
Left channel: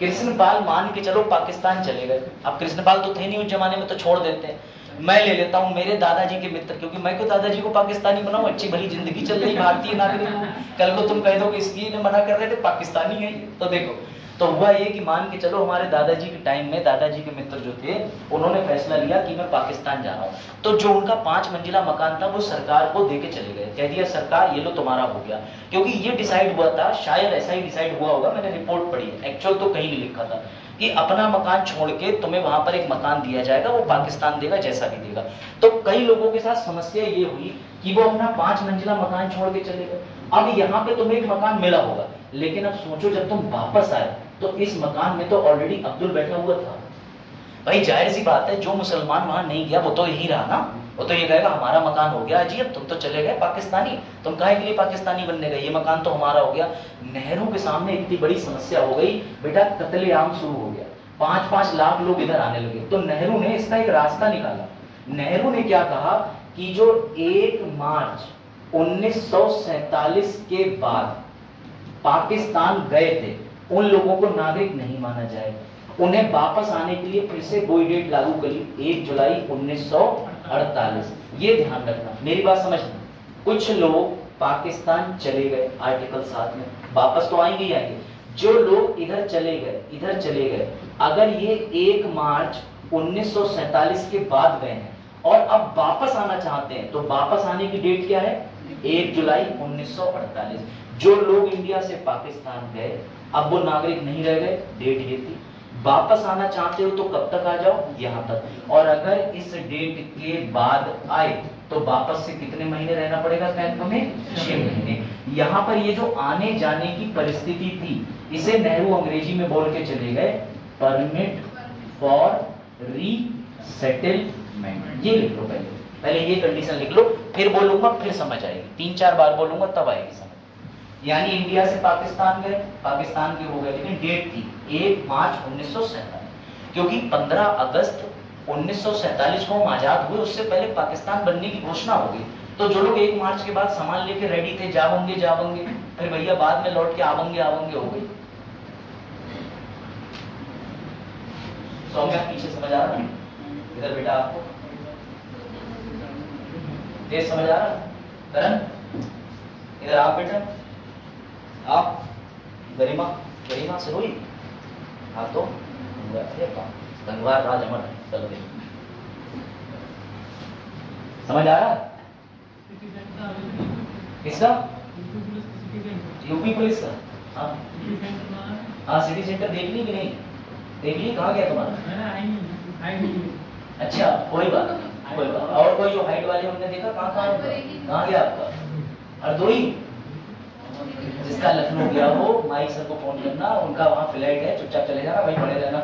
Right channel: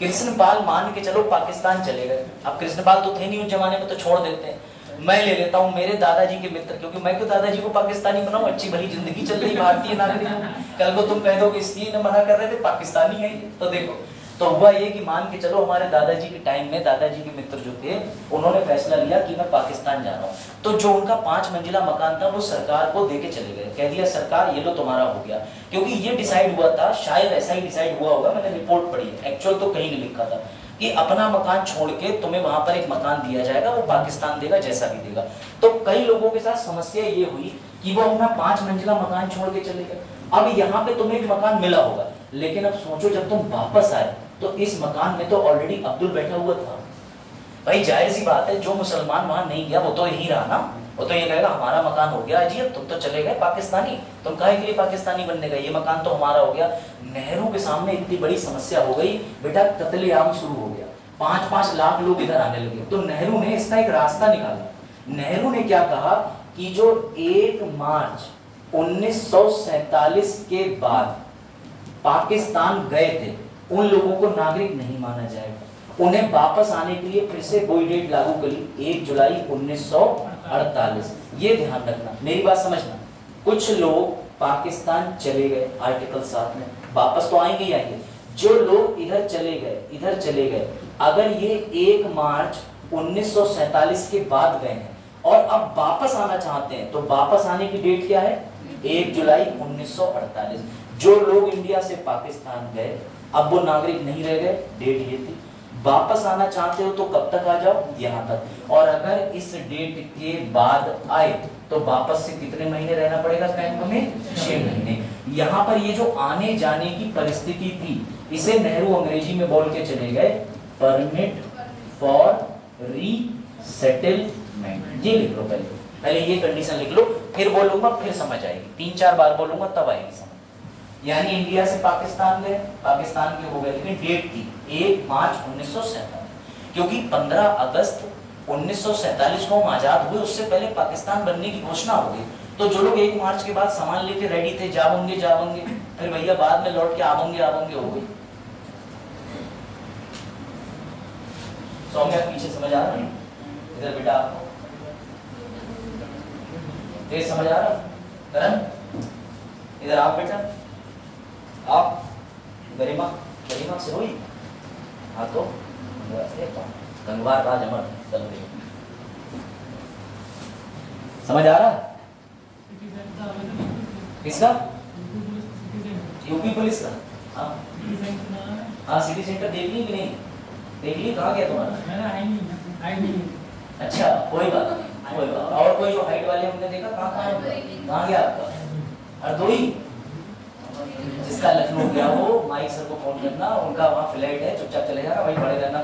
कृष्णपाल मान के चलो पाकिस्तान चले गए, अब कृष्णपाल तो थे नहीं उस जमाने में, तो छोड़ देते हैं। मैं ले लेता हूँ मेरे दादाजी के मित्र, क्योंकि मैं क्यों दादाजी को पाकिस्तानी बनाऊं, अच्छी भली जिंदगी चल रही भारतीय नागरिक हूं। कल को तुम कह दो कि इसलिए मना कर रहे थे, पाकिस्तानी है। तो देखो, तो हुआ ये कि मान के चलो हमारे दादाजी के टाइम में दादाजी के मित्र जो थे, उन्होंने फैसला लिया कि मैं पाकिस्तान जा रहा हूँ। तो जो उनका 5 मंजिला मकान था वो सरकार को देके चले गए, कह दिया सरकार ये लो तुम्हारा हो गया। क्योंकि ये डिसाइड हुआ था, शायद ऐसा ही डिसाइड हुआ होगा, मैंने रिपोर्ट पढ़ी, एक्चुअल तो कहीं नहीं लिखा था, कि अपना मकान छोड़ के तुम्हें वहां पर एक मकान दिया जाएगा, वो पाकिस्तान देगा जैसा भी देगा। तो कई लोगों के साथ समस्या ये हुई कि वो अपना 5 मंजिला मकान छोड़ के चले गए। अब यहाँ पे तुम्हें एक मकान मिला होगा, लेकिन अब सोचो जब तुम वापस आए तो इस मकान में तो ऑलरेडी अब्दुल बैठा हुआ था। भाई जाहिर सी बात है, जो मुसलमान वहां नहीं गया वो तो यही रहा ना, वो तो ये कहेगा हमारा मकान हो गया जी, अब तुम तो चले गए पाकिस्तानी, तुम काहे के लिए पाकिस्तानी बनने गए, ये मकान तो हमारा हो गया। नेहरू के सामने इतनी बड़ी समस्या हो गई बेटा, कत्लेआम शुरू हो गया, 5-5 लाख लोग इधर आने लगे। तो नेहरू ने इसका एक रास्ता निकाला। नेहरू ने क्या कहा कि जो 1 मार्च 1947 के बाद पाकिस्तान गए थे उन लोगों को नागरिक नहीं माना जाएगा, उन्हें वापस आने के लिए फिर से कोई डेट लागू करी, 1 जुलाई 1948। ये ध्यान रखना, मेरी बात समझना। कुछ लोग पाकिस्तान चले गए आर्टिकल 7 में, वापस तो आएंगे ही आएंगे। जो लोग इधर चले गए, अगर ये 1 मार्च 1947 के बाद गए हैं और अब वापस आना चाहते हैं, तो वापस आने की डेट क्या है? 1 जुलाई 1948। जो लोग इंडिया से पाकिस्तान गए अब वो नागरिक नहीं रह गए, डेट ये थी। वापस आना चाहते हो तो कब तक आ जाओ? यहाँ तक। और अगर इस डेट के बाद आए तो वापस से कितने महीने रहना पड़ेगा कैंप में? 6 महीने। यहाँ पर ये जो आने जाने की परिस्थिति थी, इसे नेहरू अंग्रेजी में बोल के चले गए परमिट फॉर रीसेटलमेंट। ये लिख लो, पहले ये कंडीशन लिख लो, फिर बोलूंगा फिर समझ आएगी, 3-4 बार बोलूंगा तब आएगी समझ। यानी इंडिया से पाकिस्तान गए, पाकिस्तान के हो गए, लेकिन डेट थी 1 मार्च 1947, क्योंकि 15 अगस्त 1947 को हम आजाद हुए, उससे पहले पाकिस्तान बनने की घोषणा हो गई। तो जो लोग 1 मार्च के बाद सामान लेके रेडी थे, जाओगे, फिर भैया बाद में लौट के आवेंगे हो गई। सौम्या पीछे समझ आ रहा है? इधर बेटा आपको तेज समझ आ रहा है? करण इधर आप बेटा, आप गरिमा से हुई? हाँ तो गंगवार राज अमर है। चलो देखो, समझ आ रहा है किसका? यूपी पुलिस का। हाँ हाँ, सिटी सेंटर देख ली कि नहीं देख ली? कहाँ गया तुम्हारा? अच्छा कोई बात नहीं, कोई बात। और कोई जो हाइट वाले उनने देखा? कहाँ गया आपका? हरदोई, जिसका लखनऊ गया वो माइक सर को फोन करना, उनका वहाँ फ्लैट है, चुपचाप चले जाना, वहीं पड़े रहना,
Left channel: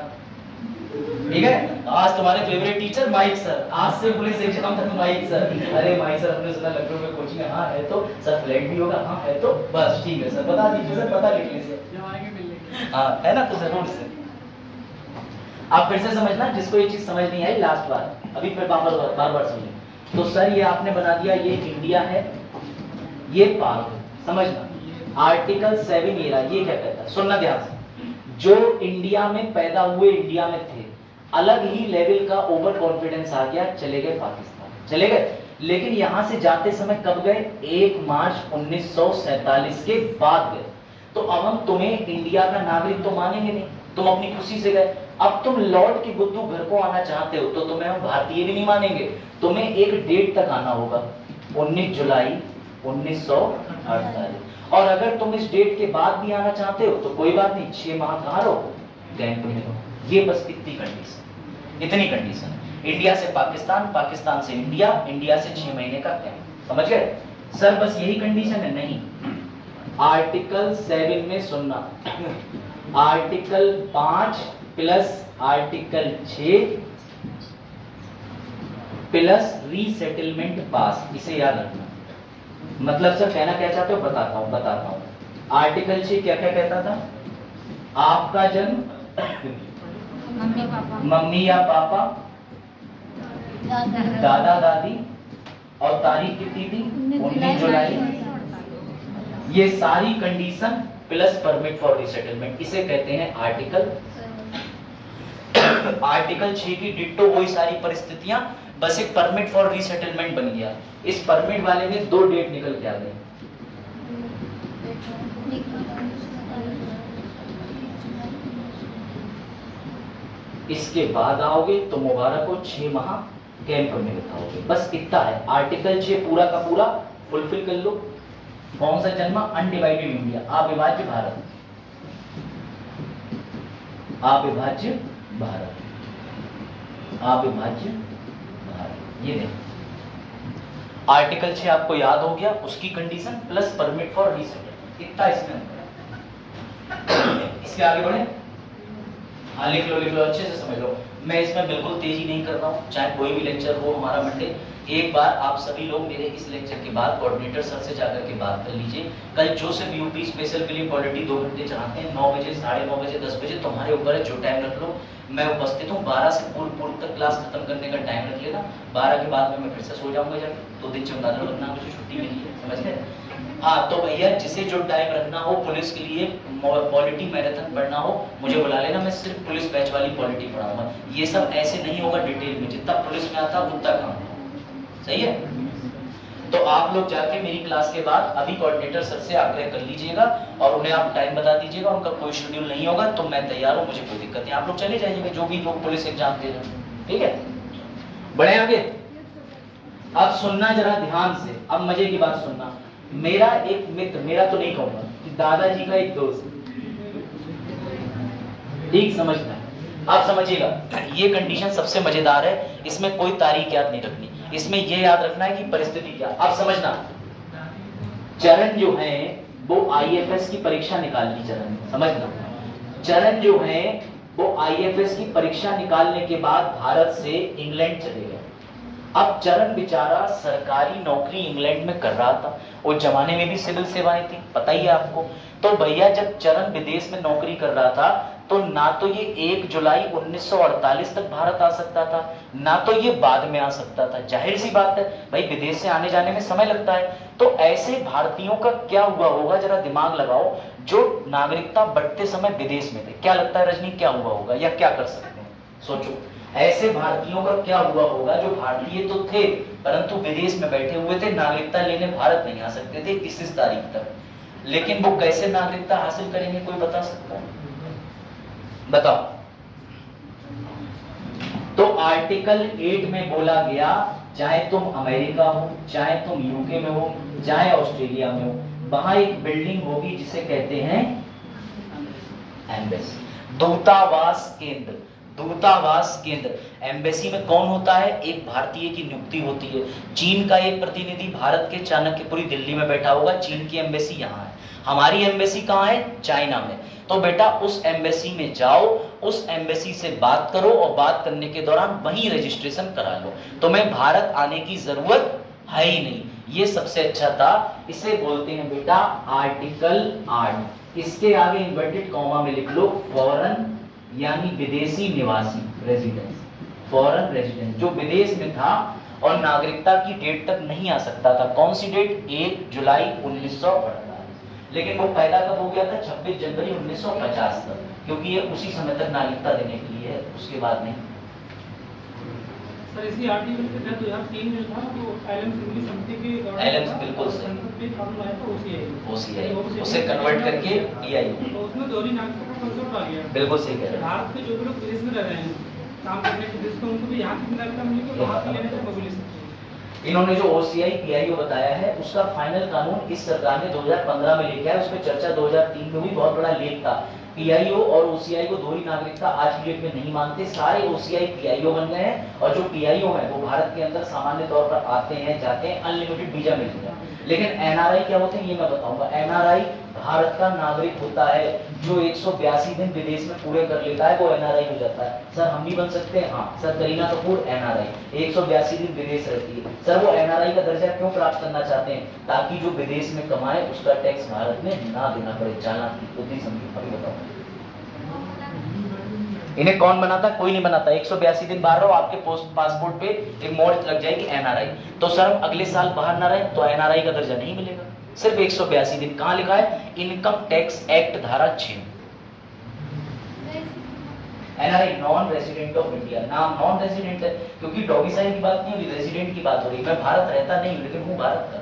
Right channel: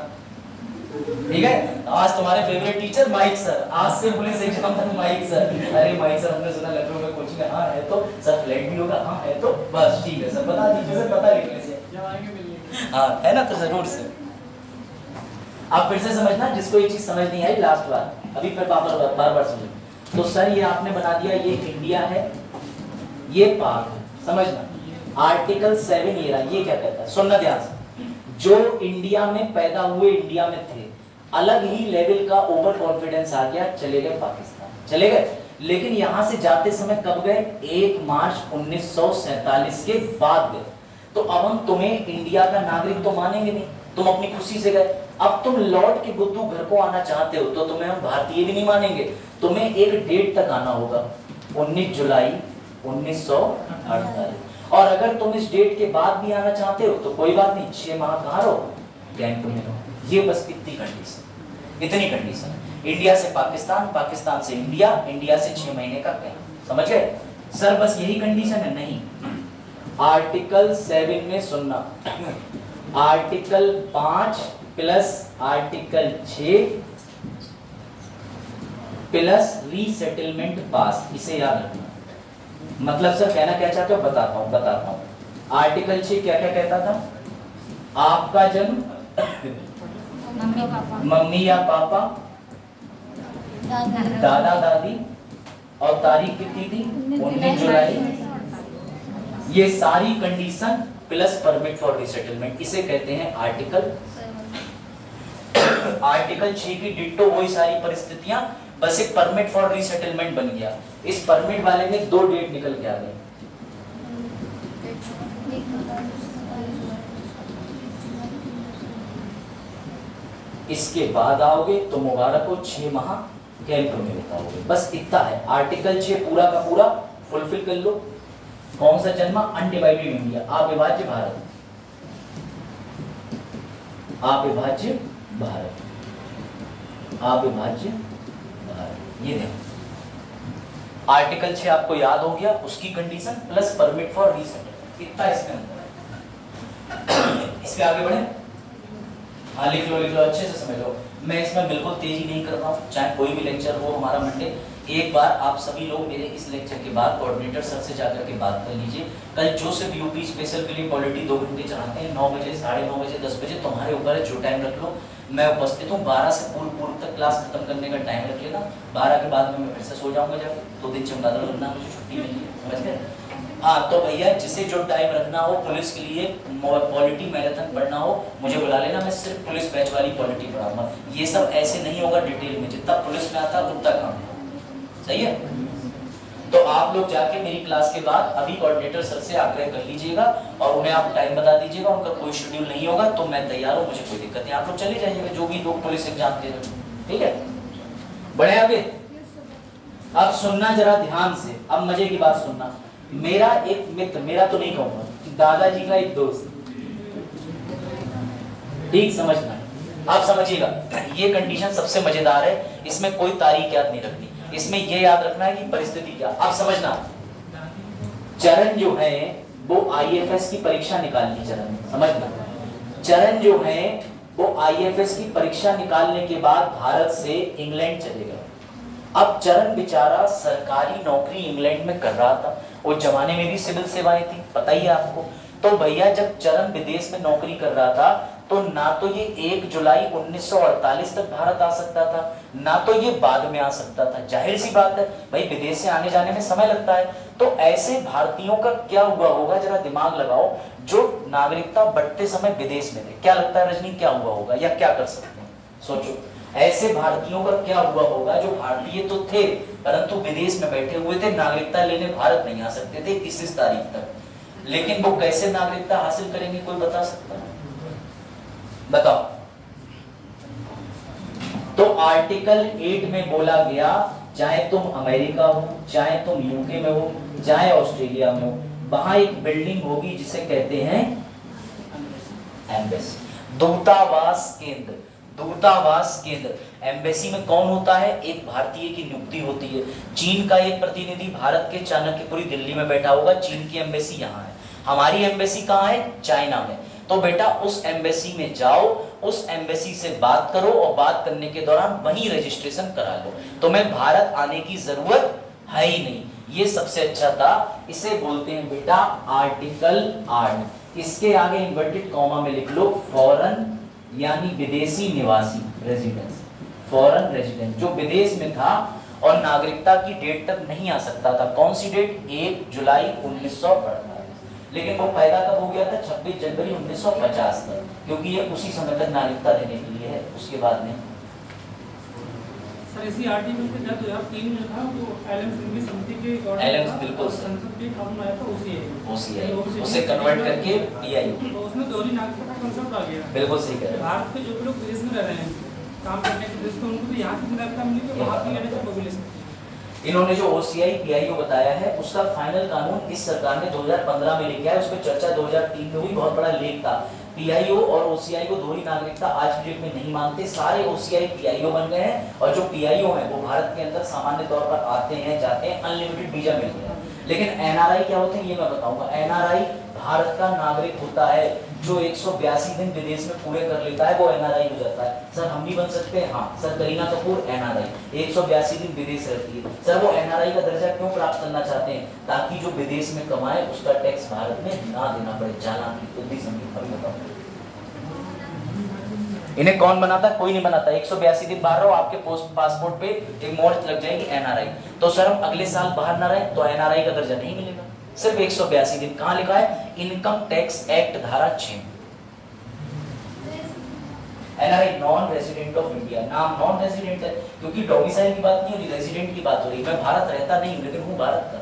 ठीक है? आज तुम्हारे फेवरेट टीचर माइक सर, आज से पुलिस एग्जाम तक माइक सर। अरे माइक सर, हमने सुना लखनऊ में कोचिंग है। हाँ है तो सर, फ्लैट भी होगा? हाँ है तो बस ठीक है सर, बता दीजिए सर, पता लिखने से। हाँ है ना, तो जरूर से आप फिर से समझना, जिसको ये चीज समझ नहीं आई लास्ट बार, अभी फिर बार बार समझ। तो सर ये आपने बना दिया, ये इंडिया है, ये पाक है, समझना। आर्टिकल 7 ये रहा, ये क्या कहता है, सुनना ध्यान से। जो इंडिया में पैदा हुए, इंडिया में थे, अलग ही लेवल का ओवर कॉन्फिडेंस आ गया, चले गए पाकिस्तान, चले गए। लेकिन यहां से जाते समय कब गए? 1 मार्च 1947 के बाद गए। तो अब हम तुम्हें इंडिया का नागरिक तो मानेंगे नहीं, तुम अपनी खुशी से गए। अब तुम लौट के बुद्धू घर को आना चाहते हो तो तुम्हें हम भारतीय भी नहीं मानेंगे, तुम्हें एक डेट तक आना होगा, 19 जुलाई 1948। और अगर तुम इस डेट के बाद भी आना चाहते हो तो कोई बात नहीं, 6 माह कहाँ रहो? कैंप में रहो। ये बस इतनी कंडीशन, इतनी कंडीशन है। इंडिया से पाकिस्तान, पाकिस्तान से इंडिया, इंडिया से 6 महीने का कैंप, समझ गए सर? बस यही कंडीशन है? नहीं, आर्टिकल 7 में सुनना, article 5 plus article 6 plus resettlement pass, इसे याद रखना। मतलब सर कहना क्या चाहते हो? बताता हूं। आर्टिकल 6 क्या क्या कहता था? आपका जन्म मम्मी या पापा, दादा दादी, और तारीख कितनी थी? 19 जुलाई। ये सारी condition plus permit for resettlement, इसे कहते हैं आर्टिकल 6 की डिट्टो वही सारी परिस्थितियां, बस एक परमिट फॉर रीसेटलमेंट बन गया। इस परमिट वाले में 2 डेट निकल के आ गए। इसके बाद आओगे तो मुबारक हो, 6 माह कैंप में बिताओगे। बस इतना है। आर्टिकल 6 पूरा का पूरा फुलफिल कर लो। कौन सा जन्मा? अनडिवाइडेड इंडिया, अविभाज्य भारत, अविभाज्य भारत, अविभाज्य भारत। ये देखो आर्टिकल 6 आपको याद हो गया, उसकी condition plus permit for resettlement, इतना इसके अंदर। इसके आगे बढ़े? हाँ लिख लो अच्छे से समझ लो। मैं इसमें बिल्कुल तेजी नहीं कर रहा हूँ, चाहे कोई भी लेक्चर हो हमारा मंडे। एक बार आप सभी लोग मेरे इस लेक्चर के बाद कोऑर्डिनेटर सर से जाकर के बात कर लीजिए। कल जो से यूपी स्पेशल के लिए पॉलिटी 2 घंटे चाहते हैं, 9 बजे, 9:30 बजे, 10 बजे, तुम्हारे ऊपर है, जो टाइम रख लो। मैं उपस्थित हूँ। 12 से पूर्व तक क्लास खत्म करने का टाइम रख लेना। 12 के बाद में मैं फिर से सो जाऊंगा जाके, 2 दिन चमगादड़ बनना, मुझे छुट्टी मिली है, समझ गए? हाँ तो भैया जिसे जो टाइम रखना हो, पुलिस के लिए पॉलिटी मैराथन पढ़ना हो, मुझे बुला लेना। मैं सिर्फ पुलिस बैच वाली पॉलिटी पढ़ाऊंगा। ये सब ऐसे नहीं होगा डिटेल में, जितना पुलिस में आता है उतना काम, सही है? तो आप लोग जाके मेरी क्लास के बाद अभी कोऑर्डिनेटर सर से आग्रह कर लीजिएगा और उन्हें आप टाइम बता दीजिएगा। उनका कोई शेड्यूल नहीं होगा तो मैं तैयार हूँ, मुझे कोई दिक्कत नहीं। आप लोग चले जाइएगा, जो भी लोग पुलिस एग्जाम दे रहे हो, ठीक है? बढ़े आगे। अब सुनना जरा ध्यान से, अब मजे की बात सुनना। मेरा एक मित्र, मेरा तो नहीं कहूंगा, दादाजी का एक दोस्त, ठीक समझना, आप समझिएगा। ये कंडीशन सबसे मजेदार है, इसमें कोई तारीख याद नहीं रखनी, इसमें ये याद रखना है कि परिस्थिति क्या। आप समझना, चरण जो है वो आईएफएस की परीक्षा निकालनी, चरण समझना, चरण जो है वो आईएफएस की परीक्षा निकालने के बाद भारत से इंग्लैंड चले गए। अब चरण बेचारा सरकारी नौकरी इंग्लैंड में कर रहा था, उस जमाने में भी सिविल सेवाएं थी, पता ही है आपको। तो भैया जब चरण विदेश में नौकरी कर रहा था तो ना तो ये 1 जुलाई 1948 तक भारत आ सकता था, ना तो ये बाद में आ सकता था। जाहिर सी बात है भाई, विदेश से आने जाने में समय लगता है। तो ऐसे भारतीयों का क्या हुआ होगा, जरा दिमाग लगाओ, जो नागरिकता बढ़ते समय विदेश में थे। क्या लगता है रजनी, क्या हुआ होगा या क्या कर सकते हैं? सोचो, ऐसे भारतीयों का क्या हुआ होगा जो भारतीय तो थे परंतु विदेश में बैठे हुए थे, नागरिकता लेने भारत नहीं आ सकते थे इस तारीख तक। लेकिन वो कैसे नागरिकता हासिल करेंगे, कोई बता सकता है? बताओ। तो आर्टिकल 8 में बोला गया चाहे तुम अमेरिका हो, चाहे तुम यूके में हो, चाहे ऑस्ट्रेलिया में हो, वहां एक बिल्डिंग होगी जिसे कहते हैं एम्बेसी, दूतावास केंद्र। दूतावास केंद्र, एम्बेसी में कौन होता है? एक भारतीय की नियुक्ति होती है। चीन का एक प्रतिनिधि भारत के चाणक्यपुरी दिल्ली में बैठा होगा, चीन की एम्बेसी यहाँ है। हमारी एम्बेसी कहाँ है? चाइना में। तो बेटा उस एम्बेसी में जाओ, उस एम्बेसी से बात करो और बात करने के दौरान वहीं रजिस्ट्रेशन करा लो। तुम्हें भारत आने की जरूरत है ही नहीं। ये सबसे अच्छा था। इसे बोलते हैं बेटा आर्टिकल 8। इसके आगे इन्वर्टेड कॉमा में लिख लो फॉरेन यानी विदेशी निवासी, रेजिडेंस, फॉरेन रेजिडेंट, जो विदेश में था और नागरिकता की डेट तक नहीं आ सकता था। कौन सी डेट? 1 जुलाई 1948, लेकिन वो पैदा कब हो गया था? 26 जनवरी 1950 तक, क्योंकि ये उसी समय तक नागरिकता देने के लिए है, उसके बाद नहीं। सर इसी आर्टिकल के तहत 2003 में था तो एलएम सिंघवी समिति के एलएम बिल्कुल संसद में कानून आया था ओसीआई, उसे कन्वर्ट करके पीआईओ, तो उसमें दोहरी नागरिकता का कंसेप्ट आ गया। बिल्कुल सही कह रहे हैं। भारत के जो लोग विदेश में रह रहे हैं काम करने के लिए, उनको भी यहाँ की नागरिकता मिलेगी, वहाँ की लेने तक मिल सकती है। इन्होंने जो ओसीआई पीआईओ बताया है उसका फाइनल कानून इस सरकार ने 2015 में लेके आया। उस पर चर्चा 2003 में हुई, बहुत बड़ा लेख था। पीआईओ और ओसीआई को दोहरी नागरिकता आज की डेट में नहीं मानते, सारे ओसीआई पीआईओ बन गए हैं और जो पीआईओ हैं वो भारत के अंदर सामान्य तौर पर आते हैं, जाते हैं, अनलिमिटेड वीजा मिलते हैं। लेकिन एनआरआई क्या होते हैं ये मैं बताऊंगा। एनआरआई भारत का नागरिक होता है जो 182 दिन विदेश में पूरे कर लेता है, वो एनआरआई हो जाता है। सर हम भी बन सकते हैं? हाँ सर, करीना कपूर एनआरआई 182 दिन विदेश रहती है। सर वो एनआरआई का दर्जा क्यों प्राप्त करना चाहते हैं? ताकि जो विदेश में कमाए उसका टैक्स भारत में ना देना पड़े। जाना की बुद्धि समझो, अभी बताओ। इन्हें कौन बनाता? कोई नहीं बनाता। 182 दिन बाहर रहो, आपके पासपोर्ट पे एक मोहर लग जाएगी एनआरआई। तो सर हम अगले साल बाहर ना रहे तो एनआरआई का दर्जा नहीं मिलेगा। सिर्फ 182 दिन। कहां लिखा है? इनकम टैक्स एक्ट धारा 6। NRI non resident of India. नाम नॉन रेजिडेंट है क्योंकि डोमिसाइल की बात नहीं हो रही, रेजिडेंट की बात हो रही है। मैं भारत रहता नहीं हूं लेकिन हूं भारत का।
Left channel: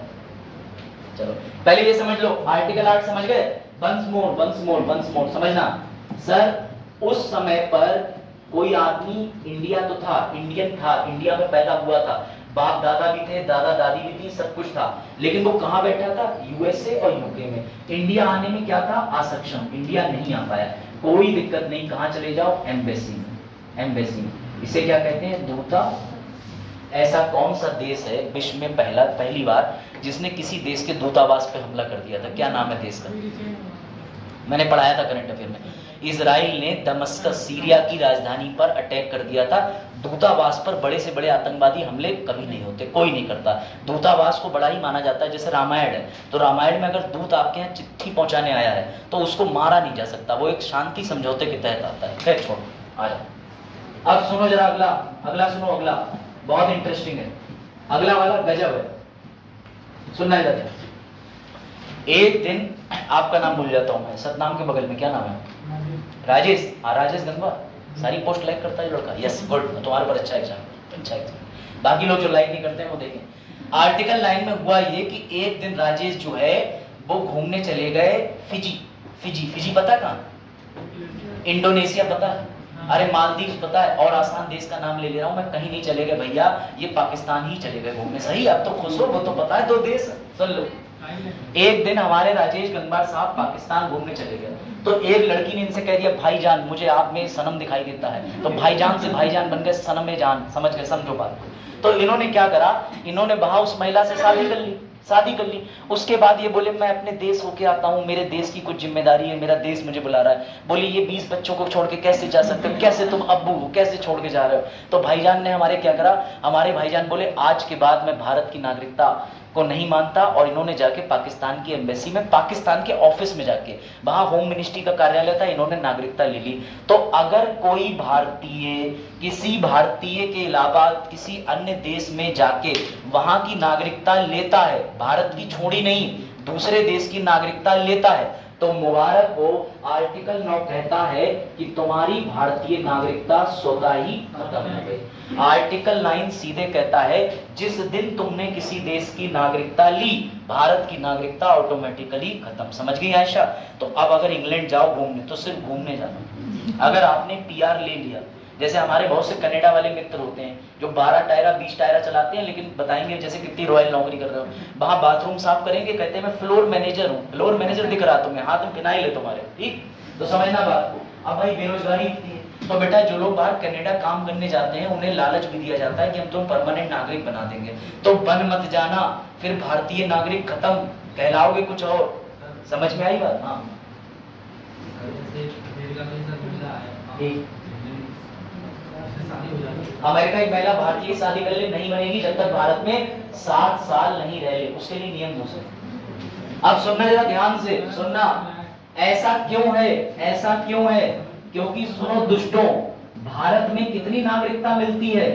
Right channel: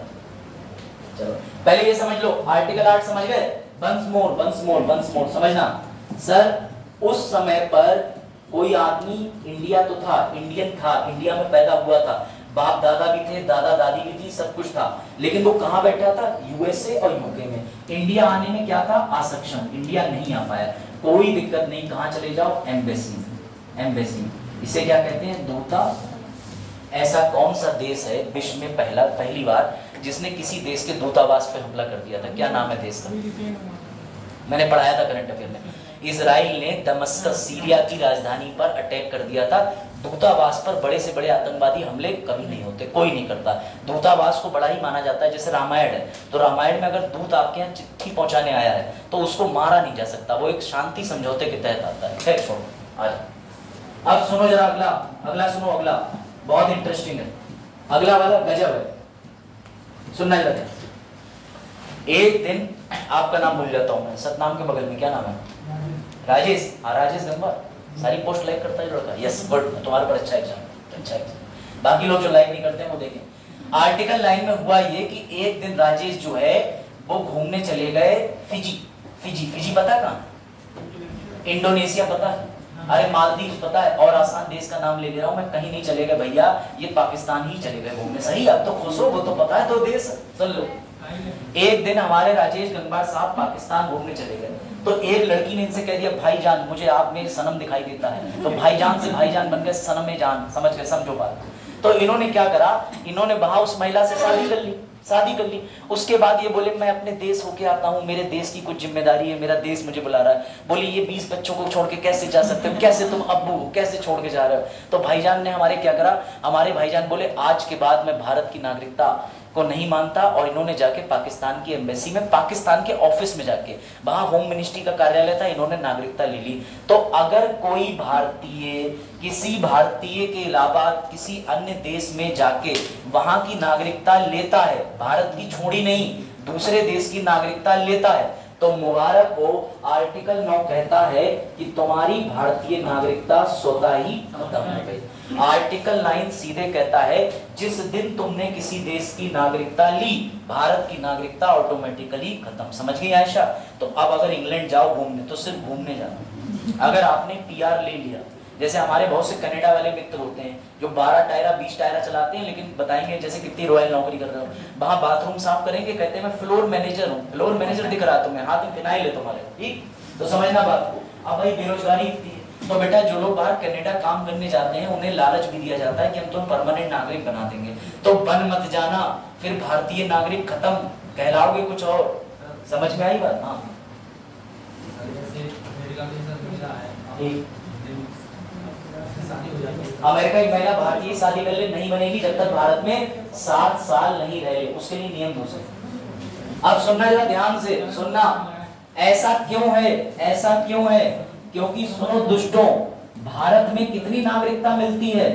चलो पहले ये समझ लो, आर्टिकल 8 समझ गए? वंस मोर समझना। सर उस समय पर कोई आदमी इंडिया तो था, इंडियन था, इंडिया में पैदा हुआ था, बाप दादा भी थे, दादा दादी भी थी, सब कुछ था, लेकिन वो कहां बैठा था? यूएसए और यूके में। इंडिया आने में क्या था? असक्षम, इंडिया नहीं आ पाया। कोई दिक्कत नहीं, कहां चले जाओ? एम्बेसी में। एम्बेसी इसे क्या कहते हैं? दूता। ऐसा कौन सा देश है विश्व में पहली बार जिसने किसी देश के दूतावास पे हमला कर दिया था? क्या नाम है देश का? मैंने पढ़ाया था करंट अफेयर में। इजराइल ने दमस्कस सीरिया की राजधानी पर अटैक कर दिया था। दूतावास पर बड़े से बड़े आतंकवादी हमले कभी नहीं होते, कोई नहीं करता। दूतावास को बड़ा ही माना जाता है। जैसे रामायण है तो रामायण में अगर दूत आपके यहाँ चिट्ठी पहुंचाने आया है तो उसको मारा नहीं जा सकता, वो एक शांति समझौते के तहत आता है। खैर छोड़ो, आ जाओ। अब सुनो जरा अगला सुनो, अगला बहुत इंटरेस्टिंग है। अगला वाला गजब है, सुनना जरा। एक दिन आपका नाम भूल जाता हूं मैं, सतनाम के बगल में क्या नाम है? राजेश। राजेश गंगवा सारी पोस्ट लाइक करता है लड़का। यस गुड, तुम्हारे पर अच्छा एग्जाम। बाकी लोग जो लाइक नहीं करते हैं वो देखें। आर्टिकल 9 में हुआ ये कि एक दिन राजेश जो है वो घूमने चले गए फिजी पता है कहाँ? इंडोनेशिया पता है? अरे मालदीव पता है? और आसान देश का नाम ले ले रहा हूं मैं, कहीं नहीं चले गए भैया, ये पाकिस्तान ही चले गए घूमने। सही, आप तो खुश हो, वो तो पता है 2 देश। सुन लो, एक दिन हमारे राजेश गंगवार साहब पाकिस्तान घूमने चले गए तो एक लड़की ने इनसे कह दिया भाईजान मुझे आप में सनम दिखाई देता है। तो भाईजान से भाईजान बन गए सनम में जान। समझ गए? समझो बात। तो इन्होंने क्या करा, इन्होंने वहां उस महिला से शादी कर ली। उसके बाद ये बोले मैं अपने देश होके आता हूँ, मेरे देश की कुछ जिम्मेदारी है, मेरा देश मुझे बुला रहा है। बोली ये 20 बच्चों को छोड़ के कैसे जा सकते हो? कैसे तुम अब्बू हो, कैसे छोड़ के जा रहे हो? तो भाईजान ने हमारे क्या करा, हमारे भाईजान बोले आज के बाद मैं भारत की नागरिकता को नहीं मानता। और इन्होंने जाके पाकिस्तान की एम्बेसी में, पाकिस्तान के ऑफिस में जाके, वहां होम मिनिस्ट्री का कार्यालय था, इन्होंने नागरिकता ले ली। तो अगर कोई भारतीय किसी भारतीय के अलावा किसी अन्य देश में जाके वहां की नागरिकता लेता है, भारत की छोड़ी नहीं दूसरे देश की नागरिकता लेता है, तो मुबारक हो। आर्टिकल 9 कहता है कि तुम्हारी भारतीय नागरिकता स्वतः ही खत्म हो गई। आर्टिकल 9 सीधे कहता है जिस दिन तुमने किसी देश की नागरिकता ली, भारत की नागरिकता ऑटोमेटिकली खत्म। समझ गई आयशा? तो अब अगर इंग्लैंड जाओ घूमने तो सिर्फ घूमने जाना। अगर आपने पीआर ले लिया, जैसे हमारे बहुत से कनाडा वाले मित्र होते हैं जो 12 टायरा 20 टायरा चलाते हैं, लेकिन बताएंगे जैसे कितनी रॉयल नौकरी कर रहे हो, वहां बाथरूम साफ करेंगे, कहते हैं मैं फ्लोर मैनेजर हूँ, फ्लोर मैनेजर दिख रहा तुम्हें, हाथ में फिनाइल है तुम्हारे, ठीक, तो समझना बात को। अब भाई बेरोजगारी इतनी है, तो बेटा जो लोग बाहर कनाडा काम करने जाते हैं उन्हें लालच भी दिया जाता है कि हम तुम परमानेंट नागरिक बना देंगे, तो बन मत जाना, फिर भारतीय नागरिक खत्म, कहलाओगे कुछ और। समझ में आई बात? हाँ, अमेरिका की महिला भारतीय शादी कर ले नहीं बनेगी जब तक भारत में 7 साल नहीं रह ले, उसके लिए नियम दूसरे। अब सुनना जरा ध्यान से सुनना, ऐसा क्यों है, ऐसा क्यों है? क्योंकि सुनो दुष्टों, भारत में कितनी नागरिकता मिलती है?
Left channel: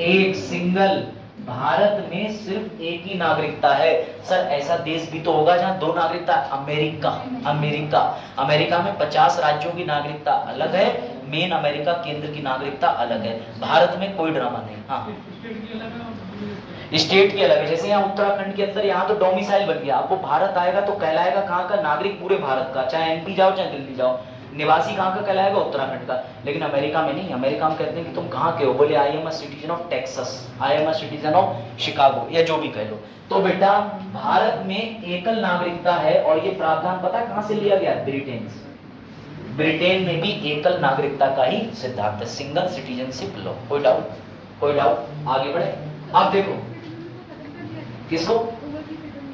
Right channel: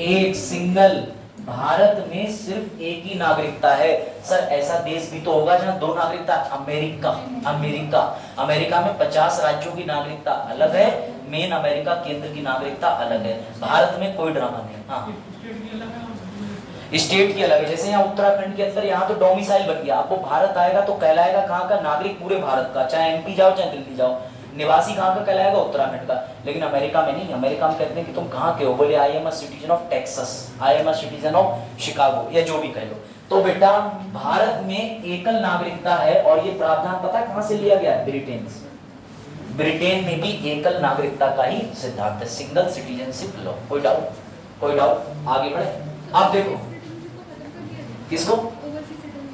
एक सिंगल, भारत में सिर्फ एक ही नागरिकता है। सर ऐसा देश भी तो होगा जहां 2 नागरिकता, अमेरिका, अमेरिका, अमेरिका में 50 राज्यों की नागरिकता अलग है, मेन अमेरिका केंद्र की नागरिकता अलग है, भारत में कोई ड्रामा नहीं। हाँ, स्टेट की अलग है, जैसे यहाँ उत्तराखंड के अंदर यहाँ तो डोमिसाइल बन गया, आपको भारत आएगा तो कहलाएगा कहाँ का? नागरिक पूरे भारत का, चाहे एमपी जाओ चाहे दिल्ली जाओ, निवासी कहाँ का कहलाएगा? उत्तराखंड का। लेकिन अमेरिका में नहीं, अमेरिका में कहते हैं कि तुम कहाँ के हो, बोले I am a citizen of Texas, I am a citizen of Chicago, या जो भी कह लो। तो बेटा भारत में एकल नागरिकता है, और ये प्रावधान पता है कहाँ से लिया गया? ब्रिटेन से। ब्रिटेन में भी एकल नागरिकता का ही सिद्धांत है, सिंगल सिटीजनशिप लॉ। कोई डाउट? कोई डाउट? आगे बढ़े। आप देखो किसको,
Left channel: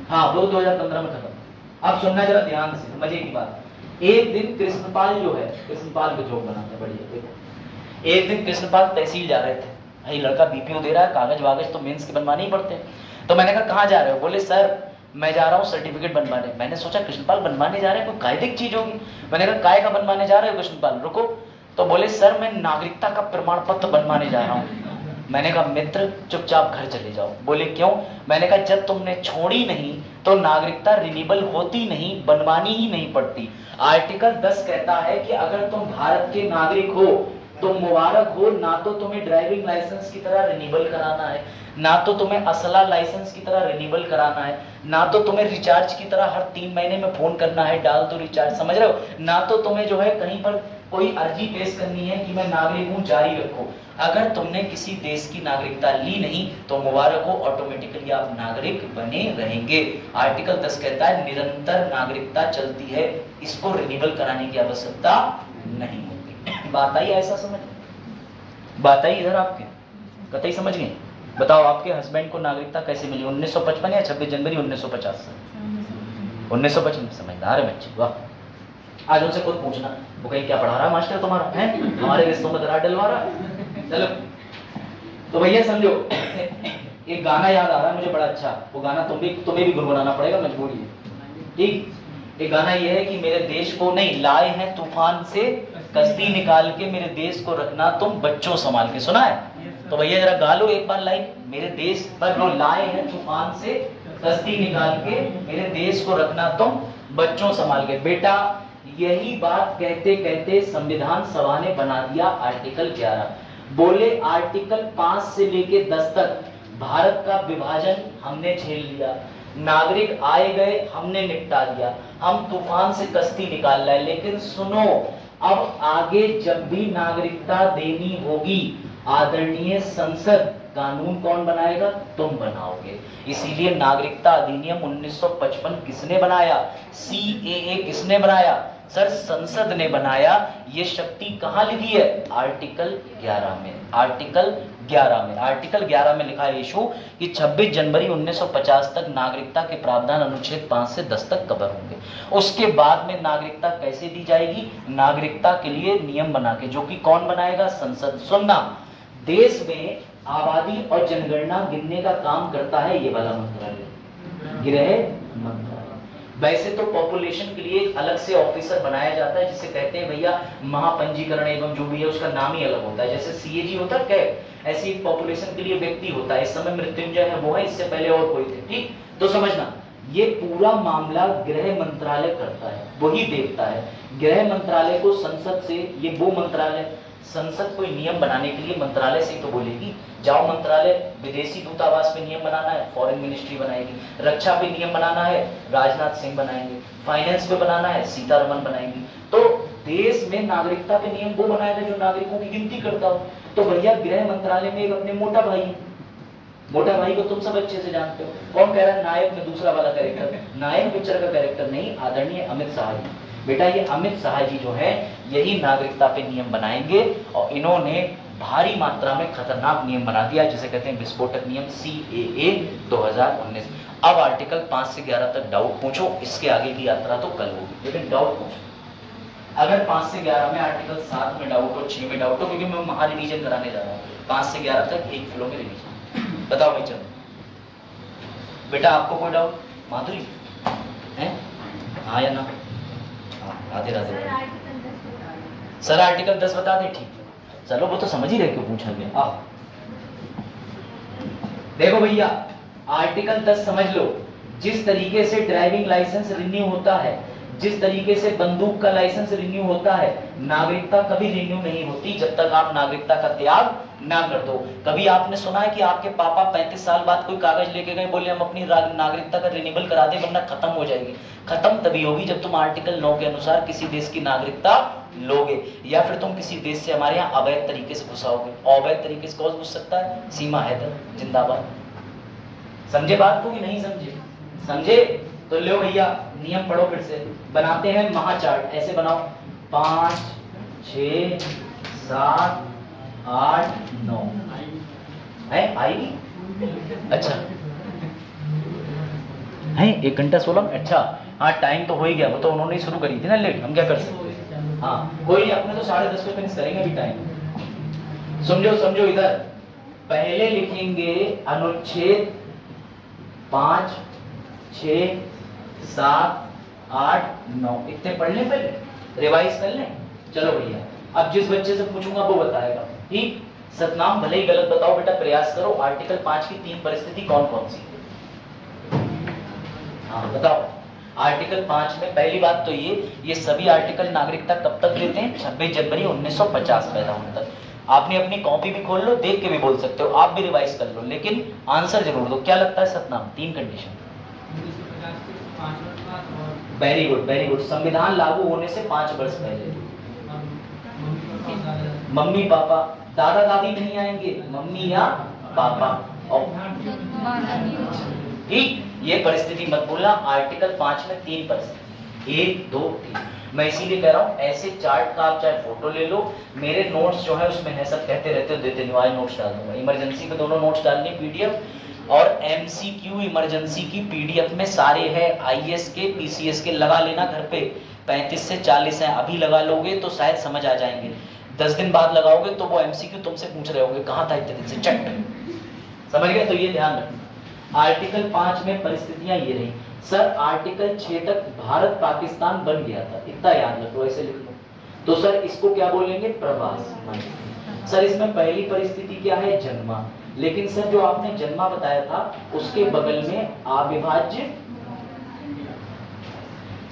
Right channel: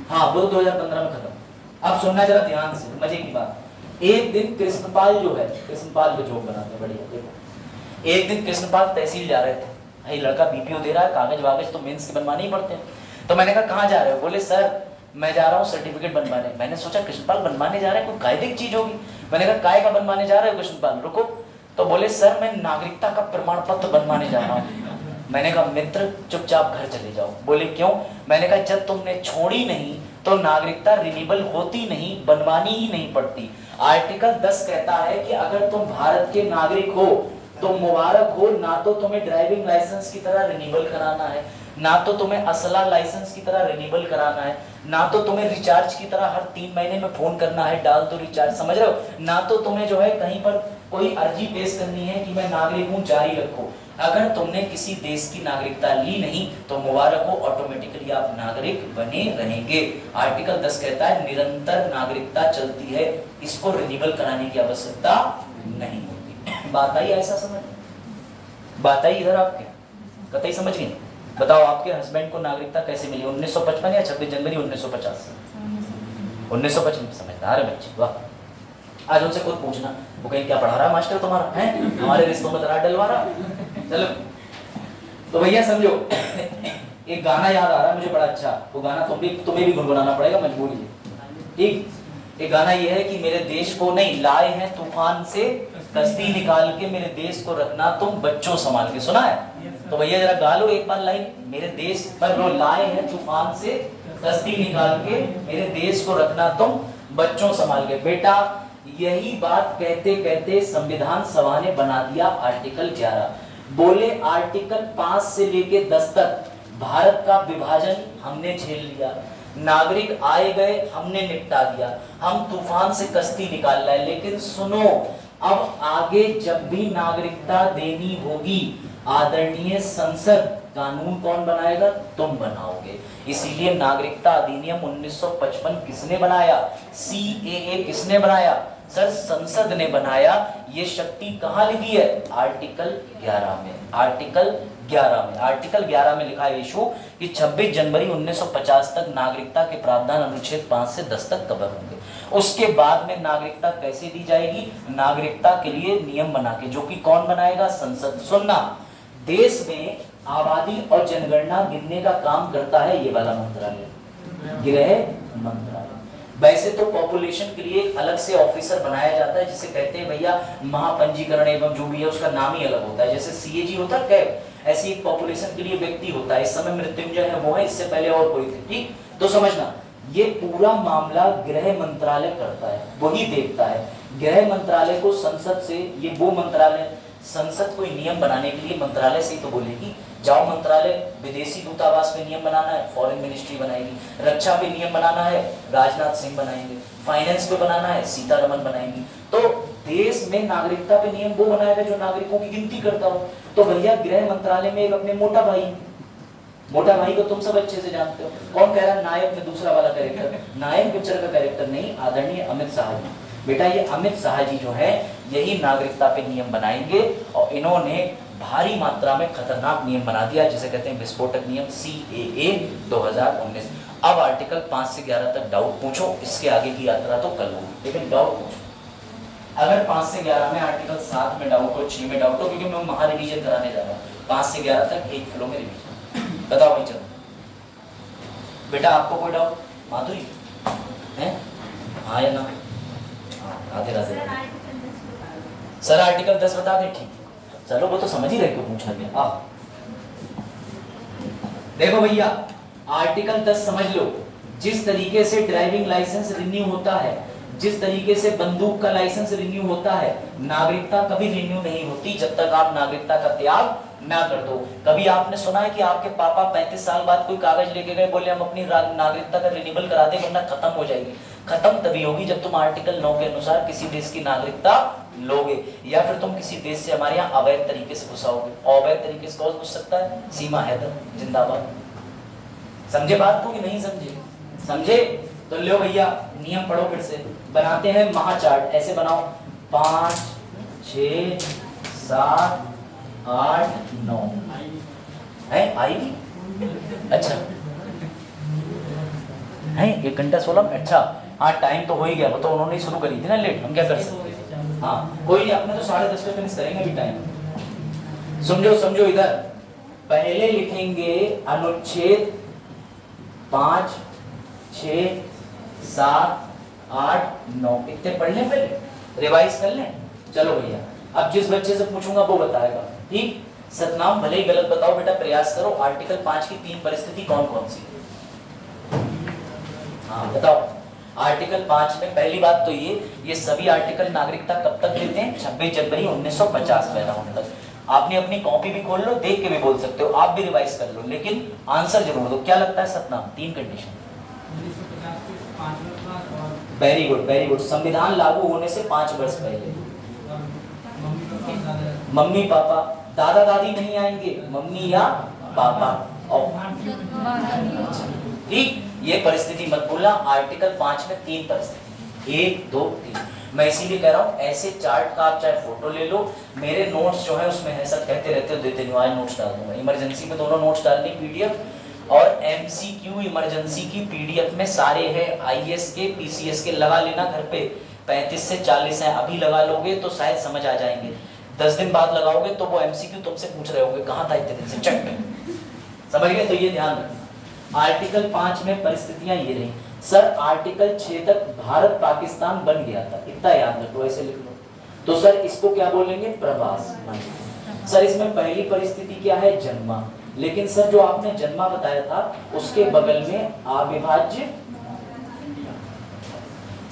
हाँ वो 2015 में खत्म। अब सुनना जरा ध्यान से, मजे की बात। एक दिन कृष्णपाल जो है, कृष्णपाल के जोक बनाते हैं बढ़िया, देखो एक दिन कृष्णपाल तहसील जा रहे थे, भाई लड़का बीपीओ दे रहा है, कागज वागज तो मेंस के बनवाने ही पड़ते हैं। तो मैंने कहा कहाँ जा रहे हो? बोले सर मैं जा रहा हूँ सर्टिफिकेट बनवाने। मैंने सोचा कृष्णपाल बनवाने जा रहे हैं, कोई कायदे की चीज होगी। मैंने कहा काय का बनवाने जा रहे हो कृष्णपाल? रुको। तो बोले सर मैं नागरिकता का प्रमाण पत्र बनवाने जा रहा हूँ। मैंने कहा मित्र चुपचाप घर चले जाओ। बोले क्यों? मैंने कहा जब तुमने छोड़ी नहीं तो नागरिकता रिन्यूएबल होती नहीं, बनवानी ही नहीं पड़ती। आर्टिकल 10 कहता है कि अगर तुम भारत के नागरिक हो तो मुबारक हो, ना तो तुम्हें ड्राइविंग लाइसेंस की तरह रिन्यूएबल कराना है, ना तो तुम्हें असला लाइसेंस की तरह रिन्यूएबल कराना है, ना तो तुम्हें रिचार्ज की तरह हर 3 महीने में फोन करना है, डाल तो रिचार्ज, समझ रहे हो, ना तो तुम्हें जो है कहीं पर कोई अर्जी पेश करनी है कि मैं नागरिक हूं जारी रखो। अगर तुमने किसी देश की नागरिकता ली नहीं तो मुबारक हो, ऑटोमेटिकली आप नागरिक बने रहेंगे। आर्टिकल 10 कहता है निरंतर नागरिकता चलती है, इसको रिन्यूएबल कराने की आवश्यकता नहीं होती। बात आई? ऐसा समझ बात आई इधर आपके? कतई समझ गए? बताओ आपके हस्बैंड को नागरिकता कैसे मिली? 1955 या 26 जनवरी 1950 से? 1955। समझदार है बच्चे, वाह। आज उनसे खुद पूछना, वो कहीं क्या पढ़ा रहा मास्टर तुम्हारा है, हमारे रिश्तों में दरार डलवा रहा। चलो तो भैया समझो, एक गाना याद आ रहा है मुझे बड़ा अच्छा, वो गाना तुम्हें भी गुनगुनाना पड़ेगा, मजबूरी है, ठीक। एक गाना ये है कि मेरे देश को नहीं लाए हैं तूफान से कश्ती निकाल के, मेरे देश को रखना तुम बच्चों संभाल के। सुना है? तो भैया जरा गा लो एक बार लाइन, मेरे देश पर वो लाए हैं तूफान से कश्ती निकाल के, मेरे देश को रखना तुम बच्चों संभाल के। बेटा यही बात कहते कहते संविधान सभा ने बना दिया आर्टिकल 11। बोले आर्टिकल 5 से लेके 10 तक भारत का विभाजन हमने झेल लिया, नागरिक आए गए हमने निपटा दिया, हम तूफान से कश्ती निकाल लाए। लेकिन सुनो, अब आगे जब भी नागरिकता देनी होगी आदरणीय संसद, कानून कौन बनाएगा? तुम बनाओगे। इसीलिए नागरिकता अधिनियम 1955 किसने बनाया? CAA किसने बनाया? सर संसद ने बनाया। ये शक्ति कहाँ लिखी है? आर्टिकल 11 में। आर्टिकल 11 में, आर्टिकल 11 में लिखा है इशू कि 26 जनवरी 1950 तक नागरिकता के प्रावधान अनुच्छेद 5 से 10 तक कवर होंगे। उसके बाद में नागरिकता कैसे दी जाएगी? नागरिकता के लिए नियम बना के, जो कि कौन बनाएगा? संसद। सुनना, देश में आबादी और जनगणना गिनने का काम करता है ये वाला मंत्रालय, गृह मंत्रालय। वैसे तो पॉपुलेशन के लिए एक अलग से ऑफिसर बनाया जाता है जिसे कहते हैं भैया महापंजीकरण एवं जो भी है उसका नाम ही अलग होता है, जैसे CAG होता है, ऐसी एक पॉपुलेशन के लिए व्यक्ति होता है। इस समय मृत्युंजय है वो है, इससे पहले और कोई थे, ठीक। तो समझना, ये पूरा मामला गृह मंत्रालय करता है, वही देखता है। गृह मंत्रालय को संसद से, ये वो मंत्रालय, संसद कोई नियम बनाने के लिए मंत्रालय से ही तो बोलेगी, जाओ मंत्रालय, विदेशी दूतावास पे नियम बनाना है, फॉरेन मिनिस्ट्री बनाएगी, रक्षा पे नियम बनाना है, राजनाथ सिंह बनाएंगे, फाइनेंस पे बनाना है, सीतारमण बनाएंगी। तो देश में नागरिकता पे नियम वो बनाएगा जो नागरिकों की गिनती करता हो। तो भैया गृह मंत्रालय में एक अपने मोटा भाई, मोटा भाई को तुम सब अच्छे से जानते हो। कौन कह रहा है नायक में दूसरा वाला कैरेक्टर? नायक पिक्चर का कैरेक्टर नहीं, आदरणीय अमित शाह जी। बेटा ये अमित शाह जी जो है यही नागरिकता पे नियम बनाएंगे और इन्होंने भारी मात्रा में खतरनाक नियम बना दिया जिसे कहते हैं विस्फोटक नियम CAA 2019। अब आर्टिकल 5 से 11 तक डाउट पूछो, इसके आगे की यात्रा तो कल होगी, लेकिन डाउट पूछो। अगर 5 से 11 में आर्टिकल 7 में डाउट हो, 6 में डाउट हो, क्योंकि मैं महा रिवीजन कराने जा रहा हूँ 5 से 11 तक एक फ्लो में रिवीजन। बताओ भाई चलो बेटा आपको कोई डाउट? माधुरी है? हाँ या ना? राधे राधे। सर आर्टिकल 10 बता दे। ठीक, चलो वो तो समझ ही रहे क्यों पूछा गया। देखो भैया आर्टिकल 10 समझ लो। जिस तरीके से ड्राइविंग लाइसेंस रिन्यू होता है, जिस तरीके से बंदूक का लाइसेंस रिन्यू होता है, नागरिकता कभी रिन्यू नहीं होती जब तक आप नागरिकता का त्याग ना कर दो। कभी आपने सुना है कि आपके पापा 35 साल बाद कोई कागज लेके गए, बोले हम अपनी नागरिकता का रिन्यूअल करा दे वरना खत्म हो जाएगी? खत्म तभी होगी जब तुम आर्टिकल 9 के अनुसार किसी देश की नागरिकता लोगे, या फिर तुम किसी देश से हमारे यहाँ अवैध तरीके से घुसाओगे। अवैध तरीके से कौन घुस सकता है? सीमा हैदर जिंदाबाद। समझे बात को कि नहीं समझे? समझे तो लो भैया नियम पढ़ो फिर से। बनाते हैं महाचार्ट, ऐसे बनाओ 5 6 7 8 9 है आएगी। अच्छा है 1 घंटा 16। अच्छा हाँ टाइम तो हो ही गया, वो तो उन्होंने ही शुरू करी थी ना लेट, हम क्या कर सकते हैं। हाँ कोई नहीं, अपने तो 10:30 पे फिनिश करेंगे अभी टाइम। समझो समझो इधर पहले लिखेंगे अनुच्छेद 5 6 7 8 9 इतने पढ़ लें, पहले रिवाइज कर लें। चलो भैया अब जिस बच्चे से पूछूंगा वो बताएगा, ठीक? सतनाम भले ही गलत बताओ बेटा, प्रयास करो। आर्टिकल 5 की 3 परिस्थिति कौन कौन सी है? हाँ बताओ। आर्टिकल 5 में पहली बात तो ये सभी आर्टिकल नागरिकता कब तक देते हैं? 26 जनवरी 1950 पैदा होने तक। आपने अपनी कॉपी भी खोल लो, देख के भी बोल सकते हो, आप भी रिवाइज कर लो, लेकिन आंसर जरूर दो। क्या लगता है Satnam? 3 condition. Very good very good. संविधान लागू होने से 5 वर्ष पहले। मम्मी पापा, दादा दादी नहीं आएंगे, मम्मी या पापा। ठीक, ये परिस्थिति मत भूलना। आर्टिकल 5 में 3 परिस्थिति, 1 2 3। मैं इसीलिए कह रहा हूँ ऐसे चार्ट का आप चाहे फोटो ले लो, मेरे नोट्स जो है उसमें है, सब कहते रहते हो देते नहीं, नोट्स डाल दूंगा। इमरजेंसी में दोनों नोट्स डालने PDF और MCQ इमरजेंसी की PDF में सारे हैं, IS के PCS के। लगा लेना घर पे, 35 से 40 हैं, अभी लगा लोगे तो शायद समझ आ जाएंगे। 10 दिन बाद लगाओगे तो वो MCQ तुमसे पूछ रहे होंगे कहाँ था इतने दिन से, चट। समझ गए? तो ये ध्यान रखना। आर्टिकल 5 में परिस्थितियां ये रही। सर आर्टिकल 6 तक भारत पाकिस्तान बन गया था, इतना याद रखो, ऐसे लिख लो। तो सर इसको क्या बोलेंगे? प्रवास। सर इसमें पहली परिस्थिति क्या है? जन्मा। लेकिन सर जो आपने जन्मा बताया था उसके बगल में अविभाज्य।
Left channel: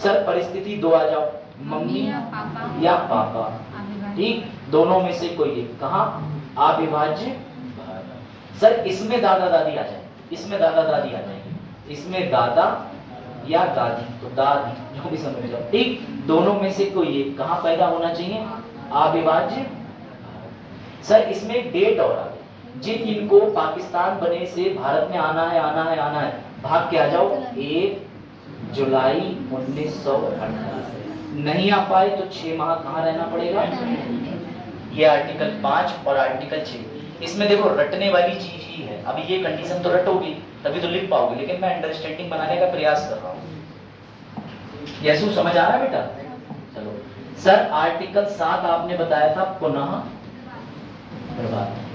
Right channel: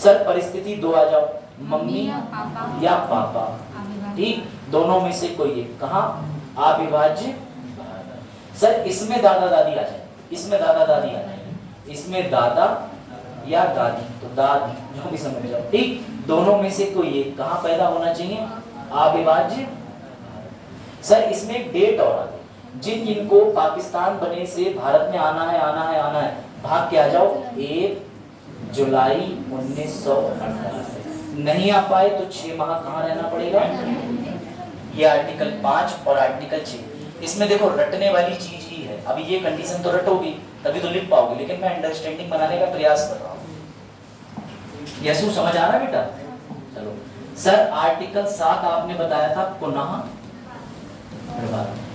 सर परिस्थिति 2 आ जाओ, मम्मी या पापा। ठीक, दोनों में से कोई एक। कहाँ? अविभाज्य। सर इसमें दादा दादी आ जाए, इसमें दादा दादी आ जाएंगे, इसमें दादा या दादी, तो दादी जो भी समझ जाओ। ठीक, दोनों में से कोई एक। कहाँ पैदा होना चाहिए? अविभाज्य। सर इसमें एक डेट और आ गई, जिन जिनको पाकिस्तान बने से भारत में आना है आना है आना है, भाग के आ जाओ। 1 जुलाई 1948। नहीं आ पाए तो 6 माह कहाँ रहना पड़ेगा? ये आर्टिकल 5 और आर्टिकल 6। इसमें देखो रटने वाली चीज ही है। अभी ये कंडीशन तो रटोगी तभी तो लिख पाओगे, लेकिन मैं अंडरस्टैंडिंग बनाने का प्रयास कर रहा हूँ। यशु समझ आ रहा है बेटा? चलो सर आर्टिकल 7 आपने बताया था पुनः।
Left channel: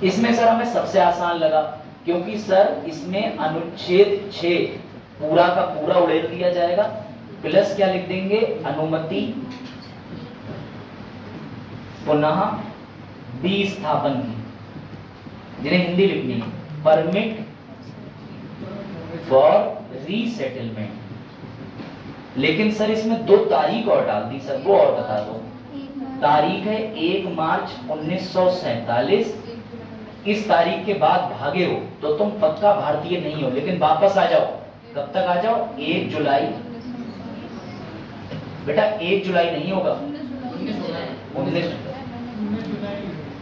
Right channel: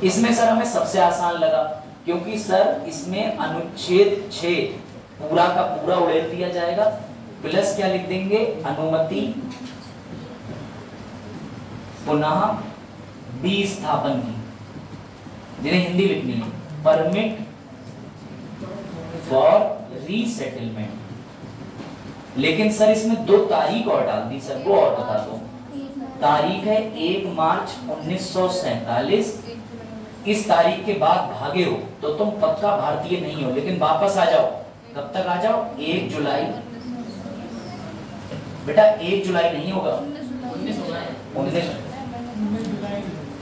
इसमें सर हमें सबसे आसान लगा, क्योंकि सर इसमें अनुच्छेद 6 पूरा का पूरा उड़ेल दिया जाएगा, प्लस क्या लिख देंगे? अनुमति पुनः विस्थापन की, जिन्हें हिंदी लिखनी है, परमिट फॉर रीसेटलमेंट। लेकिन सर इसमें 2 तारीख और डाल दी सर, वो और बता दो। तारीख है 1 मार्च 1947। इस तारीख के बाद भागे हो तो तुम पक्का भारतीय नहीं हो, लेकिन वापस आ जाओ। कब तक आ जाओ? 1 जुलाई। बेटा 1 जुलाई नहीं होगा, 19,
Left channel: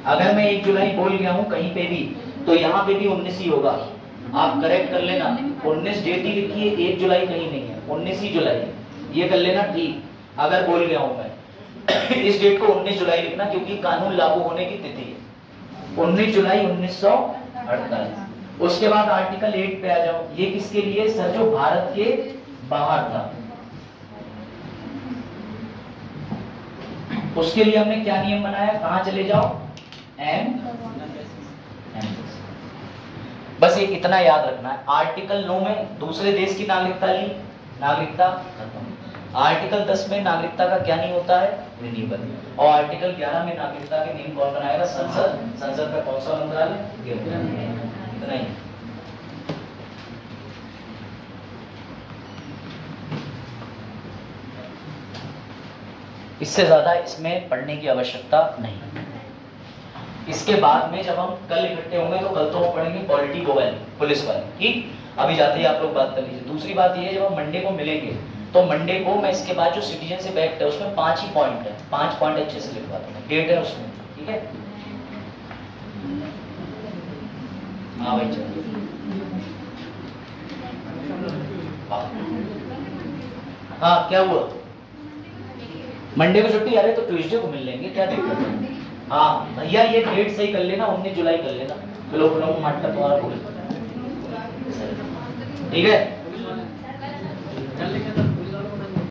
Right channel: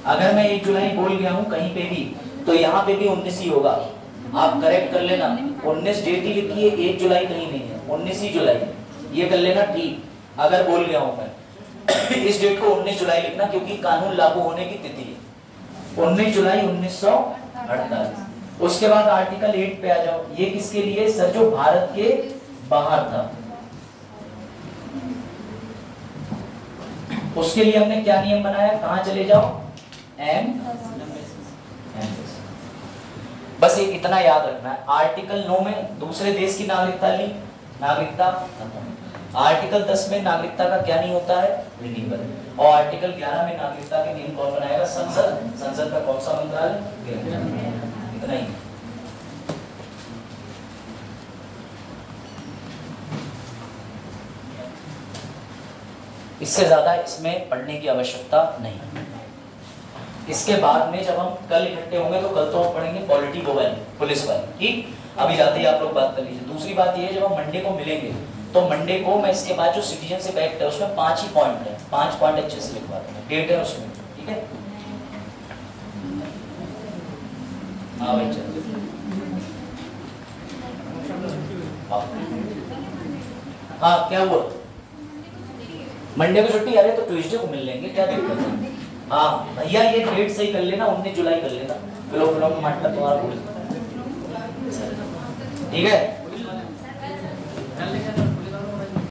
अगर मैं 1 जुलाई बोल गया हूँ कहीं पे भी तो यहाँ पे भी 19 ही होगा, आप करेक्ट कर लेना। 19 डेट ही लिखी है, 1 जुलाई कहीं नहीं है, 19 ही जुलाई है, ये कर लेना ठीक। अगर बोल गया हूँ मैं इस डेट को 19 जुलाई लिखना क्योंकि कानून लागू होने की तिथि है 19 जुलाई 1948। उसके बाद आर्टिकल 8 पे आ जाओ, ये किसके लिए सर? जो भारत के बाहर था, उसके लिए हमने क्या नियम बनाया? कहां चले जाओ? एम। बस ये इतना याद रखना है। आर्टिकल 9 में दूसरे देश की नागरिकता ली, नागरिकता खत्म। आर्टिकल 10 में नागरिकता का क्या नहीं होता है? रिन्यूअल। और आर्टिकल 11 में नागरिकता के नियम कौन बनाएगा? संसद। संसद का कौन सा मंत्रालय? गृह। इतना ही। इससे ज्यादा इसमें पढ़ने की आवश्यकता नहीं। इसके बाद में जब हम कल इकट्ठे होंगे तो कल तो हम पढ़ेंगे पॉलिटी वो वाली, पुलिस वाली, ठीक। अभी जाते ही आप लोग बात कर लीजिए। दूसरी बात ये है, जब हम मंडे को मिलेंगे तो मंडे को मैं इसके बाद जो सिटीजनशिप एक्ट है उसमें 5 ही पॉइंट है, 5 पॉइंट अच्छे से लिखवा दूंगा, डेट है उसमें, ठीक है। हाँ भाई चलो, हाँ क्या हुआ? मंडे को छुट्टी? अरे तो ट्यूसडे को मिल लेंगे, क्या दिक्कत है? हाँ भैया ये डेट सही कर लेना, 19 जुलाई कर लेना। किलो में माटला तुम्हारा भूल, ठीक है।